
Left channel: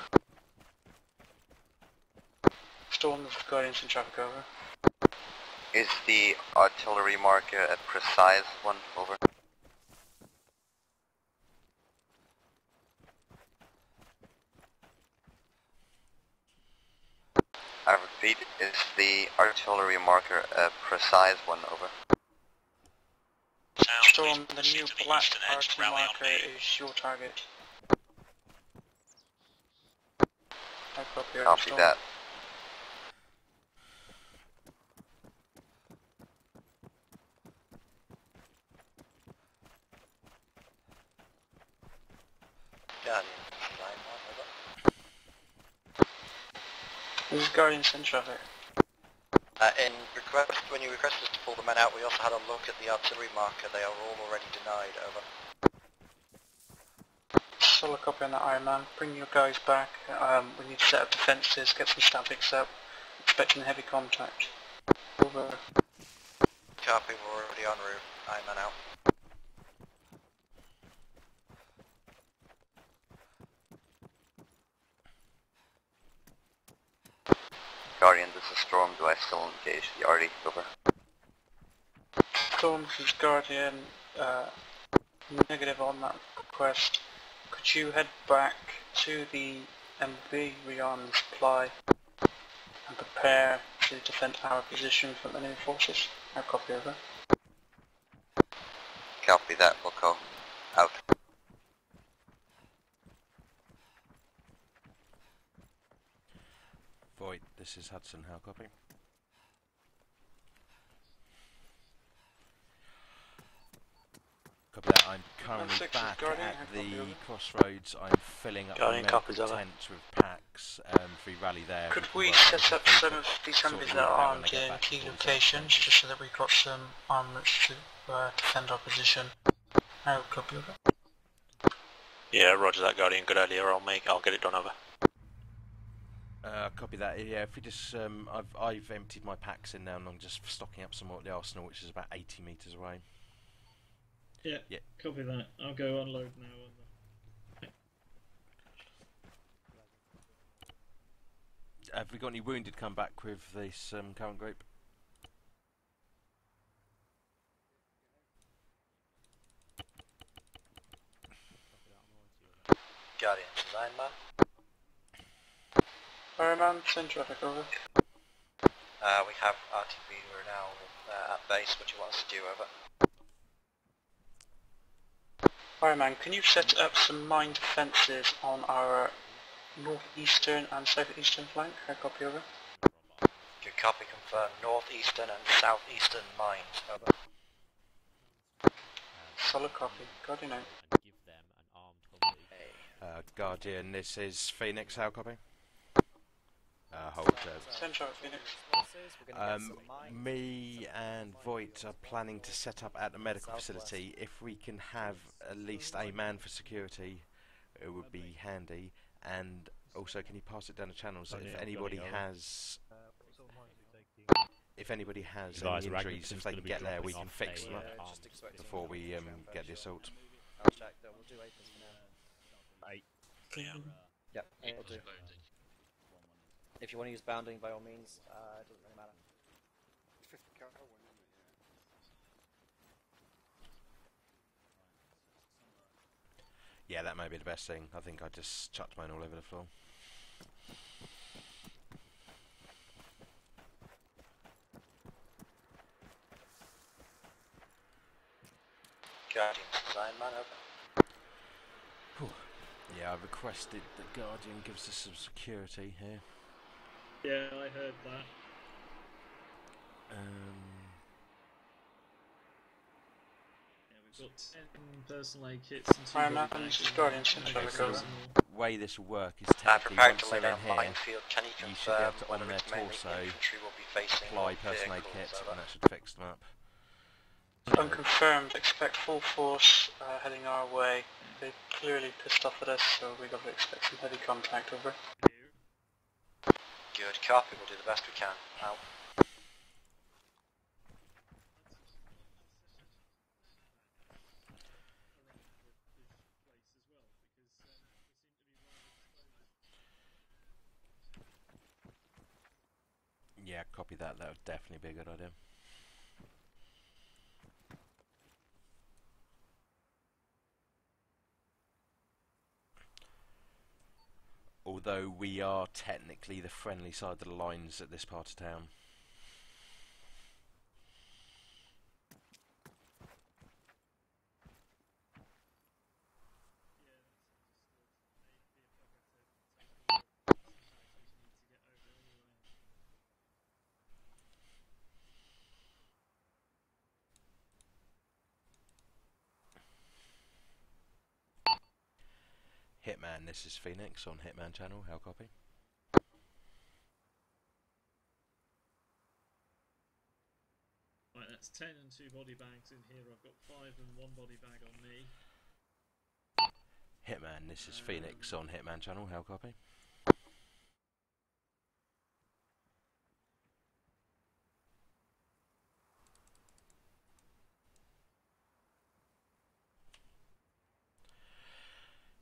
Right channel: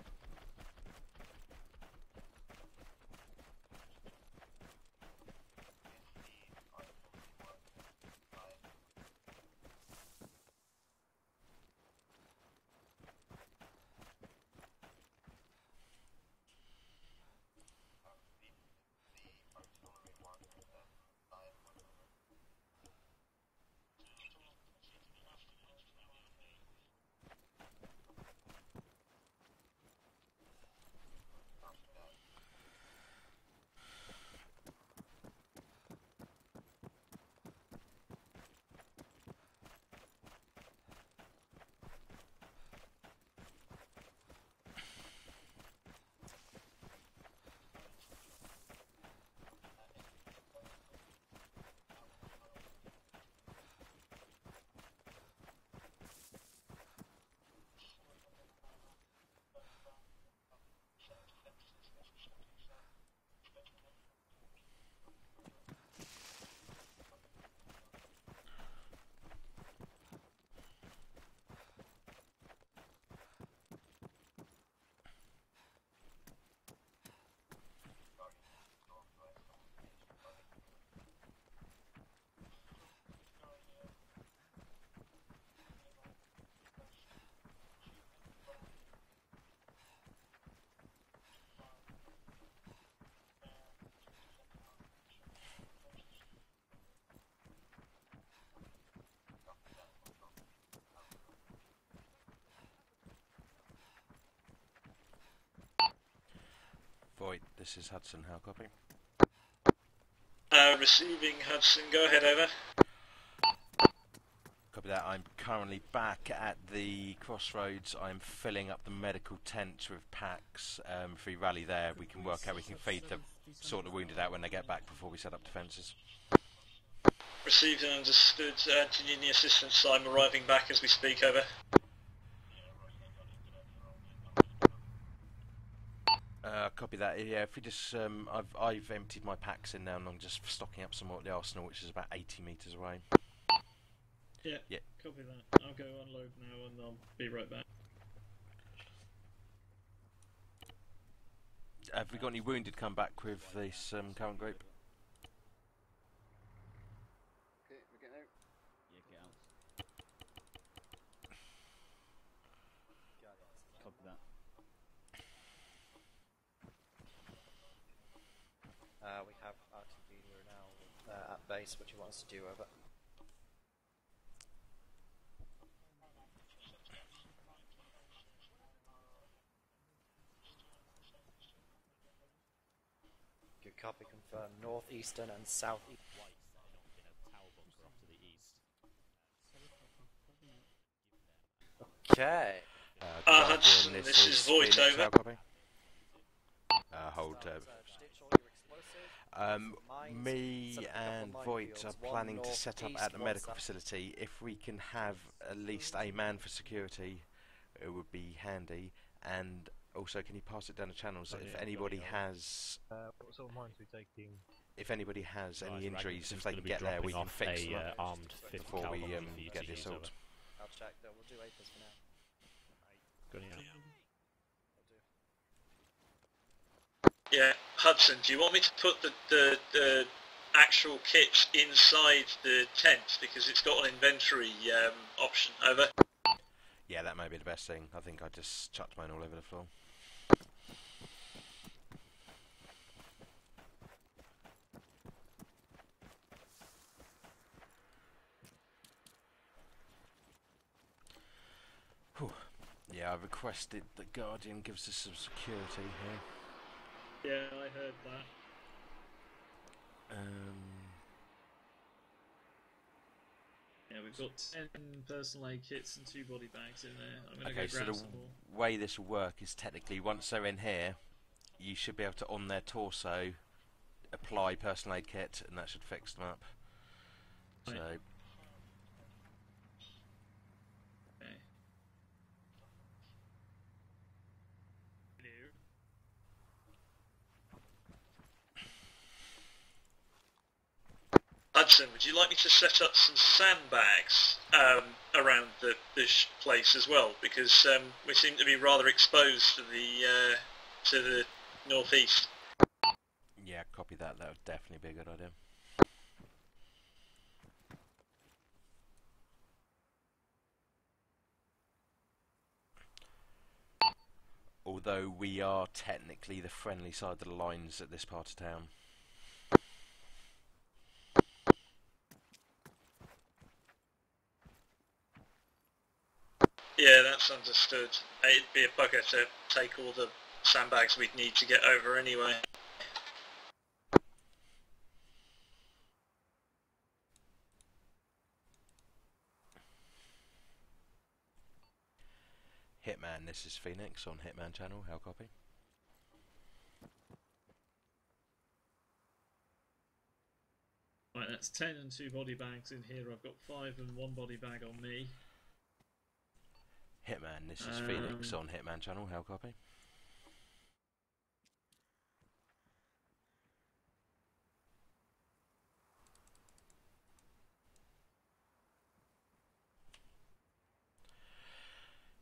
Storm, this is Guardians in traffic over. Is the artillery marker a precise one? Over. I repeat, is the artillery marker a precise one? Over. Storm, the new black artillery marker is your target. I copy, Copy that. This is Guardians in traffic. When you requested us to pull the men out, we also had a look at the artillery marker. They are all already denied. Over. Solid copy on that, Iron Man. Bring your guys back. We need to set up defences, get some statics up. Expecting heavy contact. Over. Copy, we're already en route. Iron Man out. Guardian, this is Storm. Do I still engage the RD? Over. Storm, this is Guardian. Negative on that request. Could you head back to the MB rearming supply and prepare to defend our position from enemy forces? I copy over. Copy that, we'll go. Out. Void, this is Hudson, how copy? Receiving Hudson, go ahead, over. Copy that, I'm currently back at the crossroads. I'm filling up my medical tent with packs. Free rally there. Could we set up some of these enemies that are armed in key locations, just so that we've got some armament to defend our position? The assistance, I'm arriving back as we speak, over. Yeah, roger that, Guardian. Good earlier. I'll get it done, over. Copy that. Yeah, if we just, I've emptied my packs in now, and I'm just stocking up some more at the arsenal, which is about 80 metres away. Yeah, copy that. I'll go unload now, and I'll be right back. Have we got any wounded come back with this current group? Guardian, design man. Iron Man, send traffic over. We have RTV, we're now at base. What do you want us to do, over? Iron Man, can you set up some mine defences on our northeastern and southeastern flank? I copy over. Good copy, confirm. Northeastern and southeastern mines, over. Solid copy. Guardian out. Okay. Guardian, this is Phoenix, how copy? Hold. Me and Voight are planning to set up at the medical facility. If we can have at least a man for security, it would be handy. And also, can you pass it down the channels? If anybody has, any injuries, if they can get there, we can fix them up before we get the assault. I'll check that. We'll do 8 for now. Yep, we'll do. If you want to use yeah, Hudson, do you want me to put the actual kits inside the tent, because it's got an inventory option, over? Yeah, that may be the best thing. I think I just chucked mine all over the floor. Guardian, design man, over. Yeah, I requested that Guardian gives us some security here. Yeah, I heard that. Yeah, we've got 10 personal aid kits and 2 body bags. Okay, so the way this will work is technically once they're in here, you should be able to, on their torso, apply personal aid kit, and that should fix them up. Unconfirmed, expect full force heading our way. They're clearly pissed off at us, so we've got to expect some heavy contact, over. Good copy, we'll do the best we can. Out. Hudson, would you like me to set up some sandbags around the place as well? Because we seem to be rather exposed to the northeast. Yeah, copy that. That would definitely be a good idea. Although we are technically the friendly side of the lines at this part of town. Yeah, that's understood. It'd be a bugger to take all the sandbags we'd need to get over anyway. Hitman, this is Phoenix on Hitman channel, how copy? Right, that's 10 and 2 body bags in here. I've got 5 and 1 body bag on me. Hitman, this is Phoenix on Hitman channel, how copy?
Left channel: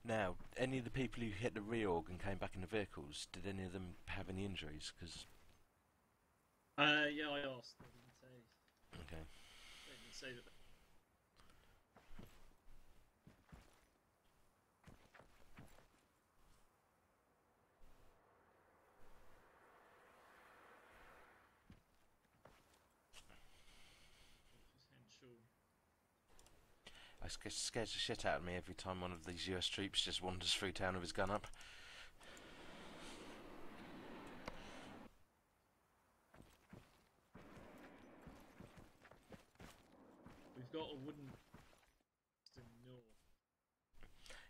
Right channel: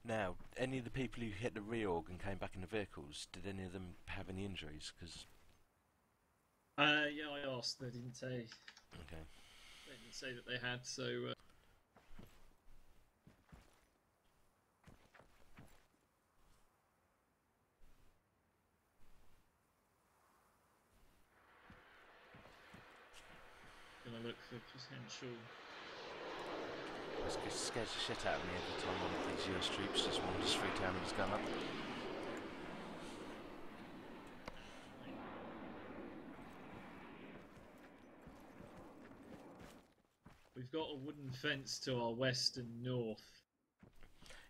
Now, any of the people who hit the reorg and came back in the vehicles, did any of them have any injuries? Cause yeah, I asked. They didn't say. Okay. They didn't say that they had, so. Gonna look for potential. It scares the shit out of me every time one of these US troops just wanders through town with his gun up. We've got a wooden fence to our west and north.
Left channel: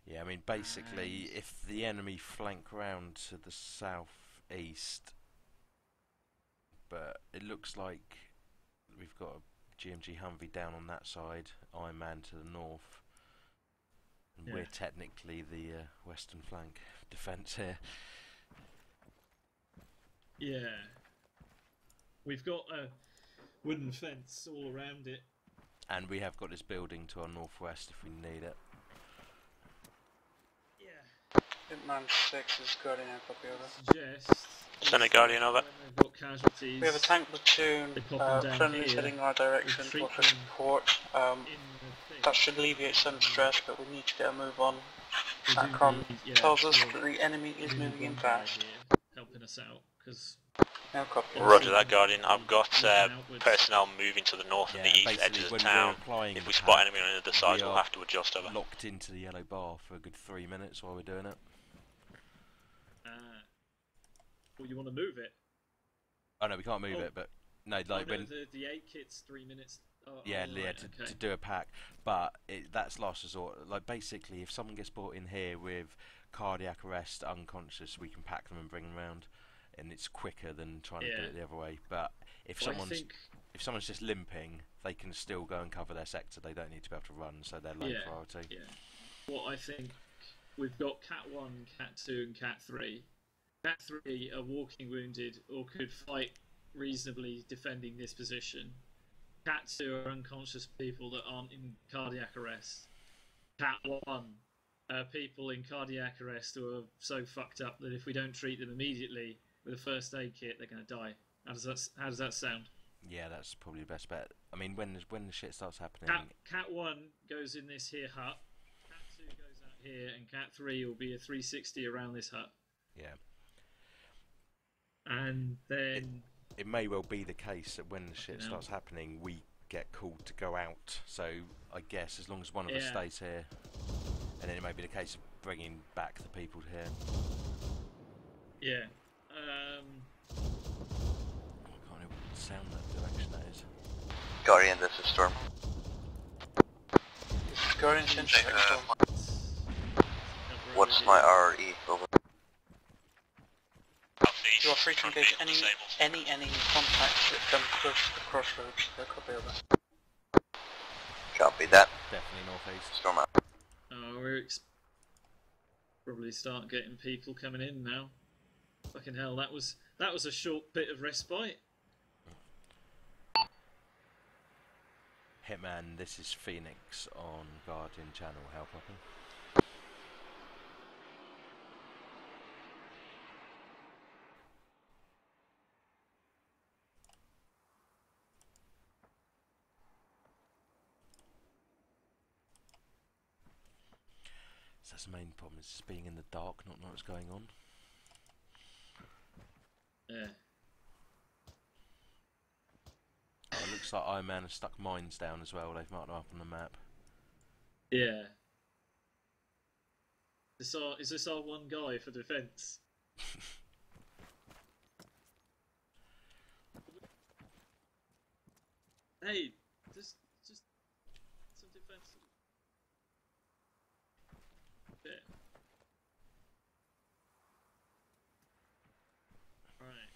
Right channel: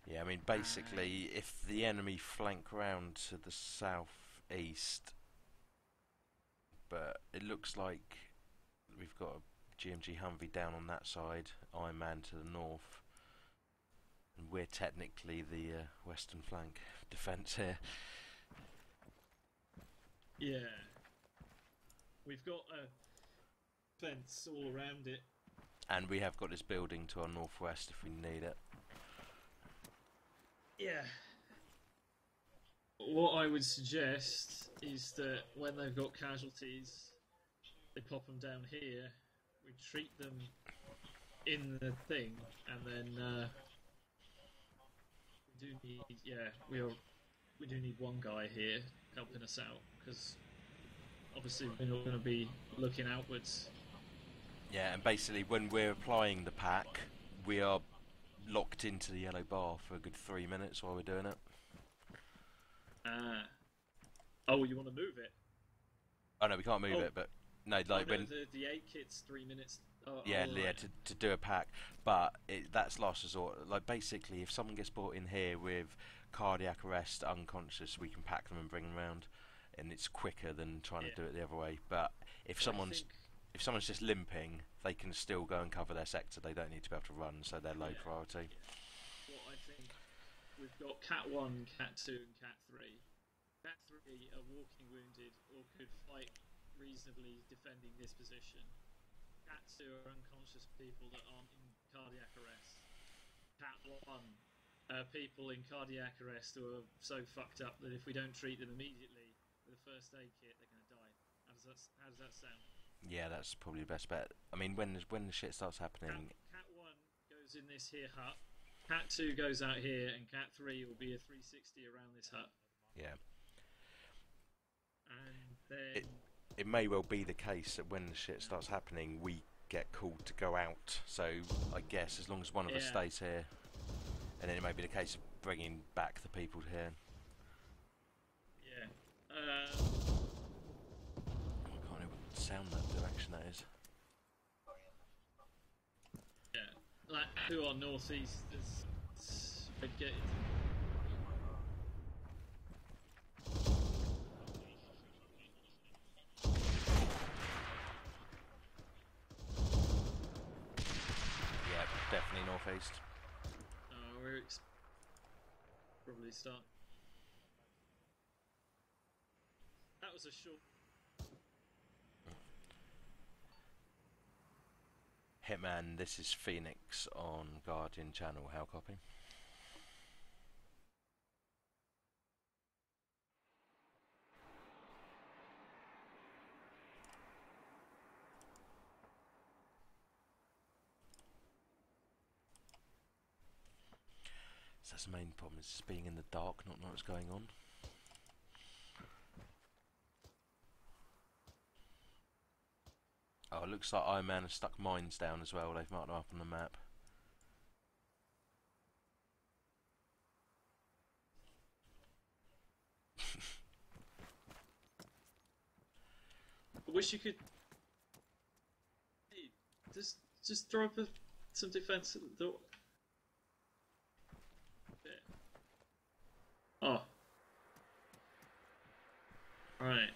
Yeah, I mean, basically, if the enemy flank round to the southeast, but it looks like we've got a GMG Humvee down on that side, Iron Man to the north, and we're technically the western flank defence here. Yeah. We've got a wooden fence all around it. And we have got this building to our northwest if we need it. Yeah. Hitman 6 is Guardian. What I would suggest is Send a Guardian over. when they've got casualties, We have a tank platoon, they pop them down friendlies here, heading our direction we for treat them support. in the thing. That should alleviate some stress, but we need to get a move on. We do SATCOM need- tells us we'll- that the enemy is we need moving in one guy fast. here helping us out, because No copy. Roger that, Guardian. I've got personnel moving to the north and the east basically edges when of town. we're applying If the we spot pack, enemy on the other side, we we'll are have to adjust over. locked into the yellow bar for a good 3 minutes while we're doing it. Oh, you want to move it? Oh no, we can't move it, but no, like when the 8 kit's 3 minutes. Oh, yeah, oh, yeah, right, to do a pack, but that's last resort. Like basically, if someone gets brought in here with cardiac arrest, unconscious, we can pack them and bring them round, and it's quicker than trying to do it the other way. But if someone's just limping, they can still go and cover their sector. They don't need to be able to run, so they're low priority. Yeah. What I think, we've got Cat 1, Cat 2, and Cat 3. Cat 3 are walking wounded or could fight reasonably defending this position. Cat 2 are unconscious people that aren't in cardiac arrest. Cat 1 are people in cardiac arrest who are so fucked up that if we don't treat them immediately with a first aid kit, they're going to die. How does that sound? Yeah, that's probably the best bet. I mean, when the shit starts happening... Cat 1 goes in this here hut, Cat 2 goes out here, and Cat 3 will be a 360 around this hut. Yeah. And then... It may well be the case that when the shit starts happening, we get called to go out. So, I guess, as long as one of us stays here, and then it may be the case of bringing back the people here. Yeah. I can't even sound that direction that is. Guardian, this is Storm. Guardian, what's my RE? Over. You are free to engage any contacts that come close to the crossroads. They'll copy over. Copy that. Definitely northeast. Storm out. We're probably start getting people coming in now. Fucking hell, that was a short bit of respite. Hitman, this is Phoenix on Guardian channel. How copy? So that's the main problem, is just being in the dark, not knowing what's going on. Yeah. Oh, it looks like Iron Man has stuck mines down as well. They've marked them up on the map. Yeah. Is this our one guy for defence? I wish you could. Hey, just drop some defence at the door. Yeah. Oh. Right.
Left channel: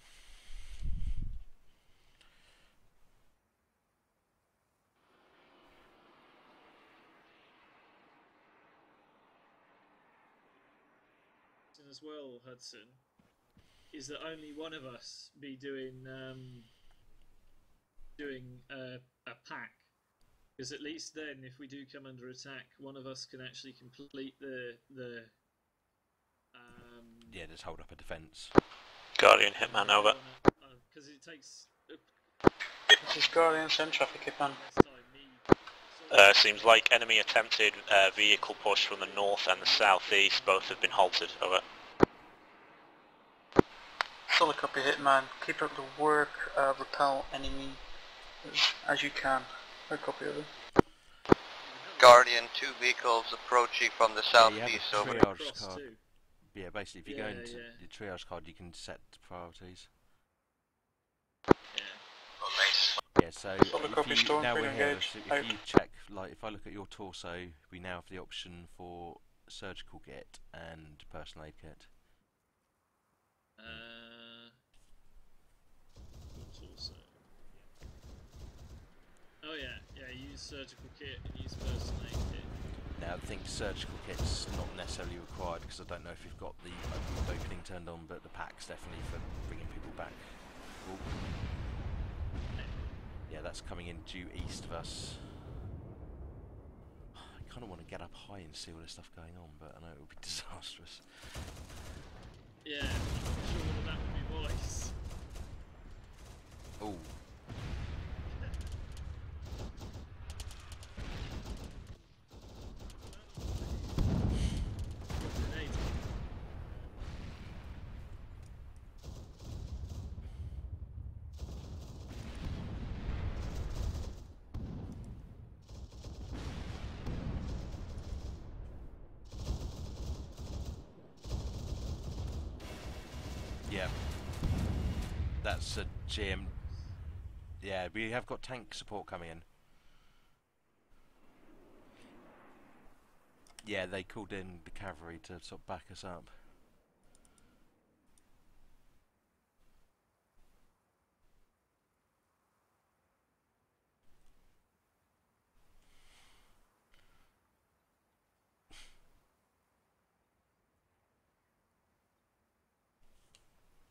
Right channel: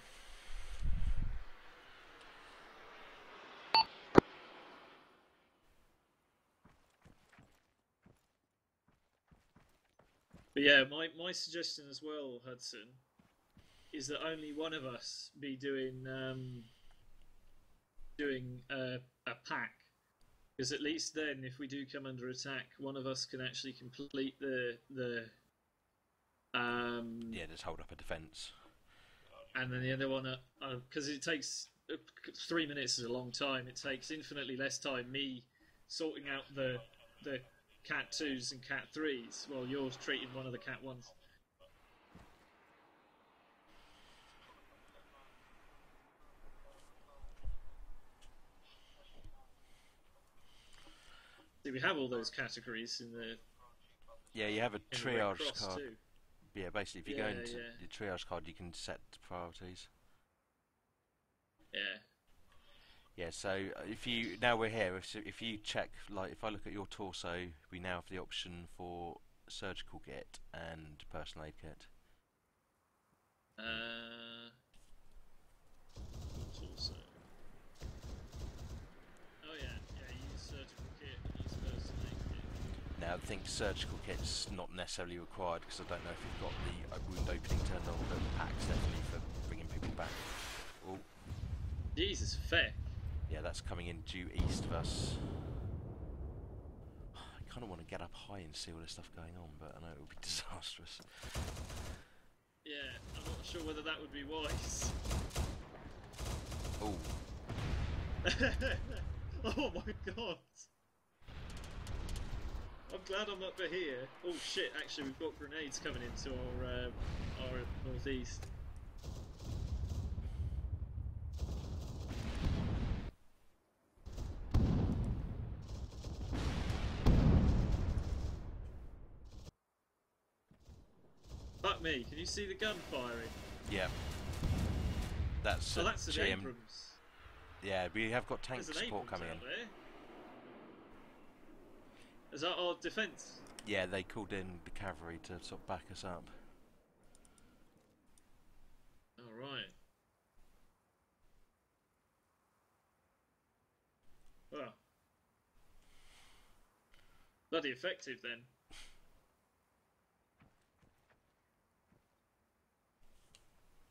But yeah, my suggestion as well, Hudson, is that only one of us be doing a pack, because at least then, if we do come under attack, one of us can actually complete the yeah, just hold up a defence. Guardian Hitman over. Because it takes 3 minutes is a long time. It takes infinitely less time. Seems like enemy attempted vehicle push from the north and the southeast. Both have been halted. Over. Solid copy, Hitman. Keep up the work. Repel enemy as you can. No copy of it. Guardian, 2 vehicles approaching from the southeast. Yeah, you have a triage card. Yeah, basically, if you go into your triage card, you can set priorities. Yeah. Yeah, so if you, now we're here, so if you check, like if I look at your torso, we now have the option for surgical kit and personal aid kit. Torso. Oh yeah, use surgical kit and use personal aid kit. Now I think surgical kit's not necessarily required, because I don't know if you've got the wound opening turned on, but the pack's definitely for bringing people back. Oh. Jesus, fair. Yeah, that's coming in due east of us. I kind of want to get up high and see all this stuff going on, but I know it would be disastrous. Yeah, I'm not sure whether that would be wise. Oh. Oh my god. I'm glad I'm up here. Oh shit, actually we've got grenades coming into our northeast. Fuck me, can you see the gun firing? Yeah. That's a that's GM. Abrams. Yeah, we have got tank support coming in. Is that our defence? Yeah, they called in the cavalry to sort of back us up. Alright. Well. Bloody effective then.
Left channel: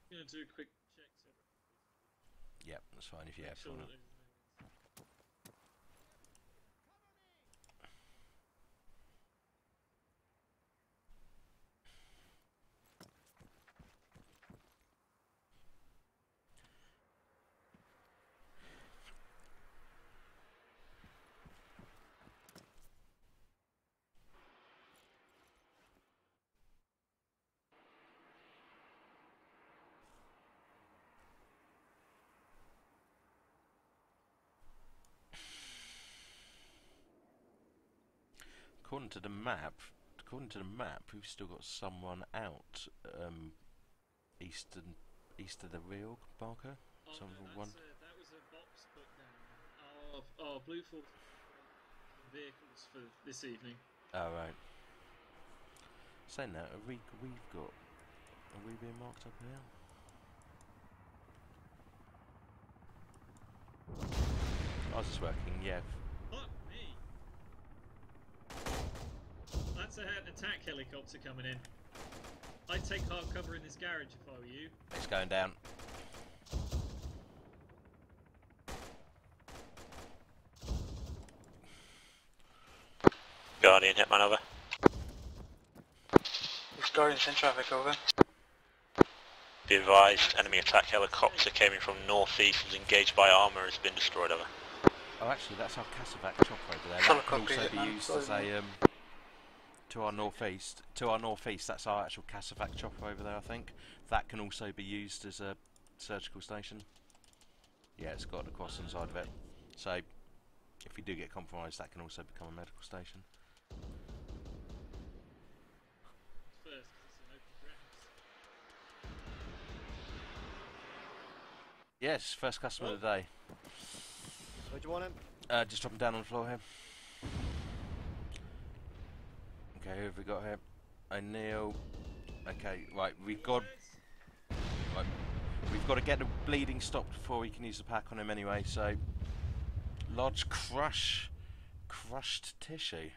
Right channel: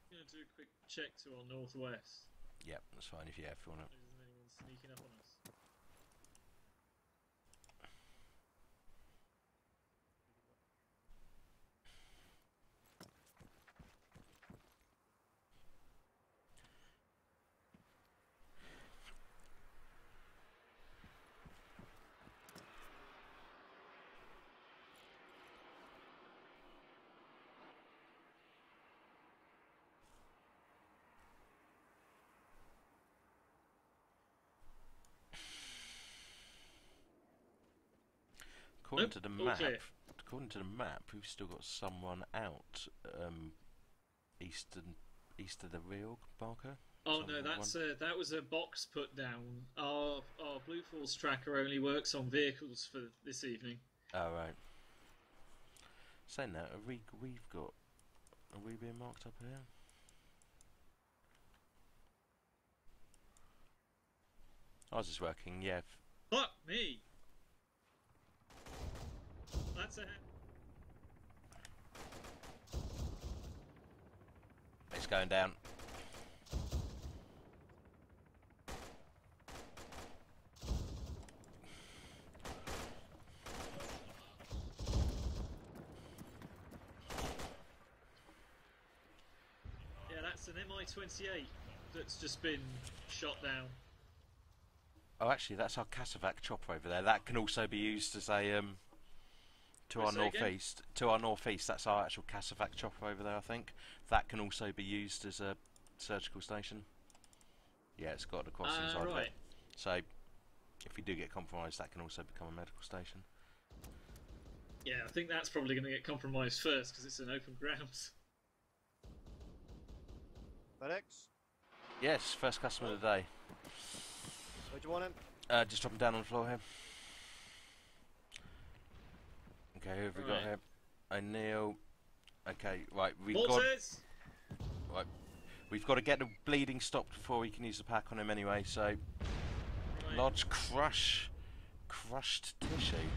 I'm going to do a quick check to our northwest. Yep, that's fine if you have one. Sneaking up on us. According to the map, we've still got someone out east of the real marker. Oh no, that was a box put down. Our Blue Force tracker only works on vehicles for this evening. Oh right. Saying that, are we being marked up here? I was just working, yeah. Fuck me! That's an attack helicopter coming in. I'd take hard cover in this garage if I were you. It's going down. Guardian, Hitman over. This Guardian's in traffic, over. Be advised, enemy attack helicopter came in from northeast, was engaged by ARMA, has been destroyed, over. Oh, actually, that's our Casavac chopper over there. That can also be used as a to our northeast. To our northeast, that's our actual Casavac chopper over there. I think that can also be used as a surgical station. Yeah, it's got the cross inside of it. So, if we do get compromised, that can also become a medical station. Yeah, I think that's probably going to get compromised first because it's an open ground. Yes, first customer of the day. Where do you want him? Just drop him down on the floor here. Okay, who have we got here? O'Neill. Okay, right, we've got to get the bleeding stopped before we can use the pack on him anyway. So, lodge crushed tissue.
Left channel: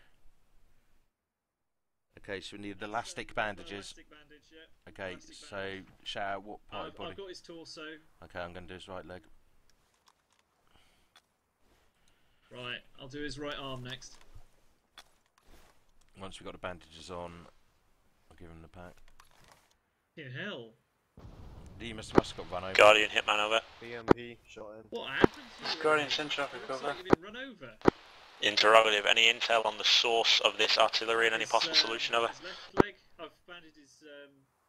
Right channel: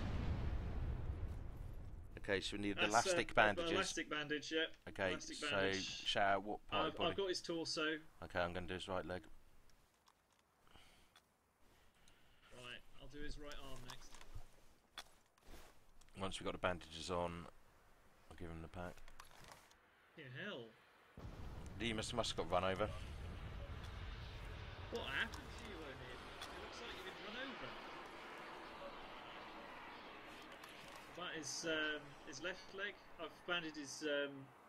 Okay, so we need elastic bandages. Elastic bandage, yeah. Okay, elastic so bandage. shout out what part of the body. I've got his torso. Okay, I'm going to do his right leg. Right, I'll do his right arm next. Once we've got the bandages on, I'll give him the pack. Yeah, hell. You must have got run over. Guardian, Hitman over. BMP, shot him. What happened to you? Guardian's in traffic, Looks over. like you've been run over. Interrogative, any intel on the source of this artillery and any possible solution, over? His left leg, I've banded his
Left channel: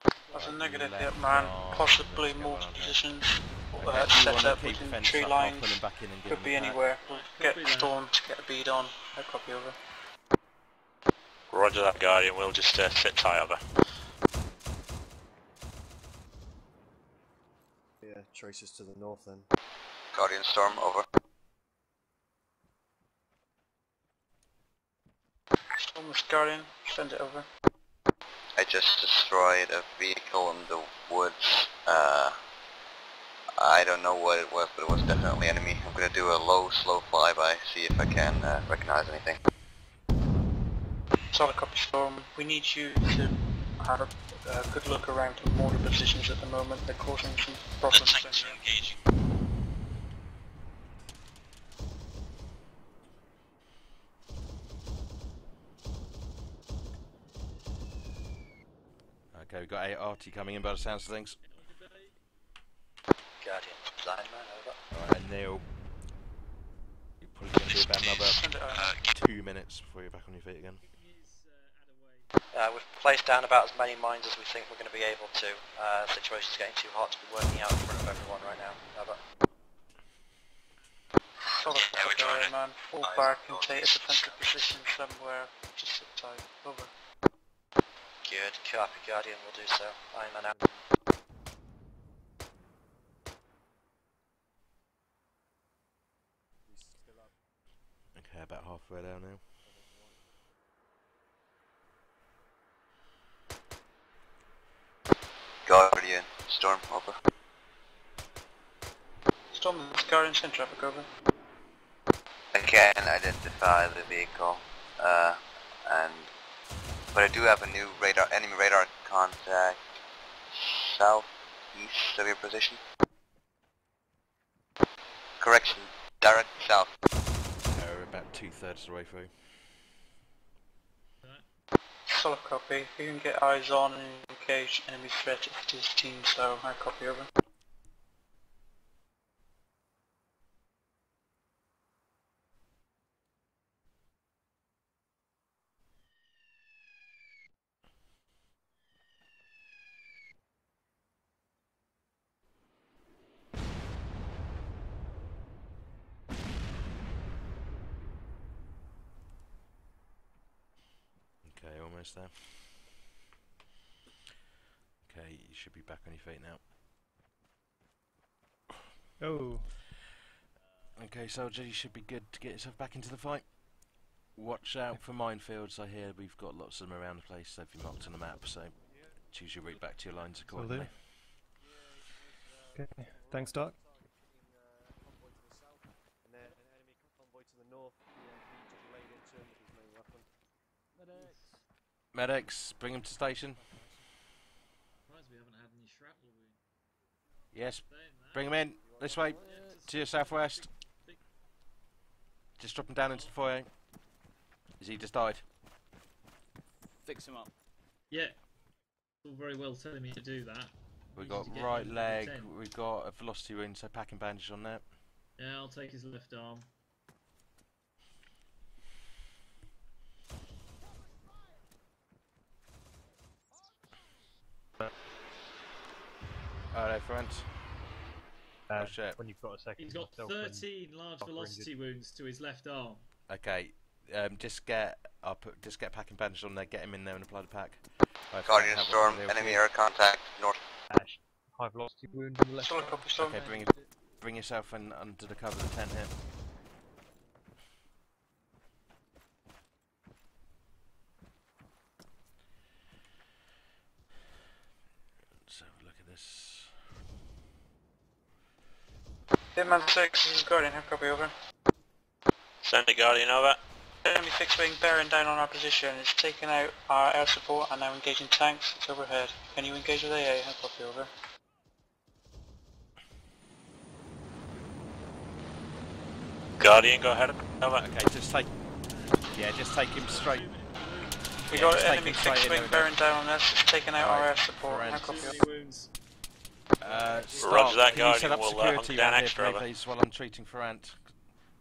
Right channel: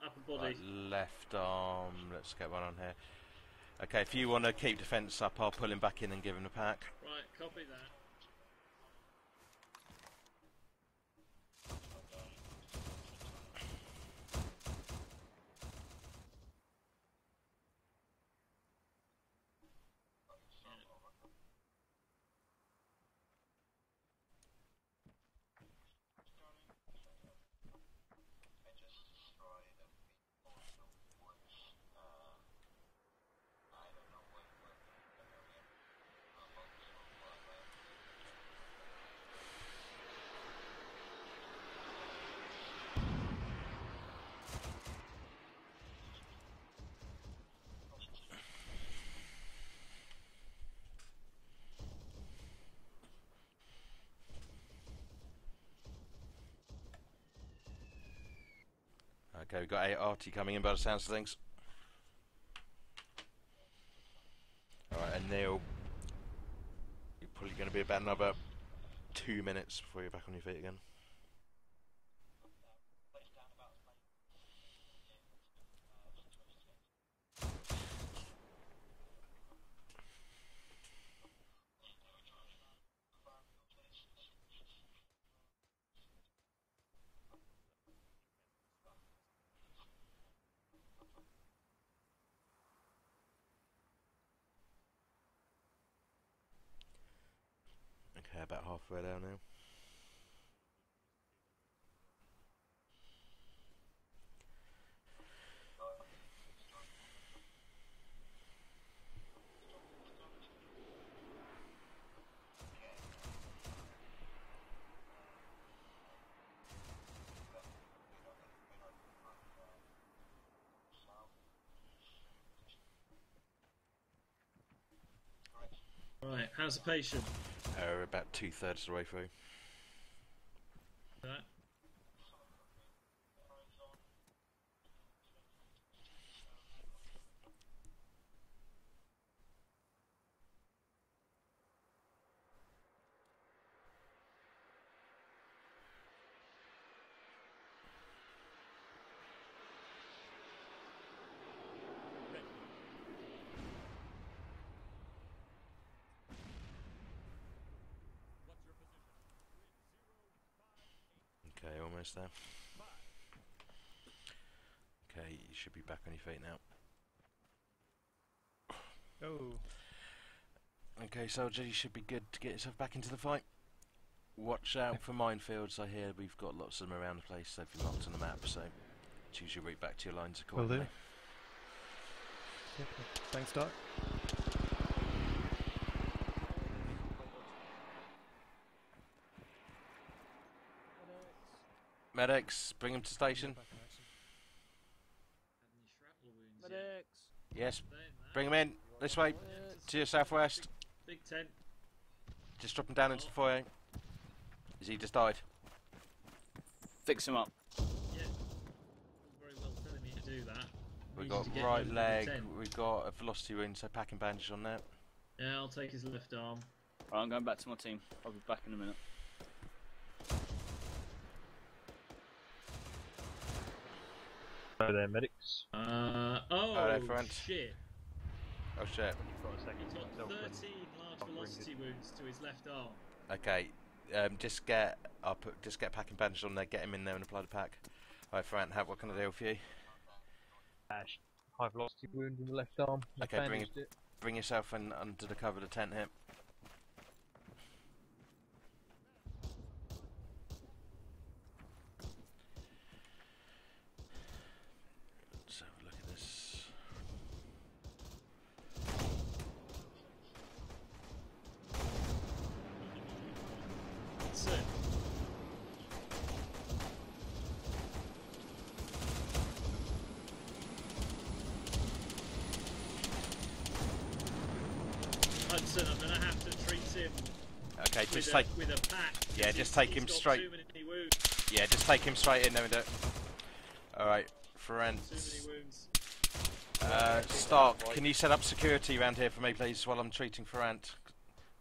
upper body. Negative, left Hitman. arm, Possibly let's get more one on here. positions. Okay, if you want to Set up keep the within fence tree up, I'll lines. pull him back in and give Could him be the pack. anywhere. Right, Get Storm to get a bead on. I copy, over. Roger that, Guardian, we'll just sit tight, over. Yeah, traces to the north then. Guardian Storm, over. Storm's Guardian, send it over. I just destroyed a vehicle in the woods. I don't know what it was, but it was definitely enemy. I'm going to do a low, slow flyby, see if I can recognize anything. Solid copy, Storm. We need you to have a good look around the mortar positions at the moment. They're causing some problems. Okay, we've got ART coming in by the sounds of things. Guardian, lineman, over. Alright, and Neil, you're probably going to be about another 2 minutes before you're back on your feet again. We've placed down about as many mines as we think we're going to be able to. The situation's getting too hot to be working out in front of everyone right now. Over. Solid copy, man. Fall back and take a defensive position somewhere. Just sit tight. Over. Good. Copy, Guardian. We'll do so. I'm an out. Okay, about halfway down now. Guardian Storm, over. Storm, Guardian, send traffic, over. I can identify the vehicle, but I do have a new enemy radar contact southeast of your position. Correction, direct south. We're about 2/3 of the way through. Solid copy. If you can get eyes on and engage enemy threat at his team, so I copy, over. Okay, almost there. Okay, you should be back on your feet now. Oh. Okay, soldier, you should be good to get yourself back into the fight. Watch out for minefields. I hear we've got lots of them around the place. They've been marked on the map, so choose your route back to your lines accordingly. Okay, thanks, Doc. Medics, bring him to station. Surprised we haven't had any shrapnel wounds yet. Yes. Bring him in. This way. To your southwest. Big tent. Just drop him down into the foyer. Has he just died? Fix him up. Yeah. All very well telling me to do that. We've Needed got to get right him to the leg, tent. we've got a velocity wound, so packing bandage on that. Yeah, I'll take his left arm. Right, I'm going back to my team. I'll be back in a minute. Hello there, medics. Oh, Hello, friend. shit. Oh shit. When you've got a second. He's got myself when 13 large I've velocity wounds to his left arm. Okay, just get packing bandage on there, get him in there and apply the pack. Right, Guardian help Storm, with the deal for enemy you. air contact, north. High velocity wound in the left arm. Okay, bring yourself in under the cover of the tent here. Let's have a look at this. Hitman 6, Guardian, how copy over? Send the Guardian over. Enemy fixed wing bearing down on our position. It's taken out our air support and now engaging tanks. It's overhead. Can you engage with AA? How copy over? Guardian, go ahead. Over. Okay, just take. Yeah, just take him straight. We Yeah, got just take enemy him straight fixed in there. wing bearing down on us. It's taken out Alright, our air support. Ferent. How copy over? Start. that, Can you set up Guardian. We'll, security hunt down around here for extra me, over. please, while I'm treating Ferrant?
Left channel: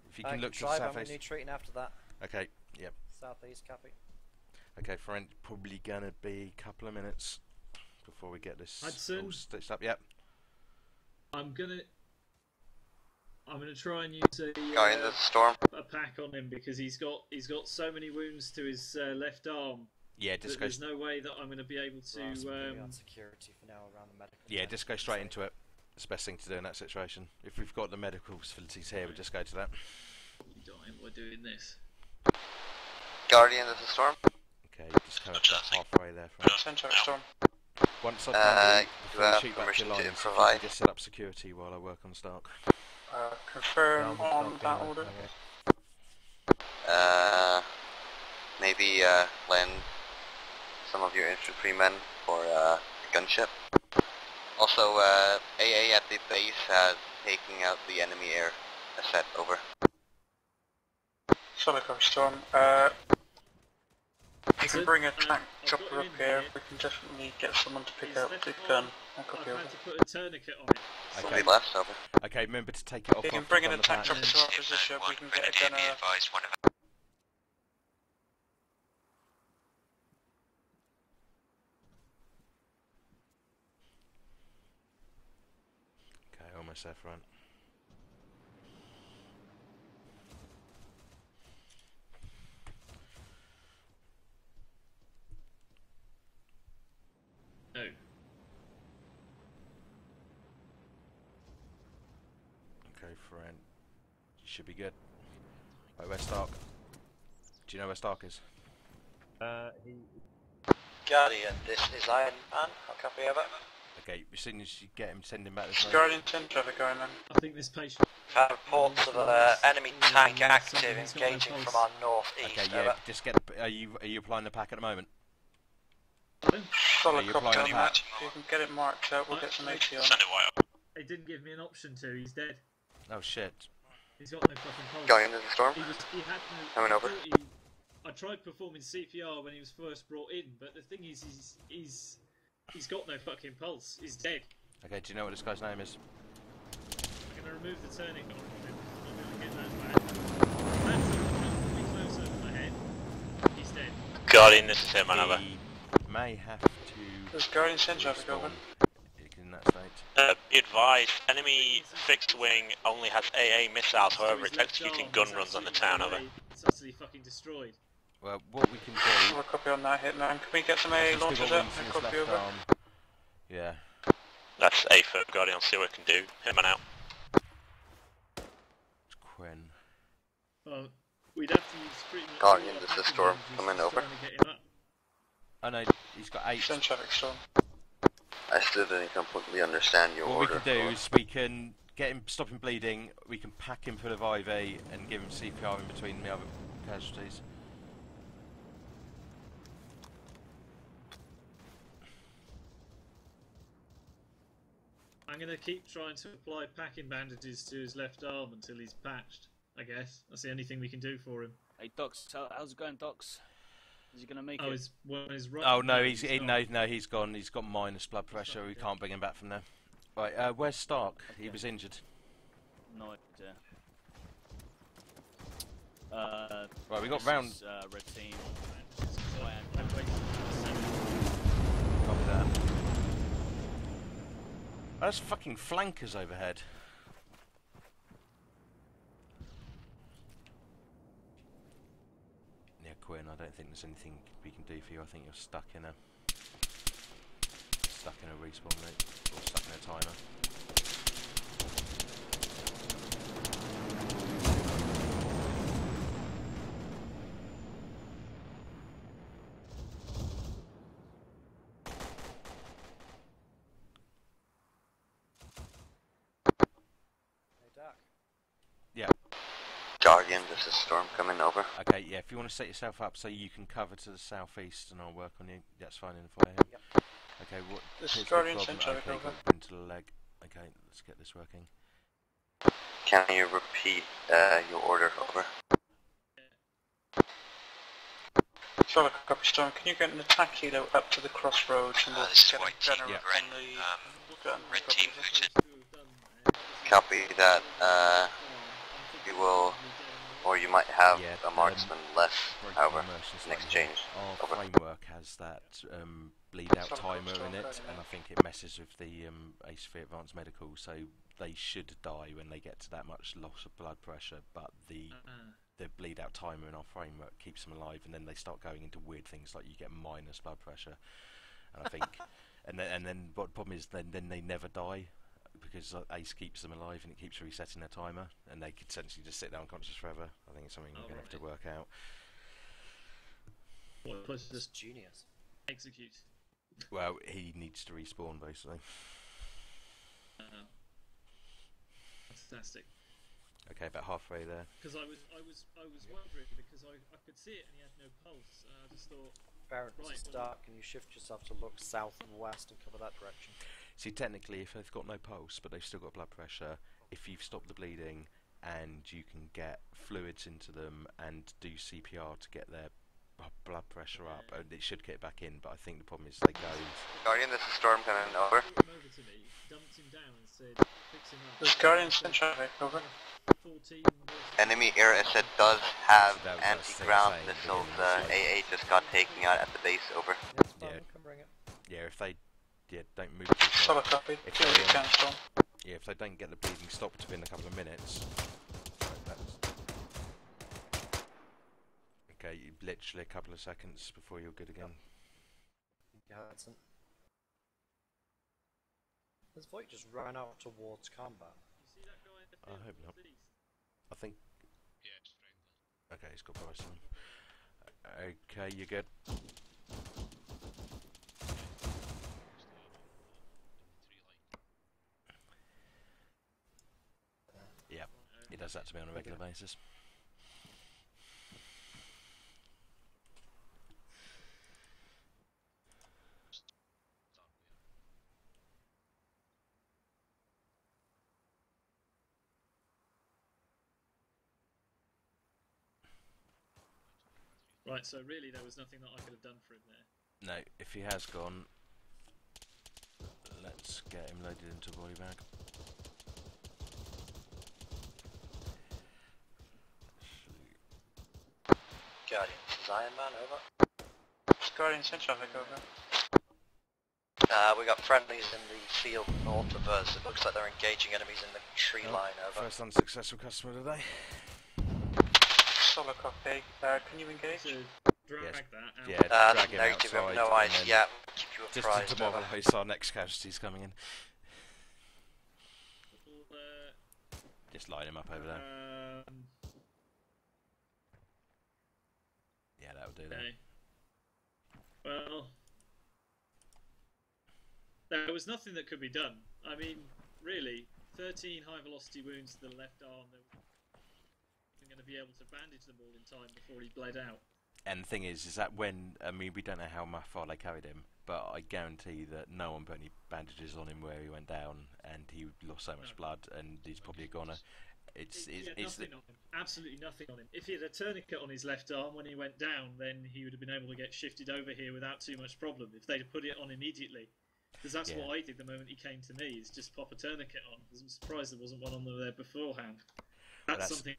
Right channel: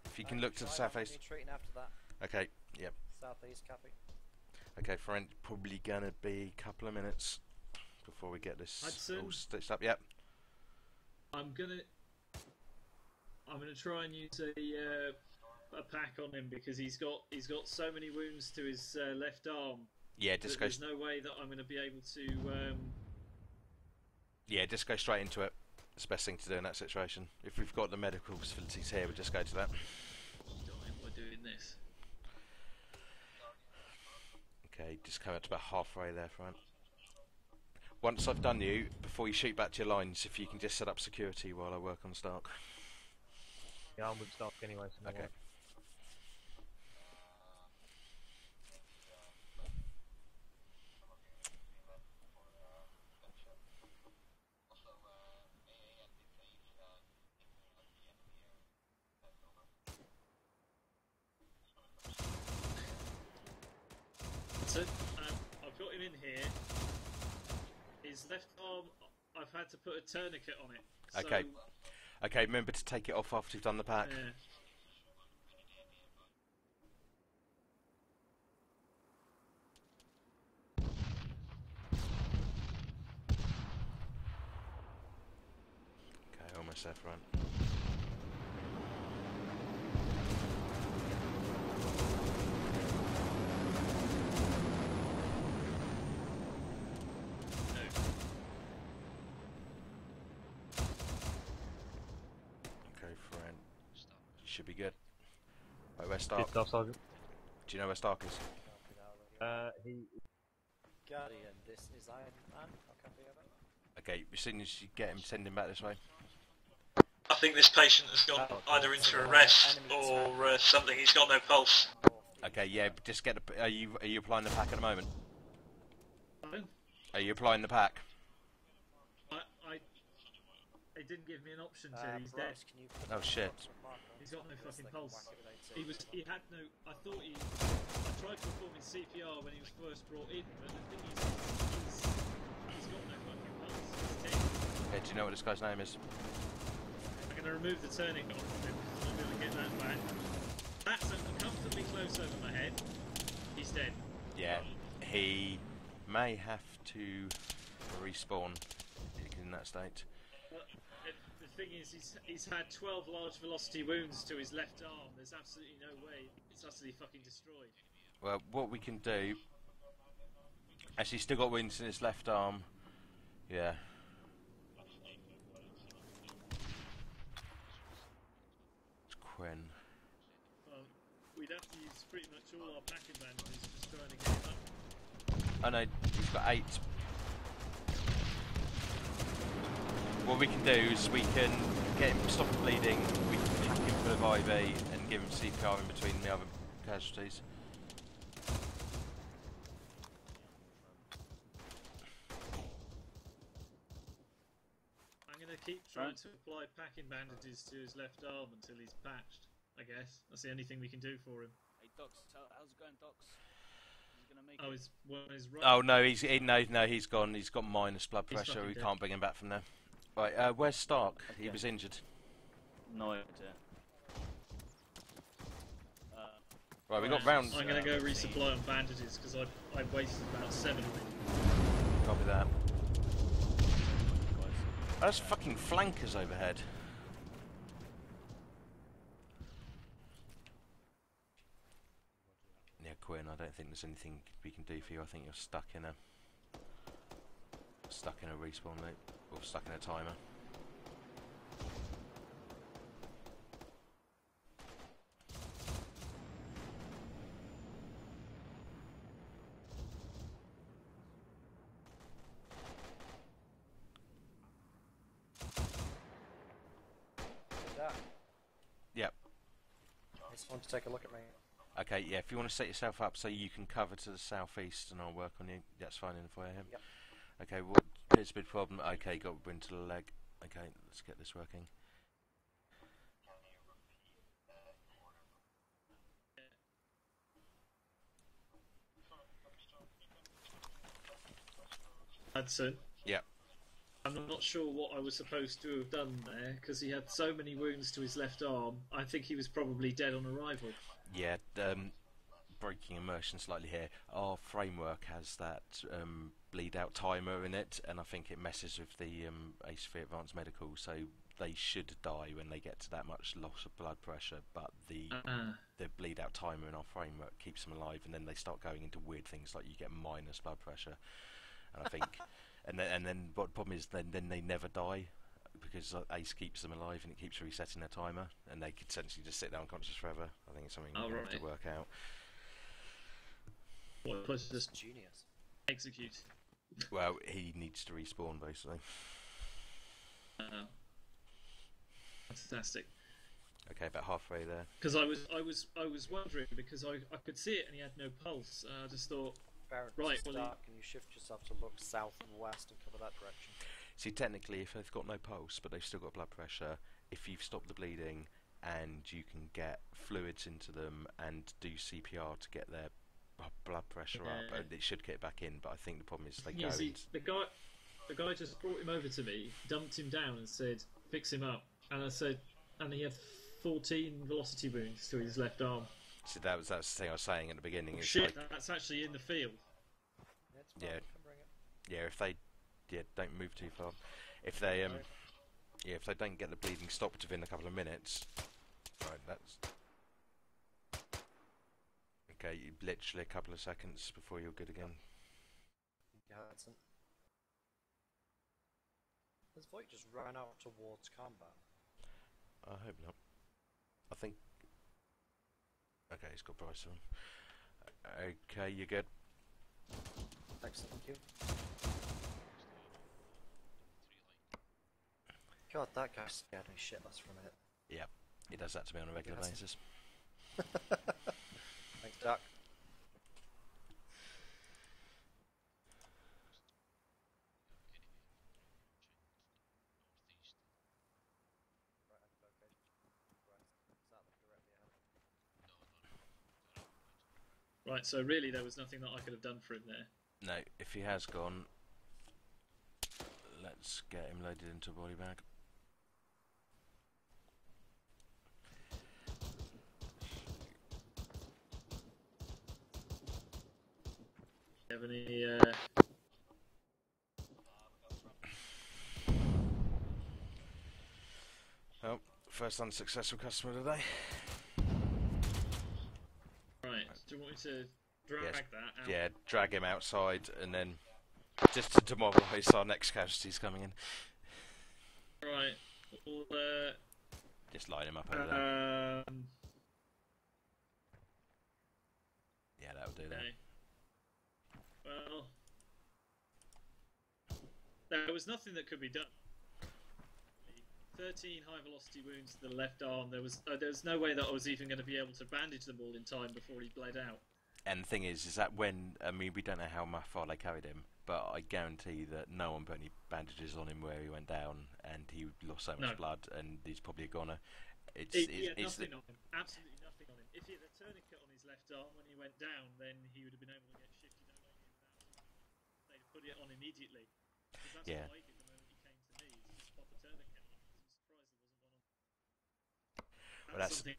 If you can look to the I'm southeast. retreating after that. Okay, yep. Southeast, copy. Okay, Ferrant, probably gonna be a couple of minutes before we get this Hudson. all stitched up. Yep. I'm gonna try and use Guardian, this is Storm. a pack on him because he's got so many wounds to his left arm. Yeah, that just go. There's no way that I'm going to be able to. Yeah, just go straight into it. It's the best thing to do in that situation. If we've got the medical facilities here, we'll just go to that. Dying by doing this. Guardian, this is Storm. Okay, just come up about halfway there, Ferrant. Central Storm. Once I've done you, before you have shoot back to your permission to lines, if you provide. can just set up security while I work on Stark. Confirm on that order. Maybe lend some of your infantrymen for gunship. Also, AA at the base has taken out the enemy air asset. Over. Solid copy, Storm. You can bring a tank chopper up here. We can definitely get someone to pick up the gun. I've had to put a tourniquet on it. Okay. Left, over. Okay, remember to take it off You can after bring you've in done a the tank pack. chopper to our position. We can get a gunner. Okay, almost there, Ferrant. No. Okay, Ferrant. Should be good. Right, where's Stark? Good stuff, Sergeant. Do you know where Stark is? He. Guardian, this is Iron Man. I'll copy over. Okay, as soon as you get him, send him back this way. Guardian 10 traffic going on. I think this patient has got either into arrest enemy or tank something. He's got no engaging pulse. from our northeast. Okay, yeah, just get the. Are you applying the pack at the moment? Solid Are you copy, applying the Johnny. pack? If you can get it marked out, we'll get some AT on. Send it wire. It didn't give me an option to. He's dead. Oh shit. He's got no fucking pulse. Guardian, this is Storm. He had no. Coming over. I tried performing CPR when he was first brought in, but the thing is he's got no fucking pulse. He's dead. Okay, do you know what this guy's name is? I'm gonna remove the tourniquet off of him. I'm gonna get that back. That's comfortably close over my head. He's dead. Guardian, this is Hitman, over. He may have to Does Guardian send traffic over? respawn in that state. Be advised, enemy fixed wing only has AA missiles, however it's executing gun runs on the town, over. It's utterly fucking destroyed. Well, what we can do. We'll copy on that, Hitman. Can we get some As AA he's still launchers got up wings in and his copy left over? arm. Yeah. That's A for Guardian, I'll see what I can do. Hitman out. It's Quinn. Well, we'd have to use pretty much. Guardian, this is Storm. Coming over. Oh no, he's got 8. Send traffic, Storm. I still didn't completely understand your What we order. can do is we can get him, stop him bleeding, we can pack him full of IV and give him CPR in between the other casualties. I'm going to keep trying to apply packing bandages to his left arm until he's patched, I guess. That's the only thing we can do for him. Hey, Docs, how's it going, Docs? Is he going to make Oh, it? His right. Oh no, he's gone. He's got minus blood pressure. We can't bring him back from there. Right, where's Stark? Okay. He was injured. No idea. Right, we got rounds. I'm going to go resupply on bandages because I wasted about 7. Copy that. There's fucking flankers overhead. Yeah, Quinn, I don't think there's anything we can do for you. I think you're stuck in a respawn loop, or stuck in a timer. Yeah. Guardian, there's a storm coming over. Okay, yeah, if you want to set yourself up so you can cover to the southeast and I'll work on you, that's fine in the fire. Yep. Okay, well, This here's the Guardian problem. Centre Okay, over. got wind to the leg. Okay, let's get this working. Can you repeat your order over? Solid copy, Storm. Can you get an attack helo up to the crossroads and we'll generate Yeah. I'm not sure what I was supposed to have done there, because he Copy had so that, many wounds to his left arm. I think he you was will, probably dead on the or right. you might have Yeah, a marksman less. breaking Over. immersion In slightly exchange. here. Our Over. framework has that bleed out timer in it, and I think it messes with the ACV Advanced Medical, so they should die when they get to that much loss of blood pressure, but the bleed out timer in our framework keeps them alive, and then they start going into weird things like you get minus blood pressure, and I think and then what the problem is then they never die because ACE keeps them alive and it keeps resetting their timer, and they could essentially just sit there unconscious forever. I think it's something we're going to have to work out. What, plus just genius. Execute. Well, he needs to respawn basically. Fantastic. Okay, about halfway there. Because I was wondering, because I could see it and he had no pulse. I just thought, Barrett, right, to well, start, can you shift yourself to look south and west and cover that direction? See, technically, if they've got no pulse but they've still got blood pressure, if you've stopped the bleeding and you can get fluids into them and do CPR to get their blood pressure up, and it should get back in. But I think the problem is they go. Guardian, this is Storm the coming guy over. just brought him over to me, dumped him down, and said, "Fix him up." This And Guardian I said, Centre over. "Only a 14 velocity Enemy boost air to his asset left does arm." have So that was the thing I was saying anti-ground at the missiles. beginning. AA It's just actually got in the taken field. out at the base. Over. Yeah, Can bring it. yeah. If they, don't move too far. Solid copy. If Do what they, you can, Storm. yeah, if they don't get the bleeding stopped within a couple of minutes, right, that's okay. Literally a couple of seconds before you're good again. Hudson. Has Voight just run out towards combat? I hope not. I think. Okay, he's got price on. Okay, you're good. Thanks, thank you. God, that guy scared me shitless for a minute there. Yeah, he does that to me on a regular basis. Thanks, Doc. Right, so really there was nothing that I could have done for him there. No, if he has gone, let's get him loaded into a body bag. Guardian, Zion Man, over. This Guardian Centre over. We got friendlies in the field north of us. It looks like they're engaging enemies in the tree line, over. First unsuccessful customer today. Solid copy. Can you engage? To drag Yes. that out. Yeah, drag him negative, outside no and eyes, then yeah, keep you just to apprised, over. demoralise our next casualties coming in. Right. Well, Just line him up over there. Yeah, that'll do that. okay. Well, there was nothing that could be done. I mean, really, 13 high velocity wounds to the left arm. There was no way that I was even going to be able to bandage them all in time before he bled out. And the thing is that when, I mean, we don't know how far they carried him, but I guarantee that no one put any bandages on him where he went down, and he lost so much blood, and he's probably a goner. He had nothing on him, absolutely nothing on him. If he had a tourniquet on his left arm when he went down, then he would have been able to get shifted over here without too much problem. If they'd have put it on immediately, because that's what I did the moment he came to me, is just pop a tourniquet on. I was surprised there wasn't one on there beforehand. That's something.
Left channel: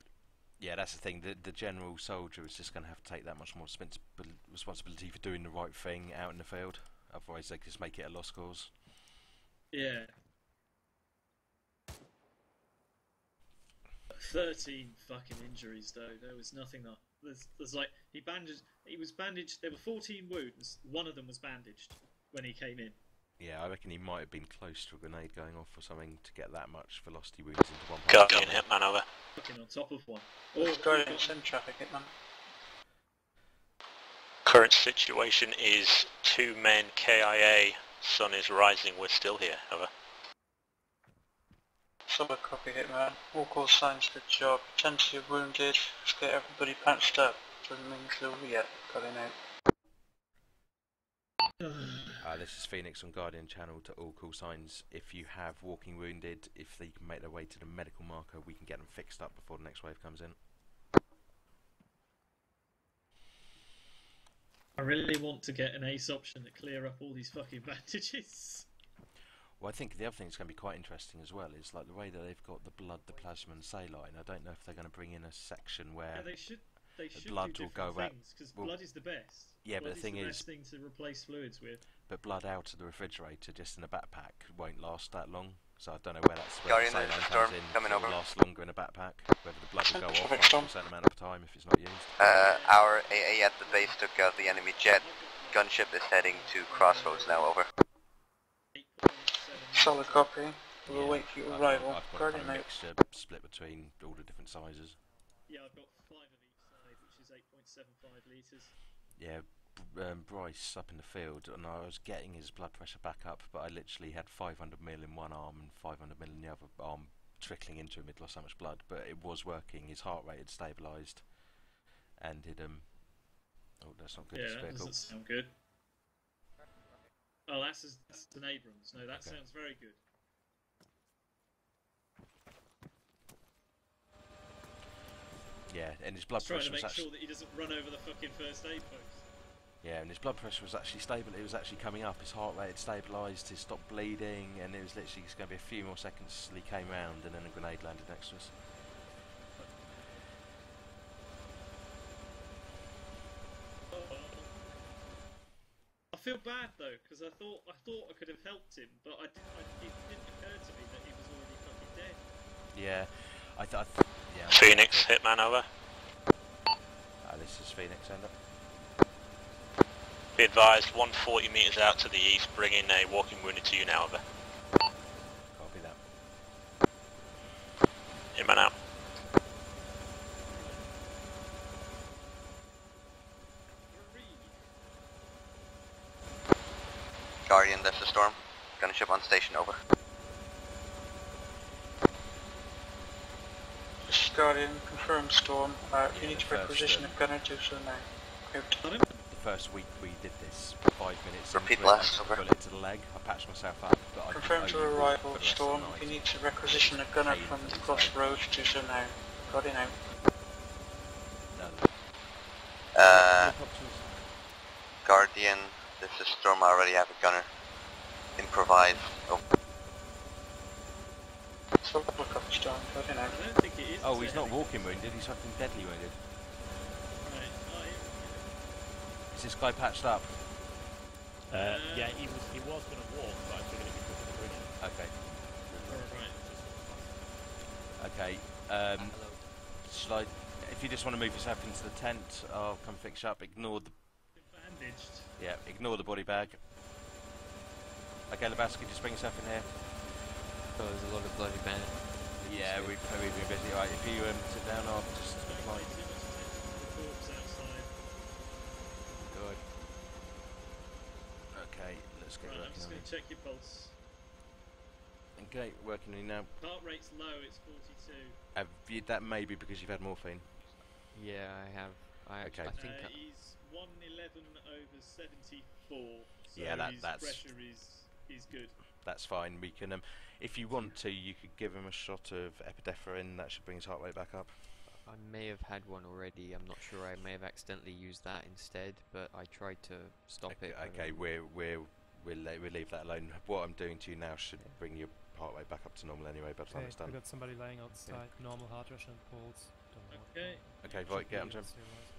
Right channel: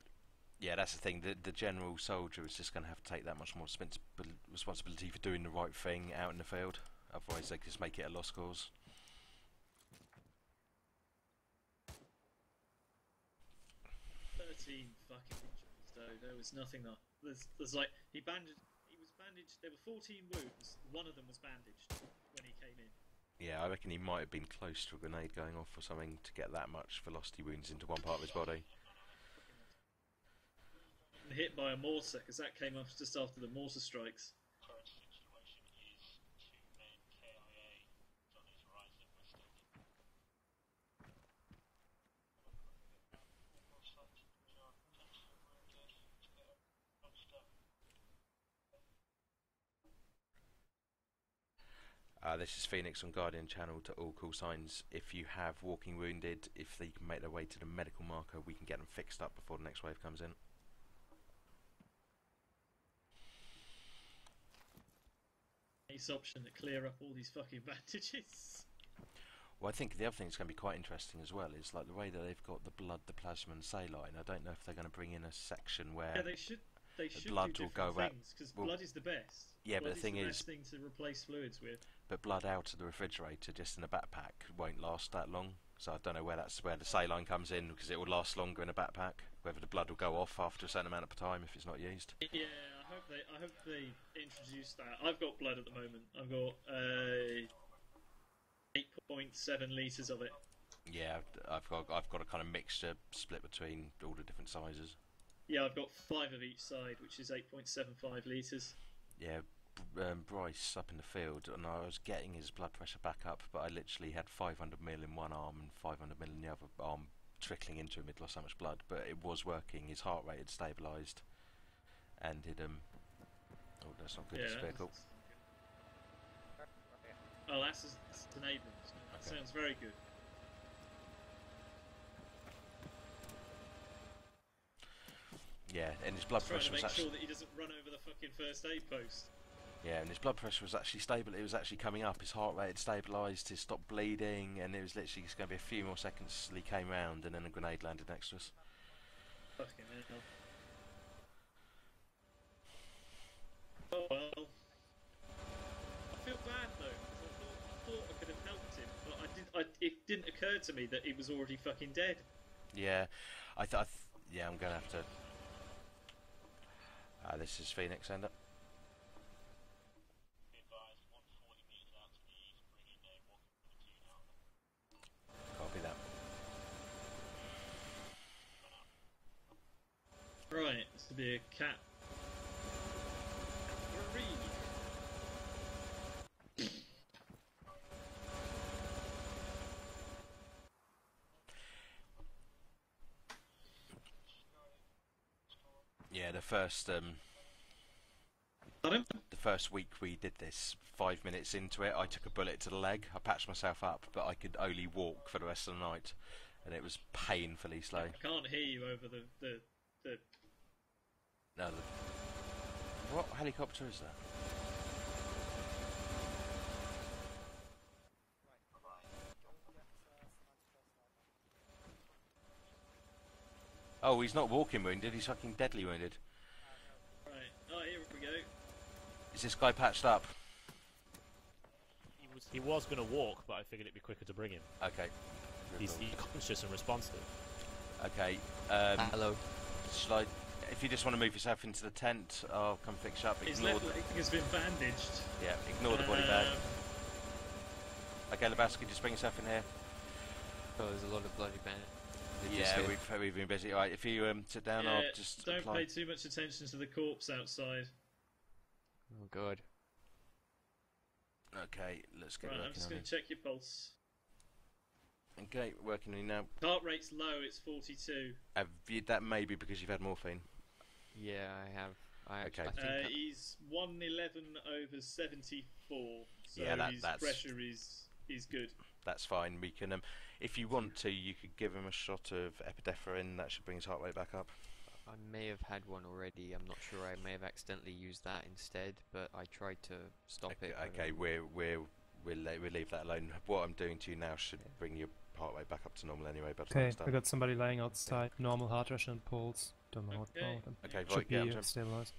Yeah, that's the thing. The general soldier is just going to have to take that much more responsibility for doing the right thing out in the field. Otherwise, they just make it a lost cause. Yeah. 13 fucking injuries though. There was nothing that there's like he was bandaged. There were 14 wounds. One of them was bandaged when he came in. Yeah, I reckon he might have been close to a grenade going off or something to get that much velocity wounds into one part of the body. Man over. Fucking on top of one. Or he got hit by a mortar, because that came off just after the mortar strikes. Current situation is 2 men KIA. Sun is rising. We're still here. Over. Solid copy, Hitman. All call signs, good job. Plenty of wounded. Let's get everybody patched up. Doesn't mean it's over yet. Got it out. This is Phoenix on Guardian channel to all call signs. If you have walking wounded, if they can make their way to the medical marker, we can get them fixed up before the next wave comes in. I really want to get an ace option to clear up all these fucking bandages. Well, I think the other thing that's going to be quite interesting as well is like the way that they've got the blood, the plasma and saline. I don't know if they're going to bring in a section where they should blood do will go different things, because blood is the best. Yeah, blood but the thing is the is, best thing to replace fluids with. But blood out of the refrigerator just in a backpack won't last that long. So I don't know where the saline comes in. It will last longer in a backpack. Whether the blood will go off after a certain amount of time if it's not used. Our AA at the base took out the enemy jet. Gunship is heading to Crossroads now. Over. 8.7 Solid copy. We'll wait for your arrival. I've got a kind of mixture split between all the different sizes. Yeah, I've got 5 of each side, which is 8.75 litres. Yeah, Bryce up in the field, and I was getting his blood pressure back up, but I literally had 500ml in one arm and 500ml in the other arm trickling into him. He'd lost so much blood, but it was working. His heart rate had stabilised, and it oh, that's not good. Yeah, that doesn't sound good. Oh, that's an Abrams. No, that sounds very good. Yeah, and his blood pressure was actually... Trying to make sure that he doesn't run over the fucking first aid post. Yeah, and his blood pressure was actually stable. It was actually coming up. His heart rate had stabilised. He stopped bleeding, and it was literally just going to be a few more seconds till he came round, and then a grenade landed next to us. Fucking hell. Oh well. I feel bad though, because I thought I could have helped him, but it didn't occur to me that he was already fucking dead. Yeah, yeah. Phoenix, Hitman over. This is Phoenix, end up. Be advised, 140 metres out to the east, bringing a walking wounded to you now, over. Copy that. Hitman out. Right, the cat. Guardian, that's the storm. Gunship on station, over. This is Guardian, confirm storm. Yeah, each the first, requisition of gunner do so now. The first week we did this, 5 minutes into it, I took a bullet to the leg. I patched myself up, but I could only walk for the rest of the night. You need to requisition a gunner from the Crossroads do so now. Got it now. No. Helicopter is that? Guardian, this is storm. I already have a gunner. Improvise. Oh, he's not walking wounded, he's fucking deadly wounded. Right, oh, here we go. Is this guy patched up? Yeah, he was going to walk, but I figured it'd be quicker to bring him. Okay. He was just unresponsive. Okay, hello. If you just want to move yourself into the tent, I'll come fix you up. Ignore His left leg has been bandaged. Yeah, ignore the body bag. Okay, Lebowski, just bring yourself in here. Oh, there's a lot of bloody bandits. Yeah, we've been busy. Alright, if you sit down, I'll just Don't apply. pay too much attention to the corpse outside. Oh, God. Okay, let's get Right, I'm working just on going it. to check your pulse. Okay, working on you now. Heart rate's low, it's 42. That may be because you've had morphine. Yeah, I have. I think he's 111 over 74. So Yeah, his that's pressure is good. That's fine. We can, if you want to, you could give him a shot of epinephrine. That should bring his heart rate back up. I may have had one already. I'm not sure. I may have accidentally used that instead, but I tried to stop it. Okay, we'll leave that alone. What I'm doing to you now should bring your heart rate back up to normal anyway. But Okay, we got somebody laying outside. Normal heart rate and pulse. Don't know what's wrong with them. Okay, right, get him. Stabilized.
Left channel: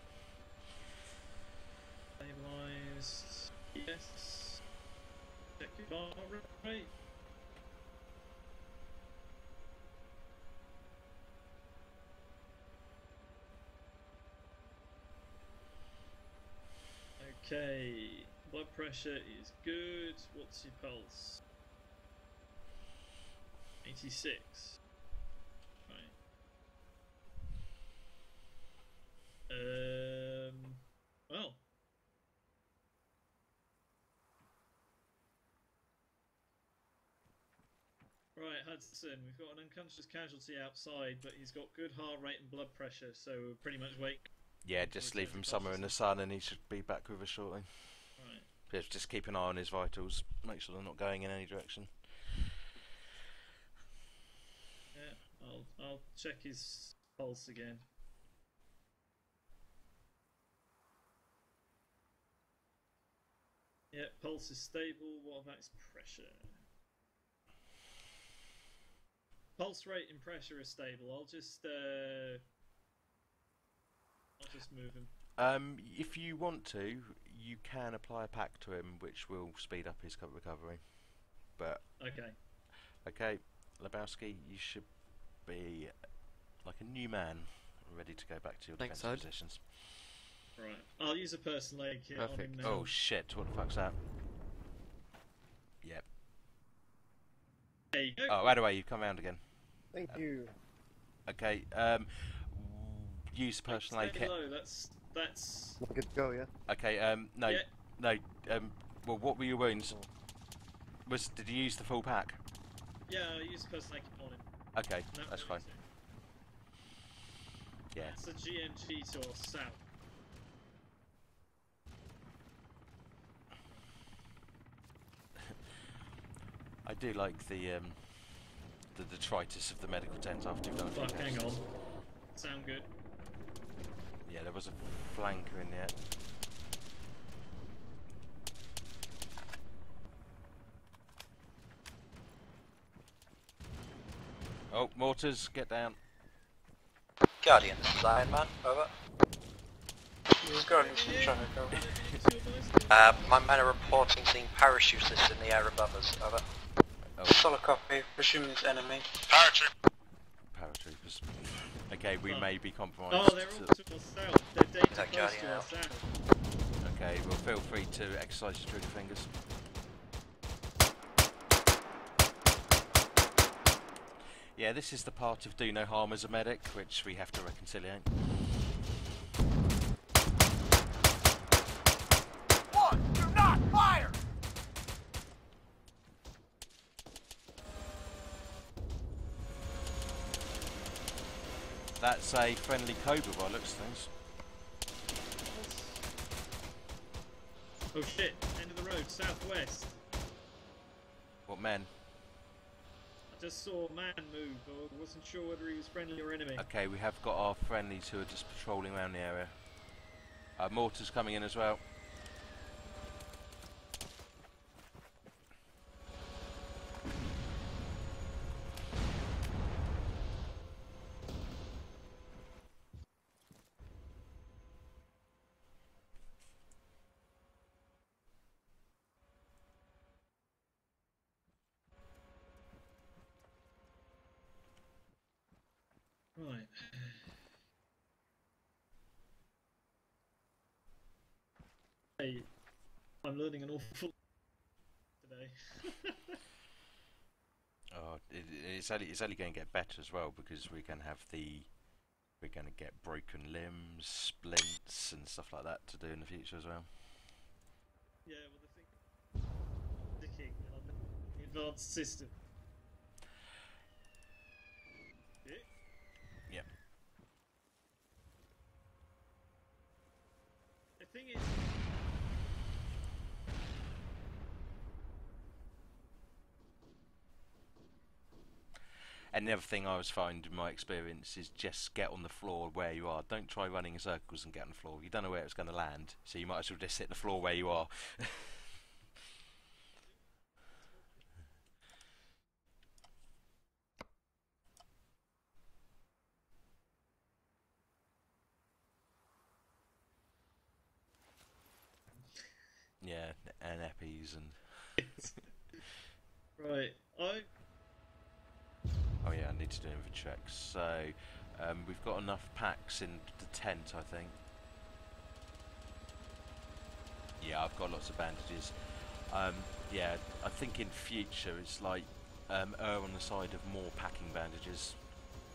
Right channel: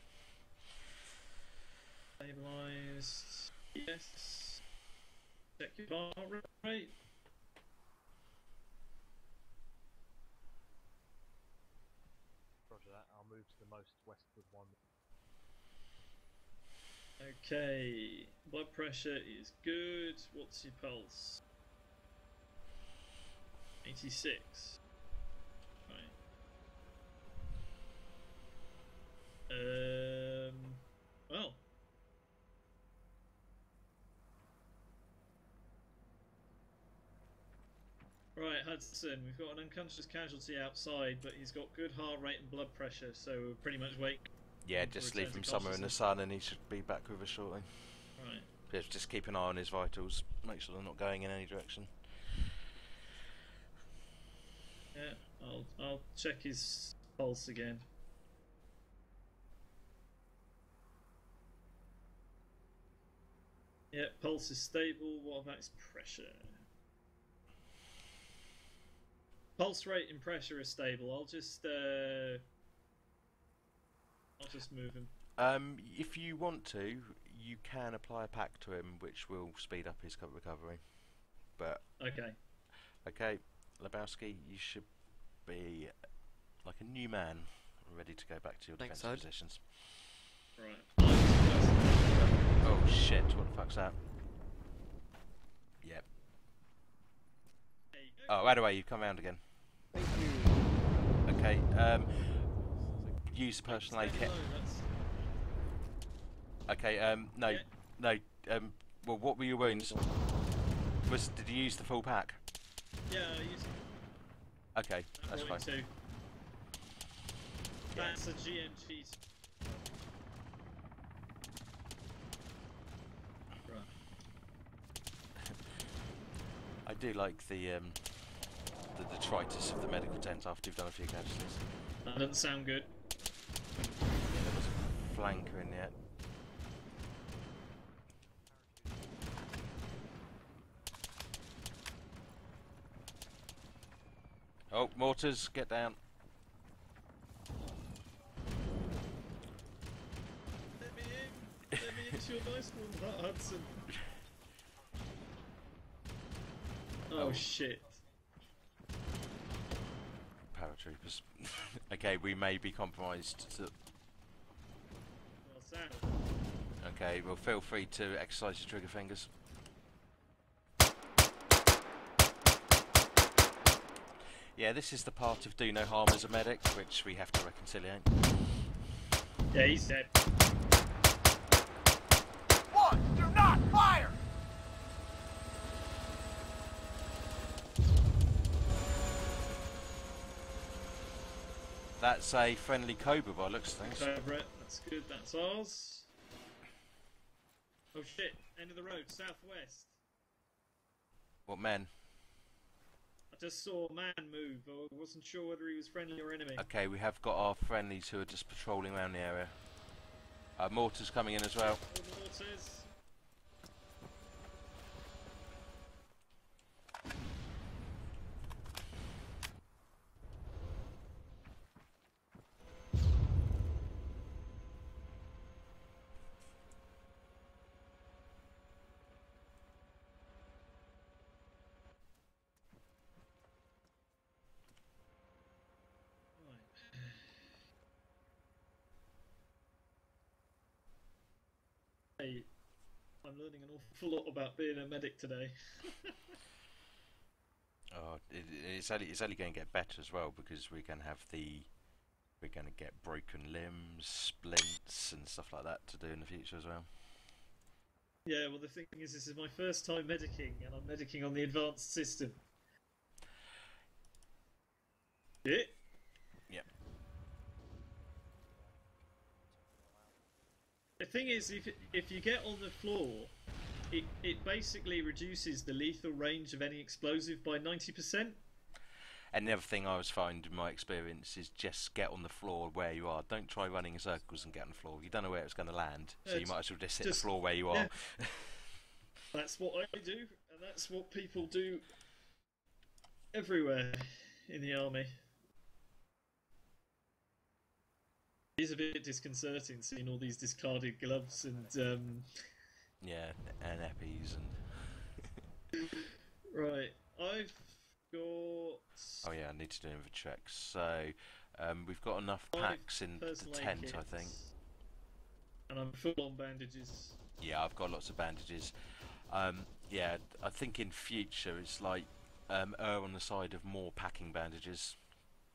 Stabilized. Yes. Check your heart rate. Okay, blood pressure is good. What's your pulse? 86. Right. Well. Right, Hudson, we've got an unconscious casualty outside, but he's got good heart rate and blood pressure, so we'll pretty much wait. Yeah, just leave him somewhere in the sun and he should be back with us shortly. Right. Just keep an eye on his vitals, make sure they're not going in any direction. Yeah, I'll check his pulse again. Yeah, pulse is stable. What about his pressure? Pulse rate and pressure are stable. I'll just move him. If you want to, you can apply a pack to him, which will speed up his recovery. But okay, Lebowski, you should be like a new man, ready to go back to your defensive positions. Right. I'll use a first aid. Oh shit! What the fuck's that? Yep. There you go. Oh, by the way, you've come round again. Thank you. Okay. Use the personal aid kit. That's good to go. Yeah. Okay. No. Well, what were your wounds? Did you use the full pack? Yeah, I used the personal aid kit on him. Okay, that's fine. Yeah. That's a GMG to our south. I do like the detritus of the medical tent after you've done a few casualties. Hang on. That doesn't sound good. Yeah, there was a flanker in there. Oh, mortars, get down. Guardian, side man, over. Guardian's trying to go. My men are reporting seeing parachutists in the air above us, over. Solid copy, presume it's enemy. Paratroopers. Okay, we may be compromised. Oh, they're all to our south. They're data close to our south. Okay, well feel free to exercise your trigger fingers. Yeah, this is the part of do no harm as a medic, which we have to reconciliate. Yeah, he said. One, do not fire! That's a friendly Cobra by looks of things. That's good, that's ours. Oh shit, end of the road, southwest. What men? I just saw a man move, I wasn't sure whether he was friendly or enemy. Okay, we have got our friendlies who are just patrolling around the area. Mortars coming in as well. Right. Hey, I'm learning an awful lot about being a medic today. Oh, it's only going to get better as well because we're going to get broken limbs, splints, and stuff like that to do in the future as well. Yeah, well the thing is, this is my first time medicing, and I'm medicing on the advanced system. Yeah. Yep. thing is, if you get on the floor, it basically reduces the lethal range of any explosive by 90%. And the other thing I was finding in my experience is just get on the floor where you are. Don't try running in circles and get on the floor. You don't know where it's going to land, so you might as well just hit the floor where you are. That's what I do, and that's what people do everywhere in the army. It's a bit disconcerting seeing all these discarded gloves and yeah, and eppies and right, I've got... Oh yeah, I need to do inventory checks. So we've got enough packs in the tent, I think. And I'm full on bandages. Yeah, I've got lots of bandages. Yeah, I think in future it's like err on the side of more packing bandages,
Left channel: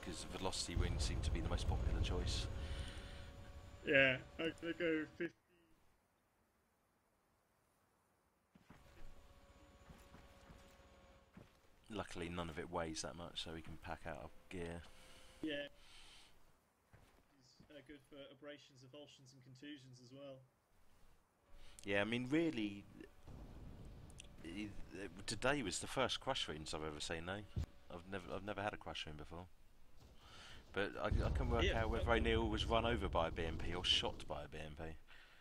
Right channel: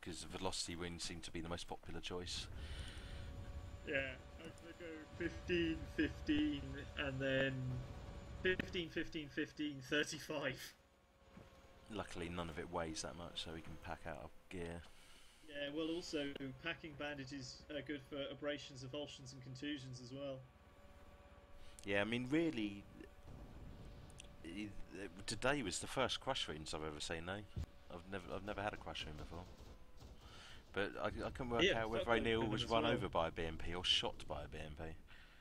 because velocity wounds seem to be the most popular choice. Yeah, I'm gonna go 15, 15, and then 15, 15, 15, 35. Luckily none of it weighs that much, so we can pack out our gear. Yeah, well also packing bandages are good for abrasions, avulsions and contusions as well. Yeah, I mean really, today was the first crush wounds I've ever seen though. I've never had a crush wound before. But I can work out whether O'Neill was run over by a BMP or shot by a BMP.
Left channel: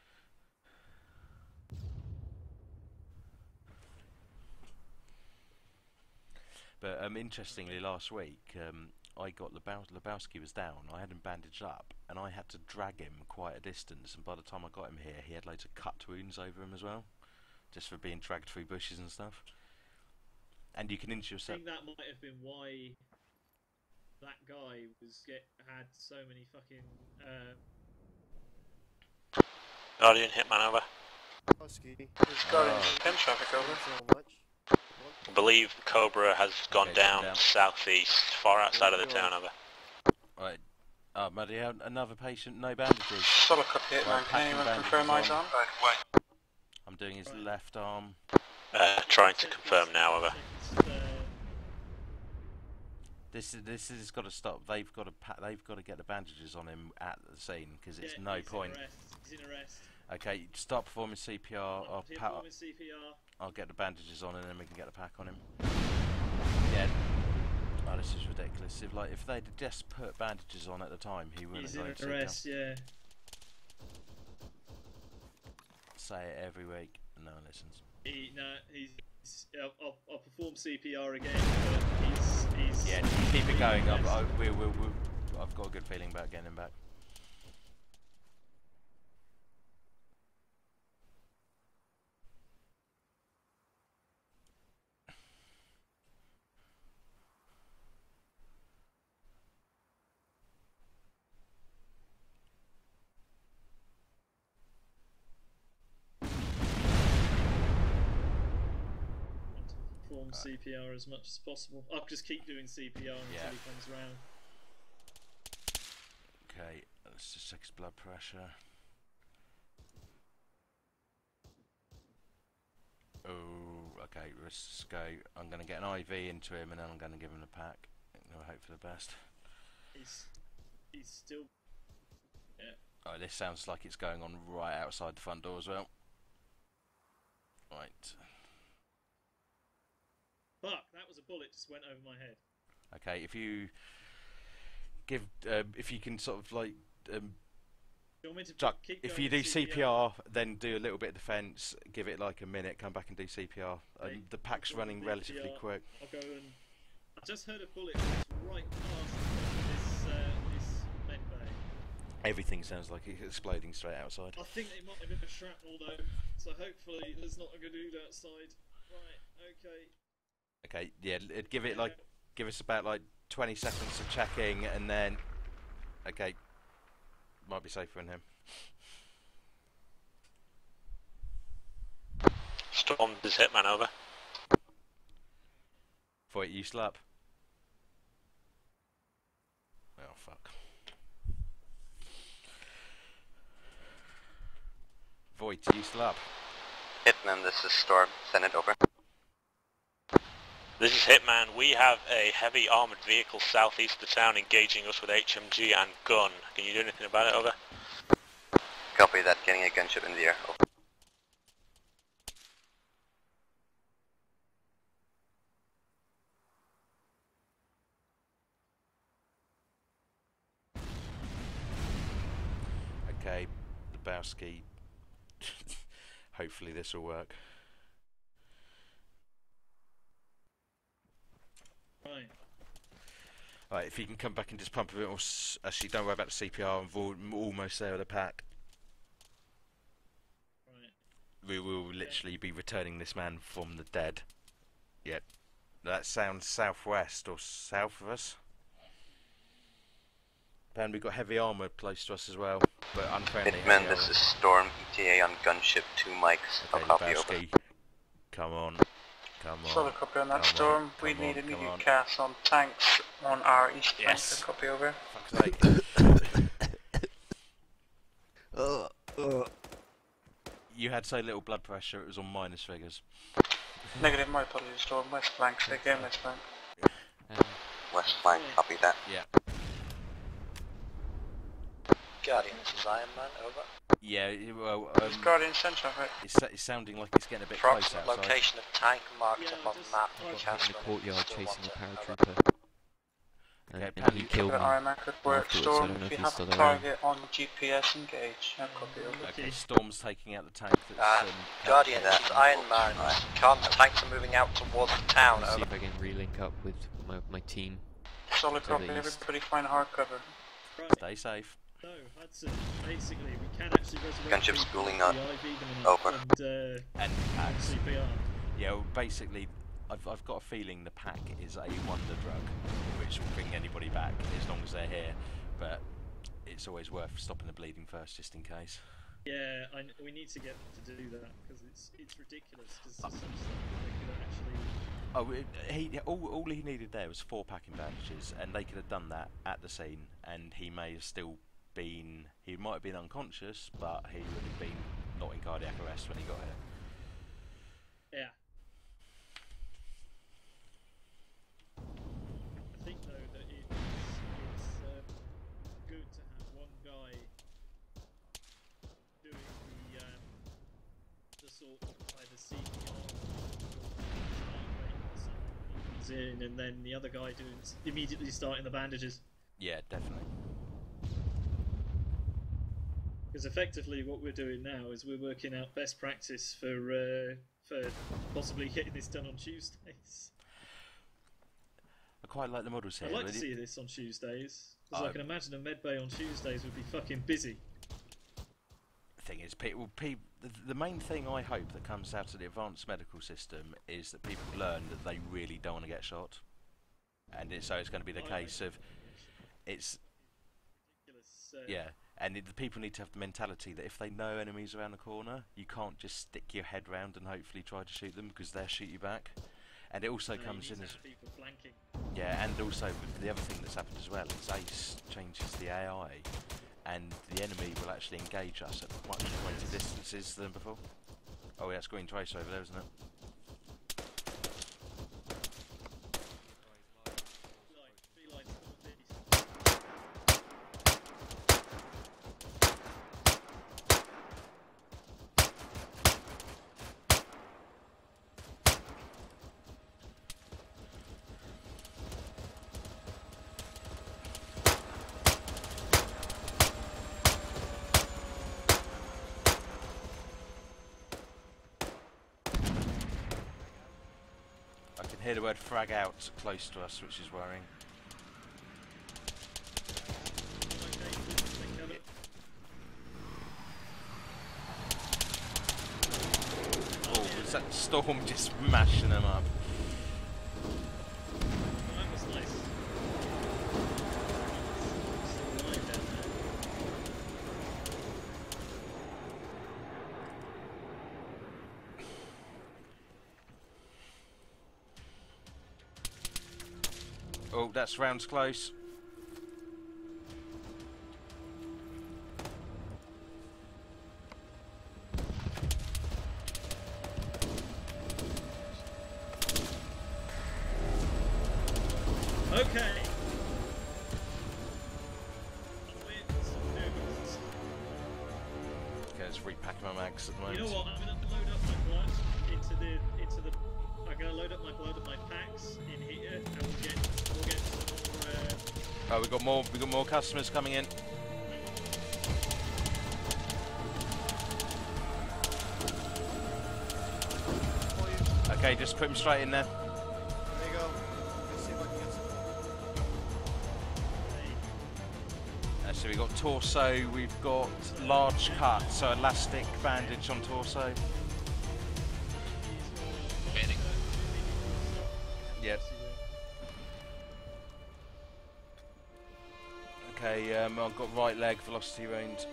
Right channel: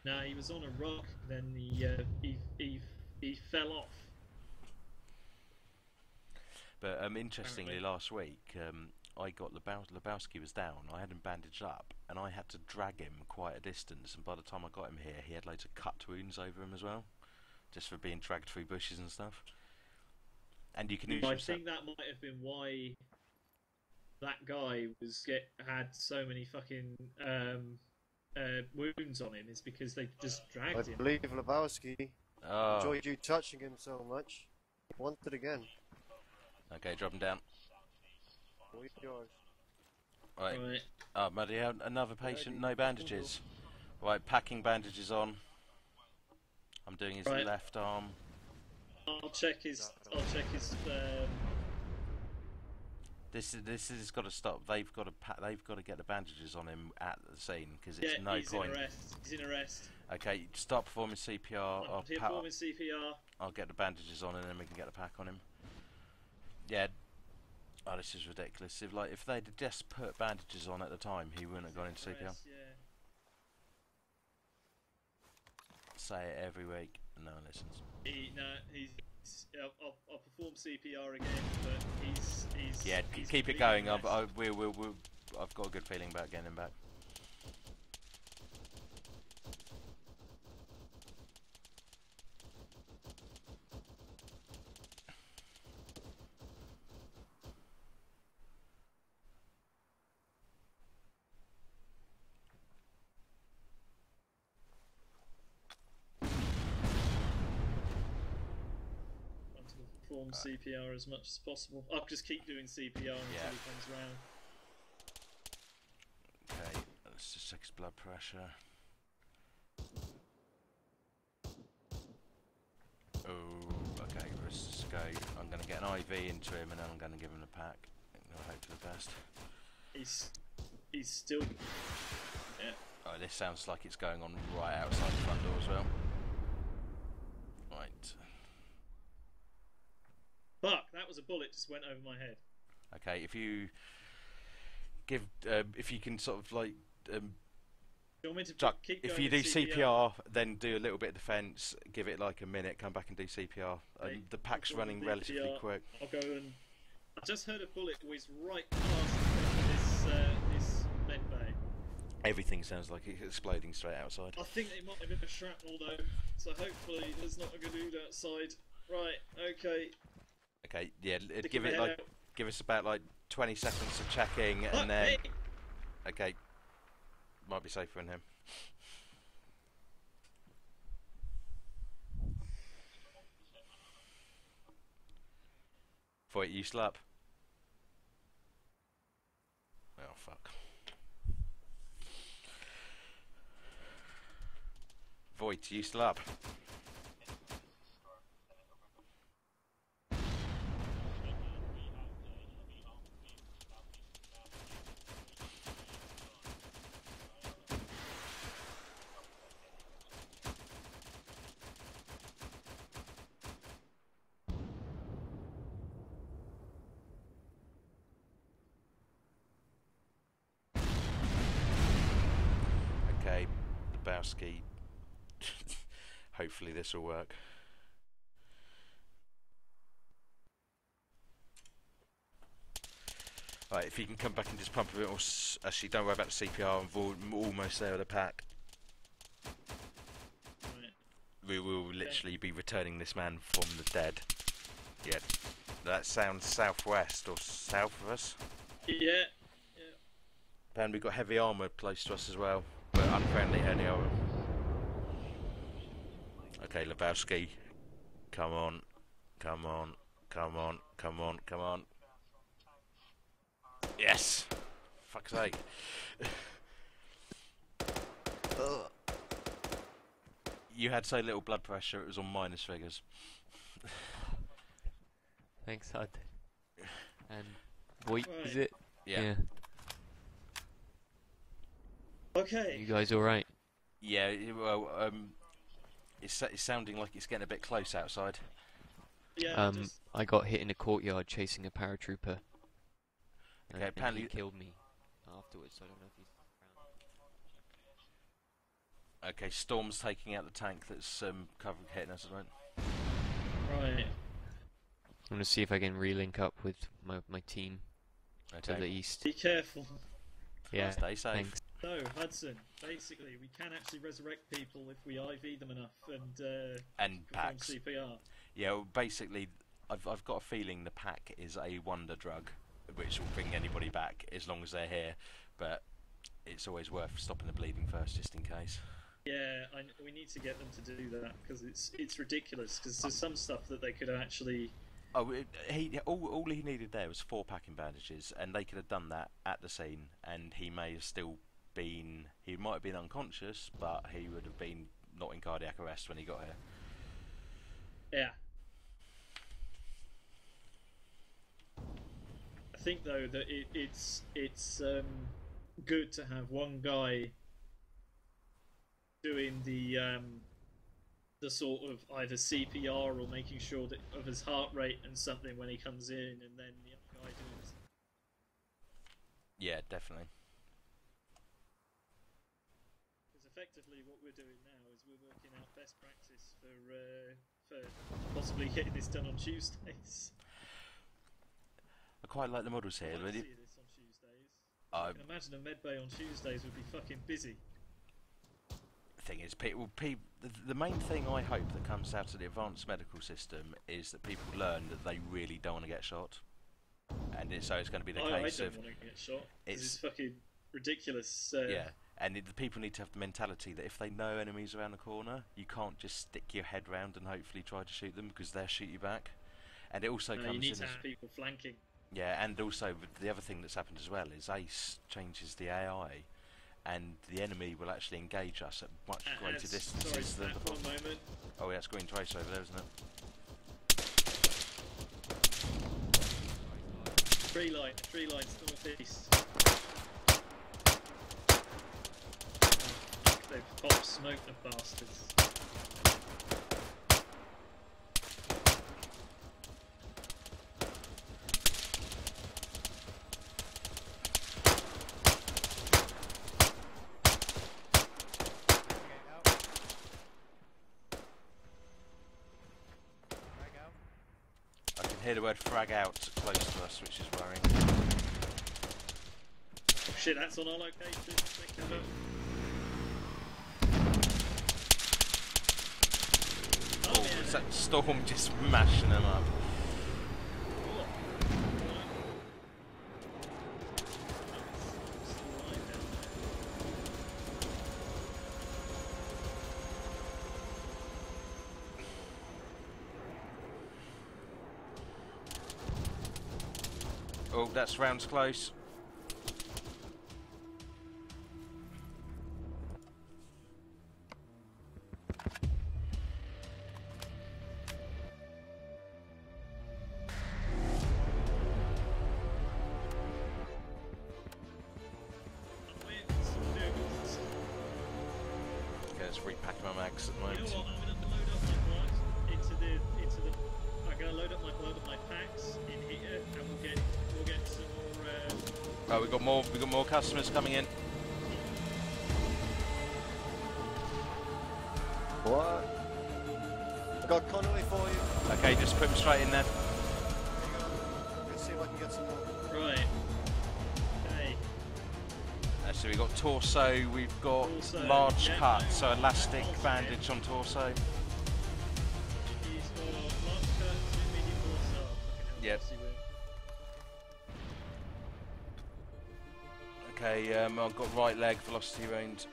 No, he was on a rock, then he fell off. But interestingly, last week I got Lebowski was down. I had him bandaged up, and I had to drag him quite a distance. And by the time I got him here, he had loads of cut wounds over him as well, just for being dragged through bushes and stuff. And you can injure yourself. I think that might have been why that guy had so many fucking wounds on him. Is because they Guardian Hitman over. I believe Lebowski is so much. I believe Cobra has gone down southeast, far outside of the town over. Right. Oh, Muddy, another patient, no bandages. Right, packing bandages on. I'm doing his left arm. Trying to confirm now, over. This has got to stop. They've got to get the bandages on him at the scene, because it's no point. He's in arrest. Okay, start performing CPR. CPR. I'll get the bandages on, and then we can get the pack on him. Yeah. Oh, this is ridiculous. If they'd just put bandages on at the time, he wouldn't have gone into CPR. Yeah. Say it every week. No one listens. I'll perform CPR again, but he's. Yeah, keep it going. I've got a good feeling about getting him back. Perform CPR as much as possible. I'll just keep doing CPR until he comes round. Okay, let's just check his blood pressure. Oh, okay, let's just go. I'm going to get an IV into him, and then I'm going to give him the pack. I'll hope for the best. He's still... Yeah. Oh, this sounds like it's going on right outside the front door as well. Right. Fuck, that was a bullet just went over my head. Okay, if you can sort of like if you do CPR, then do a little bit of defence, give it like a minute, come back and do CPR. The pack's running relatively quick. I'll go and... I just heard a bullet whiz right past this med bay. Everything sounds like it's exploding straight outside. I think it might have been a shrapnel though, so hopefully there's not a good dude outside. Right, okay. Okay, yeah, give us about like 20 seconds of checking, and then... Okay, might be safer in him. Storm, is Hitman over? Voight, you still up? Oh, fuck. Voight, you still up? Hitman, this is Storm. Send it over. This is Hitman. We have a heavy armoured vehicle southeast of the town engaging us with HMG and gun. Can you do anything about it, over? Copy. Copy that, getting a gunship in the air. Over. Okay, Lebowski. Hopefully this will work. Right, if you can come back and just pump a bit more. Actually, don't worry about the CPR. I'm almost there with the pack. Right. We will literally be returning this man from the dead. Yeah, that sounds southwest or south of us. Yeah. And we've got heavy armour close to us as well, but unfriendly Hitman, heavy this armour. is Storm, ETA on gunship, 2 mics. Okay, Lebowski, come on. Come on. Solid copy on that, come Storm. on, We come need on, come immediate on. cast on tanks on our east. Yes! Copy over. Fuck's sake. You had so little blood pressure, it was on minus figures. Negative, my apologies, Storm. West flank, say again, west flank. West flank, copy that. Yeah. Okay. You guys alright? Yeah, well, Guardian Central, right? it's sounding like it's getting a bit close outside. Location of tank marked on map. I got hit in the courtyard chasing a paratrooper. Okay, And apparently he killed me RMA could work. afterwards, so I Storm, don't know if if you he's have still a around. target on GPS, engage. No copy over. Okay, Storm's taking out the tank that's... Guardian, that's Iron Man. Can't the tanks are moving out towards the I'm town. gonna see if I can relink up with my team. Solid to copy, the east. everybody find hard cover. Yeah, stay safe. So, Hudson, basically, we can actually resurrect Gunship people schooling if up. we IV them enough Over. and packs. CPR. Yeah, well, basically, I've got a feeling the pack is a wonder drug, which will bring anybody back as long as they're here, but it's always worth stopping the bleeding first, just in case. Yeah, we need to get them to do that, because it's ridiculous, because there's some stuff that they could actually... Oh, all he needed there was 4 packing bandages, and they could have done that at the scene, and he may have still been... He might have been unconscious, but he would have been not in cardiac arrest when he got here. Yeah. I think though that it's good to have one guy doing the sort of either CPR or making sure that of his heart rate and something when he comes in, and then the other guy doing immediately starting the bandages. Yeah, definitely. Because effectively what we're doing now is we're working out best practice for possibly getting this done on Tuesdays. I quite like the models here. I'd like to see this on Tuesdays, because I can imagine a medbay on Tuesdays would be fucking busy. Thing is, the main thing I hope that comes out of the advanced medical system is that people learn that they really don't want to get shot, and so it's going to be the case of get shot. It's fucking ridiculous. Yeah, and the people need to have the mentality that if they know enemies around the corner, you can't just stick your head round and hopefully try to shoot them, because they'll shoot you back. And it also you comes need in to as have people flanking. yeah, and also the other thing that's happened as well is Ace changes the AI, and the enemy will actually engage us at much greater distances than before. Oh, yeah, it's green trace over there, isn't it? Tree lines northeast. They've popped smoke, the bastards. I can hear the word frag out close to us, which is worrying. Shit, that's on our location. Take cover. Oh, was that Storm just mashing them up? Oh, that's rounds close. Okay. my mags at the moment. You know what? I'm gonna load up my blood into the. I'm gonna load up my blood and my packs in here, and we'll get some more. Oh, we got more customers coming in. What? Got quantity for you. Okay, just put them straight in there. There you go. Let's see if I can get some more. Right. Okay. So we've got torso, we've got large cut, so elastic bandage on torso. Yep. Okay, I've got right leg velocity wound.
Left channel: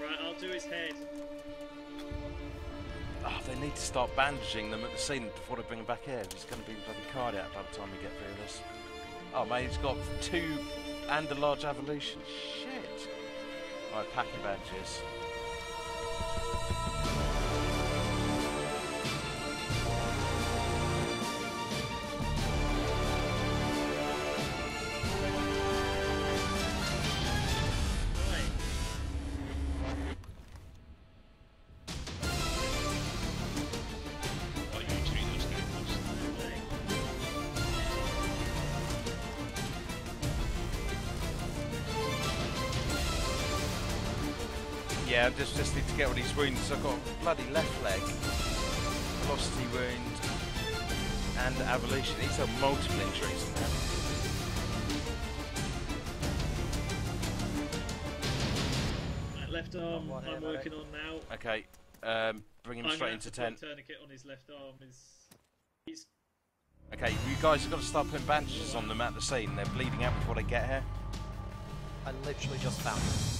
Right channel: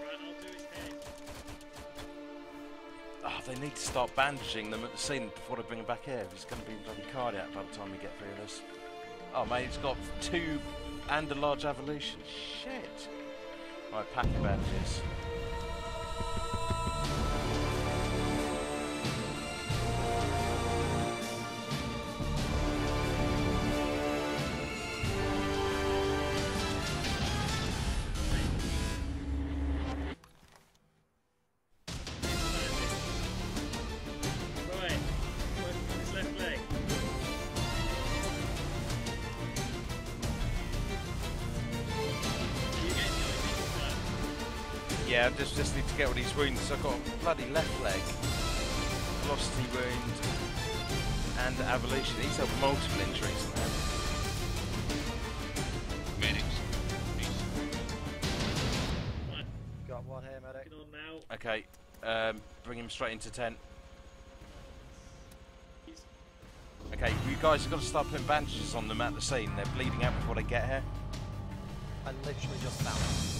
Right, I'll do his head. Oh, they need to start bandaging them at the scene before they bring him back here. He's going to be bloody cardiac by the time we get through this. Oh mate, he's got 2 and a large evolution. Shit. Right, pack your bandages. Yeah, I just need to get all these wounds. I've got a bloody left leg, velocity wound, and evolution. These are multiple injuries on him. Right, left arm. I'm working on now. Okay, bring him straight into tent. Tourniquet on his left arm. He's Okay, you guys have got to start putting bandages on them at the scene. They're bleeding out before they get here. I literally just found them.